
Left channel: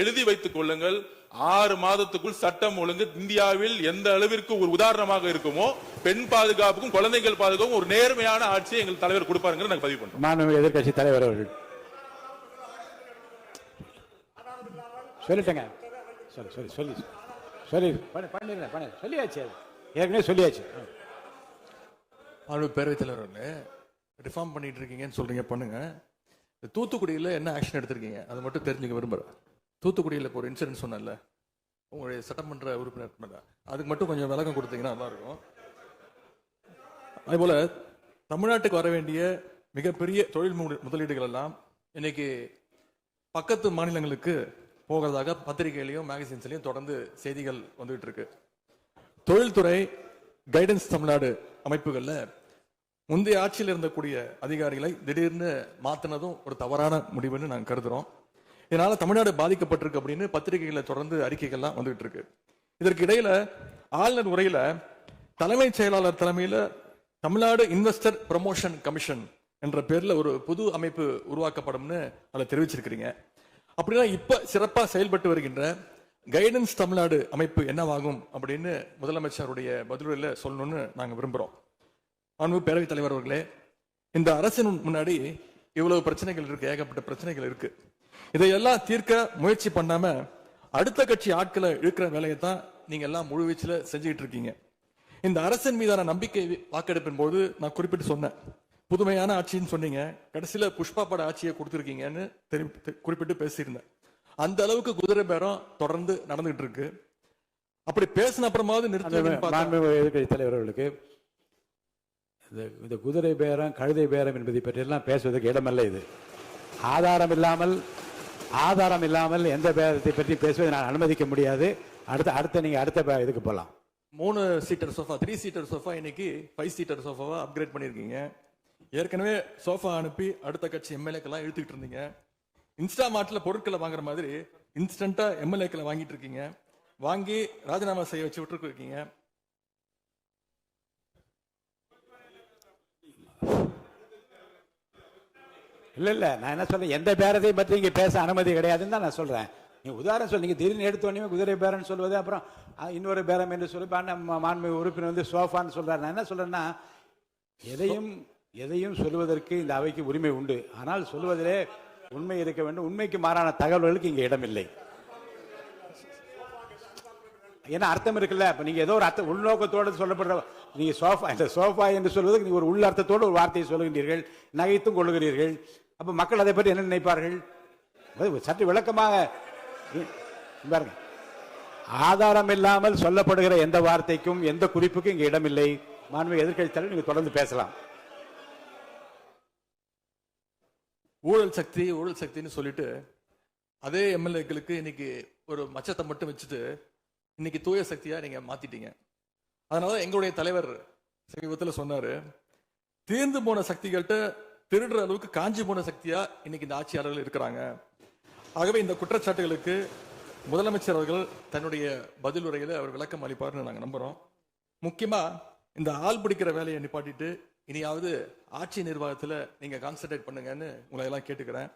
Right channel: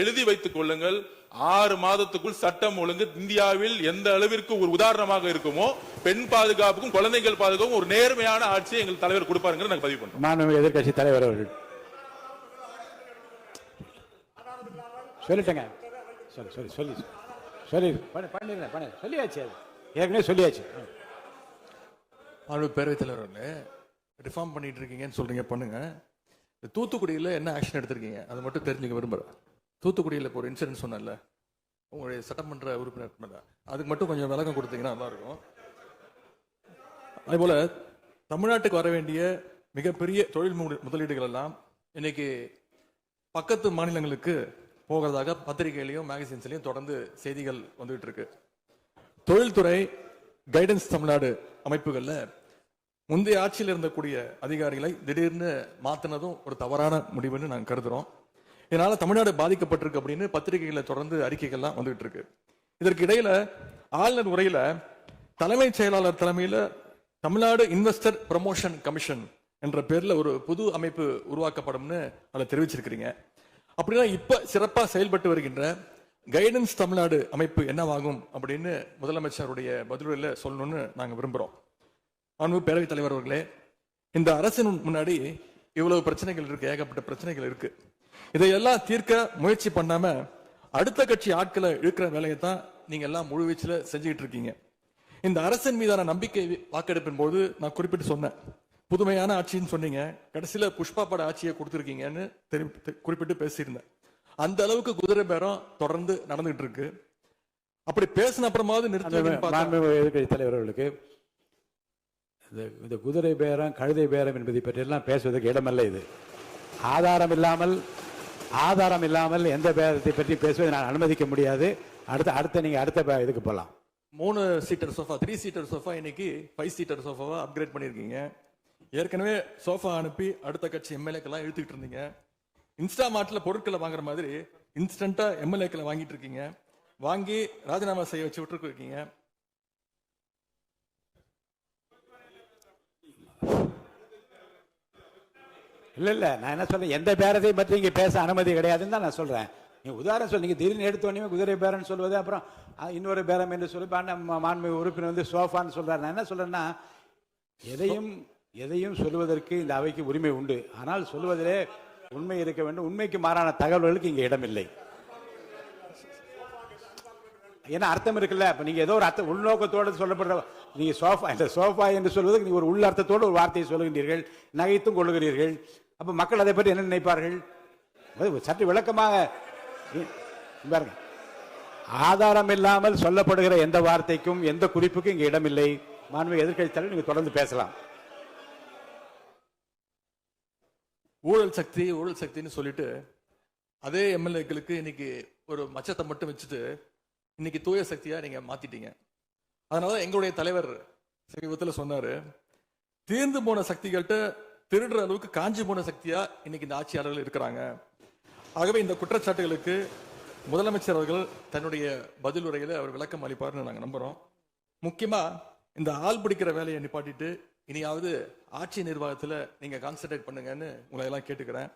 எழுதி வைத்துக் கொள்ளுங்கள். 6 மாதத்துக்குள் சட்டம் ஒழுங்கு இந்தியாவில் எந்த அளவிற்கு ஒரு உதாரணமாக இருக்குமோ பெண் பாதுகாப்புக்கும் குழந்தைகள் பாதுகாப்புக்கும் ஒரு நேர்மையான ஆட்சியை எங்கள் தலைவர் கொடுப்பாருங்க நாங்கள் பதிவு பண்றோம். மாண்புமிகு எதிர்க்கட்சி தலைவர் அவர்கள் சொல்லிட்டேங்க. சொல்லியாச்சு, ஏற்கனவே சொல்லியாச்சு. பேரவைத் தலைவர் ரிஃபார்ம் பண்ணிட்டு இருக்கீங்கன்னு சொல்றீங்க, பண்ணுங்க. தூத்துக்குடியில் என்ன ஆக்ஷன் எடுத்திருக்கீங்க அதை மட்டும் தெரிஞ்சுக்க விரும்புறேன். தூத்துக்குடியில் இப்போ ஒரு இன்சிடென்ட் சொன்னல உங்களுடைய சட்டமன்ற உறுப்பினர், அதுக்கு மட்டும் கொஞ்சம் விளக்கம் கொடுத்தீங்கன்னா நல்லா இருக்கும். அதேபோல தமிழ்நாட்டுக்கு வர வேண்டிய மிகப்பெரிய தொழில் முதலீடுகள் எல்லாம் இன்னைக்கு பக்கத்து மாநிலங்களுக்கு போகிறதாக பத்திரிகையிலையும் மேகசின்ஸ்லையும் தொடர்ந்து செய்திகள் வந்துகிட்டு இருக்கு. தொழில்துறை கைடன்ஸ் தமிழ்நாடு அமைப்புகள்ல முந்தைய ஆட்சியில் இருந்தக்கூடிய அதிகாரிகளை திடீர்னு மாத்தினதும் ஒரு தவறான முடிவுன்னு நாங்கள் கருதுறோம். இதனால தமிழ்நாடு பாதிக்கப்பட்டிருக்கு அப்படின்னு பத்திரிகைகளை தொடர்ந்து அறிக்கைகள்லாம் வந்துகிட்டு இருக்கு. இதற்கு இடையில ஆளுநர் உரையில தலைமைச் செயலாளர் தலைமையில தமிழ்நாடு இன்வெஸ்டர் ப்ரமோஷன் கமிஷன் என்ற பேர்ல ஒரு புது அமைப்பு உருவாக்கப்படும்னு அதை தெரிவிச்சிருக்கிறீங்க. அப்படின்னா இப்ப சிறப்பா செயல்பட்டு வருகின்ற கைடன்ஸ் தமிழ்நாடு அமைப்பு என்னவாகும் அப்படின்னு முதலமைச்சருடைய பதிலுரையில சொல்லணும்னு நாங்க விரும்புறோம். அன்பு பேரவைத் தலைவர் அவர்களே, இந்த அரசின் முன்னாடி இவ்வளவு பிரச்சனைகள் இருக்கு, ஏகப்பட்ட பிரச்சனைகள் இருக்கு. இதையெல்லாம் தீர்க்க முயற்சி பண்ணாம அடுத்த கட்சி ஆட்களை இழுக்கிற வேலையை தான் நீங்க எல்லாம் முழுவீச்சுல செஞ்சுட்டு இருக்கீங்க. இந்த அரசின் மீதான நம்பிக்கை வாக்கெடுப்பின் போது நான் குறிப்பிட்டு சொன்னேன், புதுமையான ஆட்சின்னு சொன்னீங்க, கடைசியில புஷ்பா பட ஆட்சியை கொடுத்திருக்கீங்கன்னு குறிப்பிட்டு பேசியிருந்தேன். அந்த அளவுக்கு குதிரை பேரம் தொடர்ந்து நடந்துட்டு இருக்கு. அப்படி பேசின அப்புறமாவது நிறுத்த தலைவர்களுக்கு இந்த குதிரை பேரம் கழுதை பேரம் என்பதை பற்றி எல்லாம் பேசுவதற்கு இடமல்ல. இது ஆதாரம் இல்லாமல் எந்த பேரத்தை பற்றி பேசுவதை நான் அனுமதிக்க முடியாது. அடுத்த இதுக்கு போலாம். 3 சீட்டர் சோஃபா 3 சீட்டர் சோஃபா இன்னைக்கு 5 சீட்டர் சோஃபாவா அப்கிரேட் பண்ணிருக்கீங்க. ஏற்கனவே சோஃபா அனுப்பி அடுத்த கட்சி எம்எல்ஏக்கெல்லாம் இழுத்துக்கிட்டு இருந்தீங்க. இன்ஸ்டா மார்ட்ல பொருட்களை வாங்குற மாதிரி இன்ஸ்டன்டா எம்எல்ஏக்களை வாங்கிட்டு இருக்கீங்க. வாங்கி ராஜினாமா செய்ய வச்சு விட்டு இருக்கீங்க. இல்ல நான் என்ன சொல்றேன், எந்த பேரத்தை பற்றி இங்க பேச அனுமதி கிடையாதுன்னு தான் நான் சொல்றேன். நீங்க உதாரணம் சொல்லுங்க, திடீர்னு எடுத்தோடனே குதிரை பேரன்னு சொல்வது, அப்புறம் இன்னொரு பேரம் என்று சொல்லி மாண்புமிகு உறுப்பினர் வந்து சோஃபான்னு சொல்றாரு. நான் என்ன சொல்றேன்னா, எதையும் சொல்லுவதற்கு இந்த அவைக்கு உரிமை உண்டு. ஆனால் சொல்லுவதிலே உண்மை இருக்க வேண்டும். உண்மைக்கு மாறான தகவல்களுக்கு இங்க இடமில்லை. ஏன்னா அர்த்தம் இருக்குல்ல. அப்ப நீங்க ஏதோ ஒரு அர்த்தம் உள்நோக்கத்தோடு சொல்லப்படுற நீங்க சோஃபா என்று சொல்வதற்கு நீங்க ஒரு உள் அர்த்தத்தோடு ஒரு வார்த்தையை சொல்லுகின்றீர்கள், நகைத்தும் கொள்ளுகிறீர்கள். அப்ப மக்கள் அதை பற்றி என்ன நினைப்பார்கள்? சற்று விளக்கமாக பாருங்க. ஆதாரம் இல்லாமல் சொல்லப்படுகிற எந்த வார்த்தைக்கும் எந்த குறிப்புக்கும் இங்க இடமில்லை. மாண்புமிகு எதிர்க்கட்சி தலைவர், நீங்க தொடர்ந்து பேசலாம். ஊழல் சக்தின்னு சொல்லிட்டு அதே எம்எல்ஏக்களுக்கு இன்னைக்கு ஒரு மச்சத்தை மட்டும் வச்சுட்டு இன்னைக்கு தூய சக்தியா நீங்க மாத்திட்டீங்க. அதனால எங்களுடைய தலைவர் சமீபத்தில் சொன்னாரு, தீர்ந்து போன சக்திகள்கிட்ட திருடுற அளவுக்கு காஞ்சி போன சக்தியா இன்னைக்கு இந்த ஆட்சியாளர்கள் இருக்கிறாங்க. ஆகவே இந்த குற்றச்சாட்டுகளுக்கு முதலமைச்சர் அவர்கள் தன்னுடைய பதில் உரையில அவர் விளக்கம் அளிப்பார்னு நாங்க நம்புறோம். முக்கியமா இந்த ஆள் பிடிக்கிற வேலையை நிப்பாட்டிட்டு இனியாவது ஆட்சி நிர்வாகத்துல நீங்க கான்சென்ட்ரேட் பண்ணுங்கன்னு உங்களை எல்லாம் கேட்டுக்கிறேன்.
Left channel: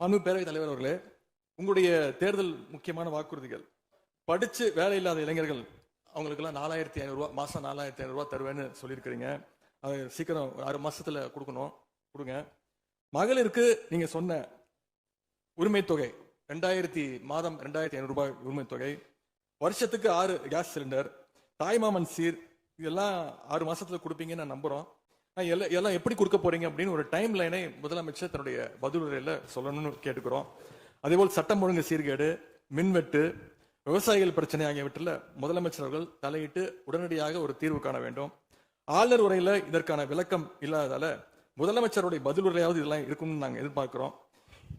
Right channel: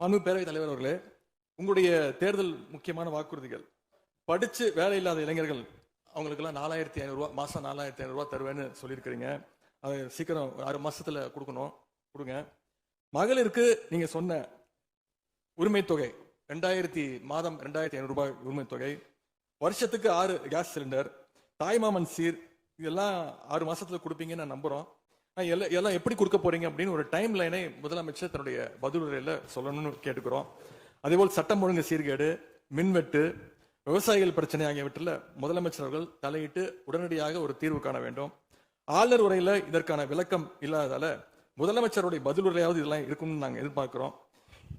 அன்பு பேரவைத் தலைவர் அவர்களே, உங்களுடைய தேர்தல் முக்கியமான வாக்குறுதிகள், படிச்சு வேலை இல்லாத இளைஞர்கள் அவங்களுக்கு எல்லாம் 4500 ரூபாய் மாசம் 4500 ரூபாய் தருவேன்னு சொல்லியிருக்கிறீங்க. அது சீக்கிரம் 6 மாசத்துல கொடுங்க. மகளிருக்கு நீங்க சொன்ன உரிமை தொகை மாதம் 2500 ரூபாய் உரிமை தொகை, வருஷத்துக்கு 6 கேஸ் சிலிண்டர், தாய்மாமன் சீர், இதெல்லாம் 6 மாசத்துல கொடுப்பீங்கன்னு நான் நம்புறோம். எல்லாம் எப்படி கொடுக்க போறீங்க அப்படின்னு ஒரு டைம் லைனை முதலமைச்சர் தன்னுடைய பதிலுரையில சொல்லணும்னு கேட்டுக்கிறோம். அதேபோல் சட்டம் ஒழுங்கு சீர்கேடு, மின்வெட்டு, விவசாயிகள் பிரச்சனை ஆகியவற்றில் முதலமைச்சர் அவர்கள் தலையிட்டு உடனடியாக ஒரு தீர்வு காண வேண்டும். ஆளுநர் உரையில இதற்கான விளக்கம் இல்லாததால முதலமைச்சருடைய பதிலுரையாவது இதெல்லாம் இருக்கும்னு நாங்க எதிர்பார்க்கிறோம்.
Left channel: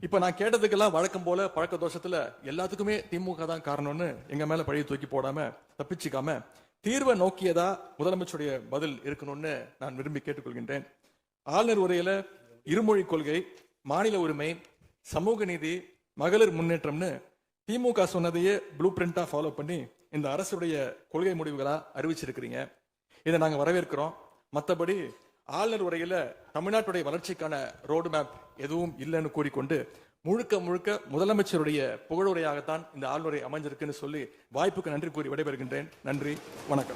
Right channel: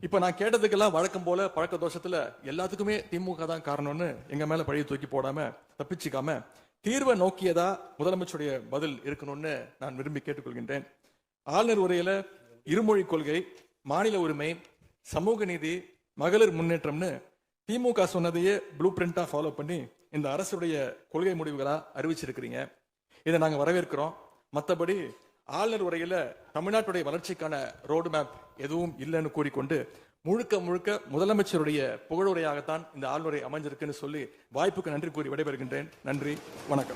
இப்ப நான் கேட்டதுக்கெல்லாம் வழக்கம் போல பழக்க தோஷத்துல எல்லாத்துக்குமே திமுக தான் காரணம்னு எங்க மேல பழிய தூக்கி போடாம தப்பிச்சுக்காம தீர்வை நோக்கியதா முதலமைச்சருடைய பதில் இருக்கணும்னு நான் விரும்பி கேட்டுக்கொள்கின்றேன். ஆளுநர் உரையில இருமொழி கொள்கை, மாநில உரிமை, சமூக நீதி, மகளிர் முன்னேற்றம்னு திமுக சொன்னதையே ப்ளூ பிரிண்டா ஃபாலோ பண்ணி இந்த அரசுடைய கொள்கை முடிவுகளா அறிவிச்சிருக்கிறீங்க. இதை நாங்க வரவேற்கிறோம். மற்றபடி ஆளுநர் உரையில தமிழ்நாட்டுடைய வளர்ச்சிக்கான ரோடு மேப் எதுவும் இல்லைன்னு கூறிக்கொண்டு முழுக்க முழுக்க முதலமைச்சருடைய புகழுரையாகத்தான் இந்த ஆளுநரை அமைஞ்சிருக்குன்னு சொல்லி வாய்ப்புக்கு நன்றி கூறி விடைபெறுகின்றேன். நன்றி, வணக்கம்.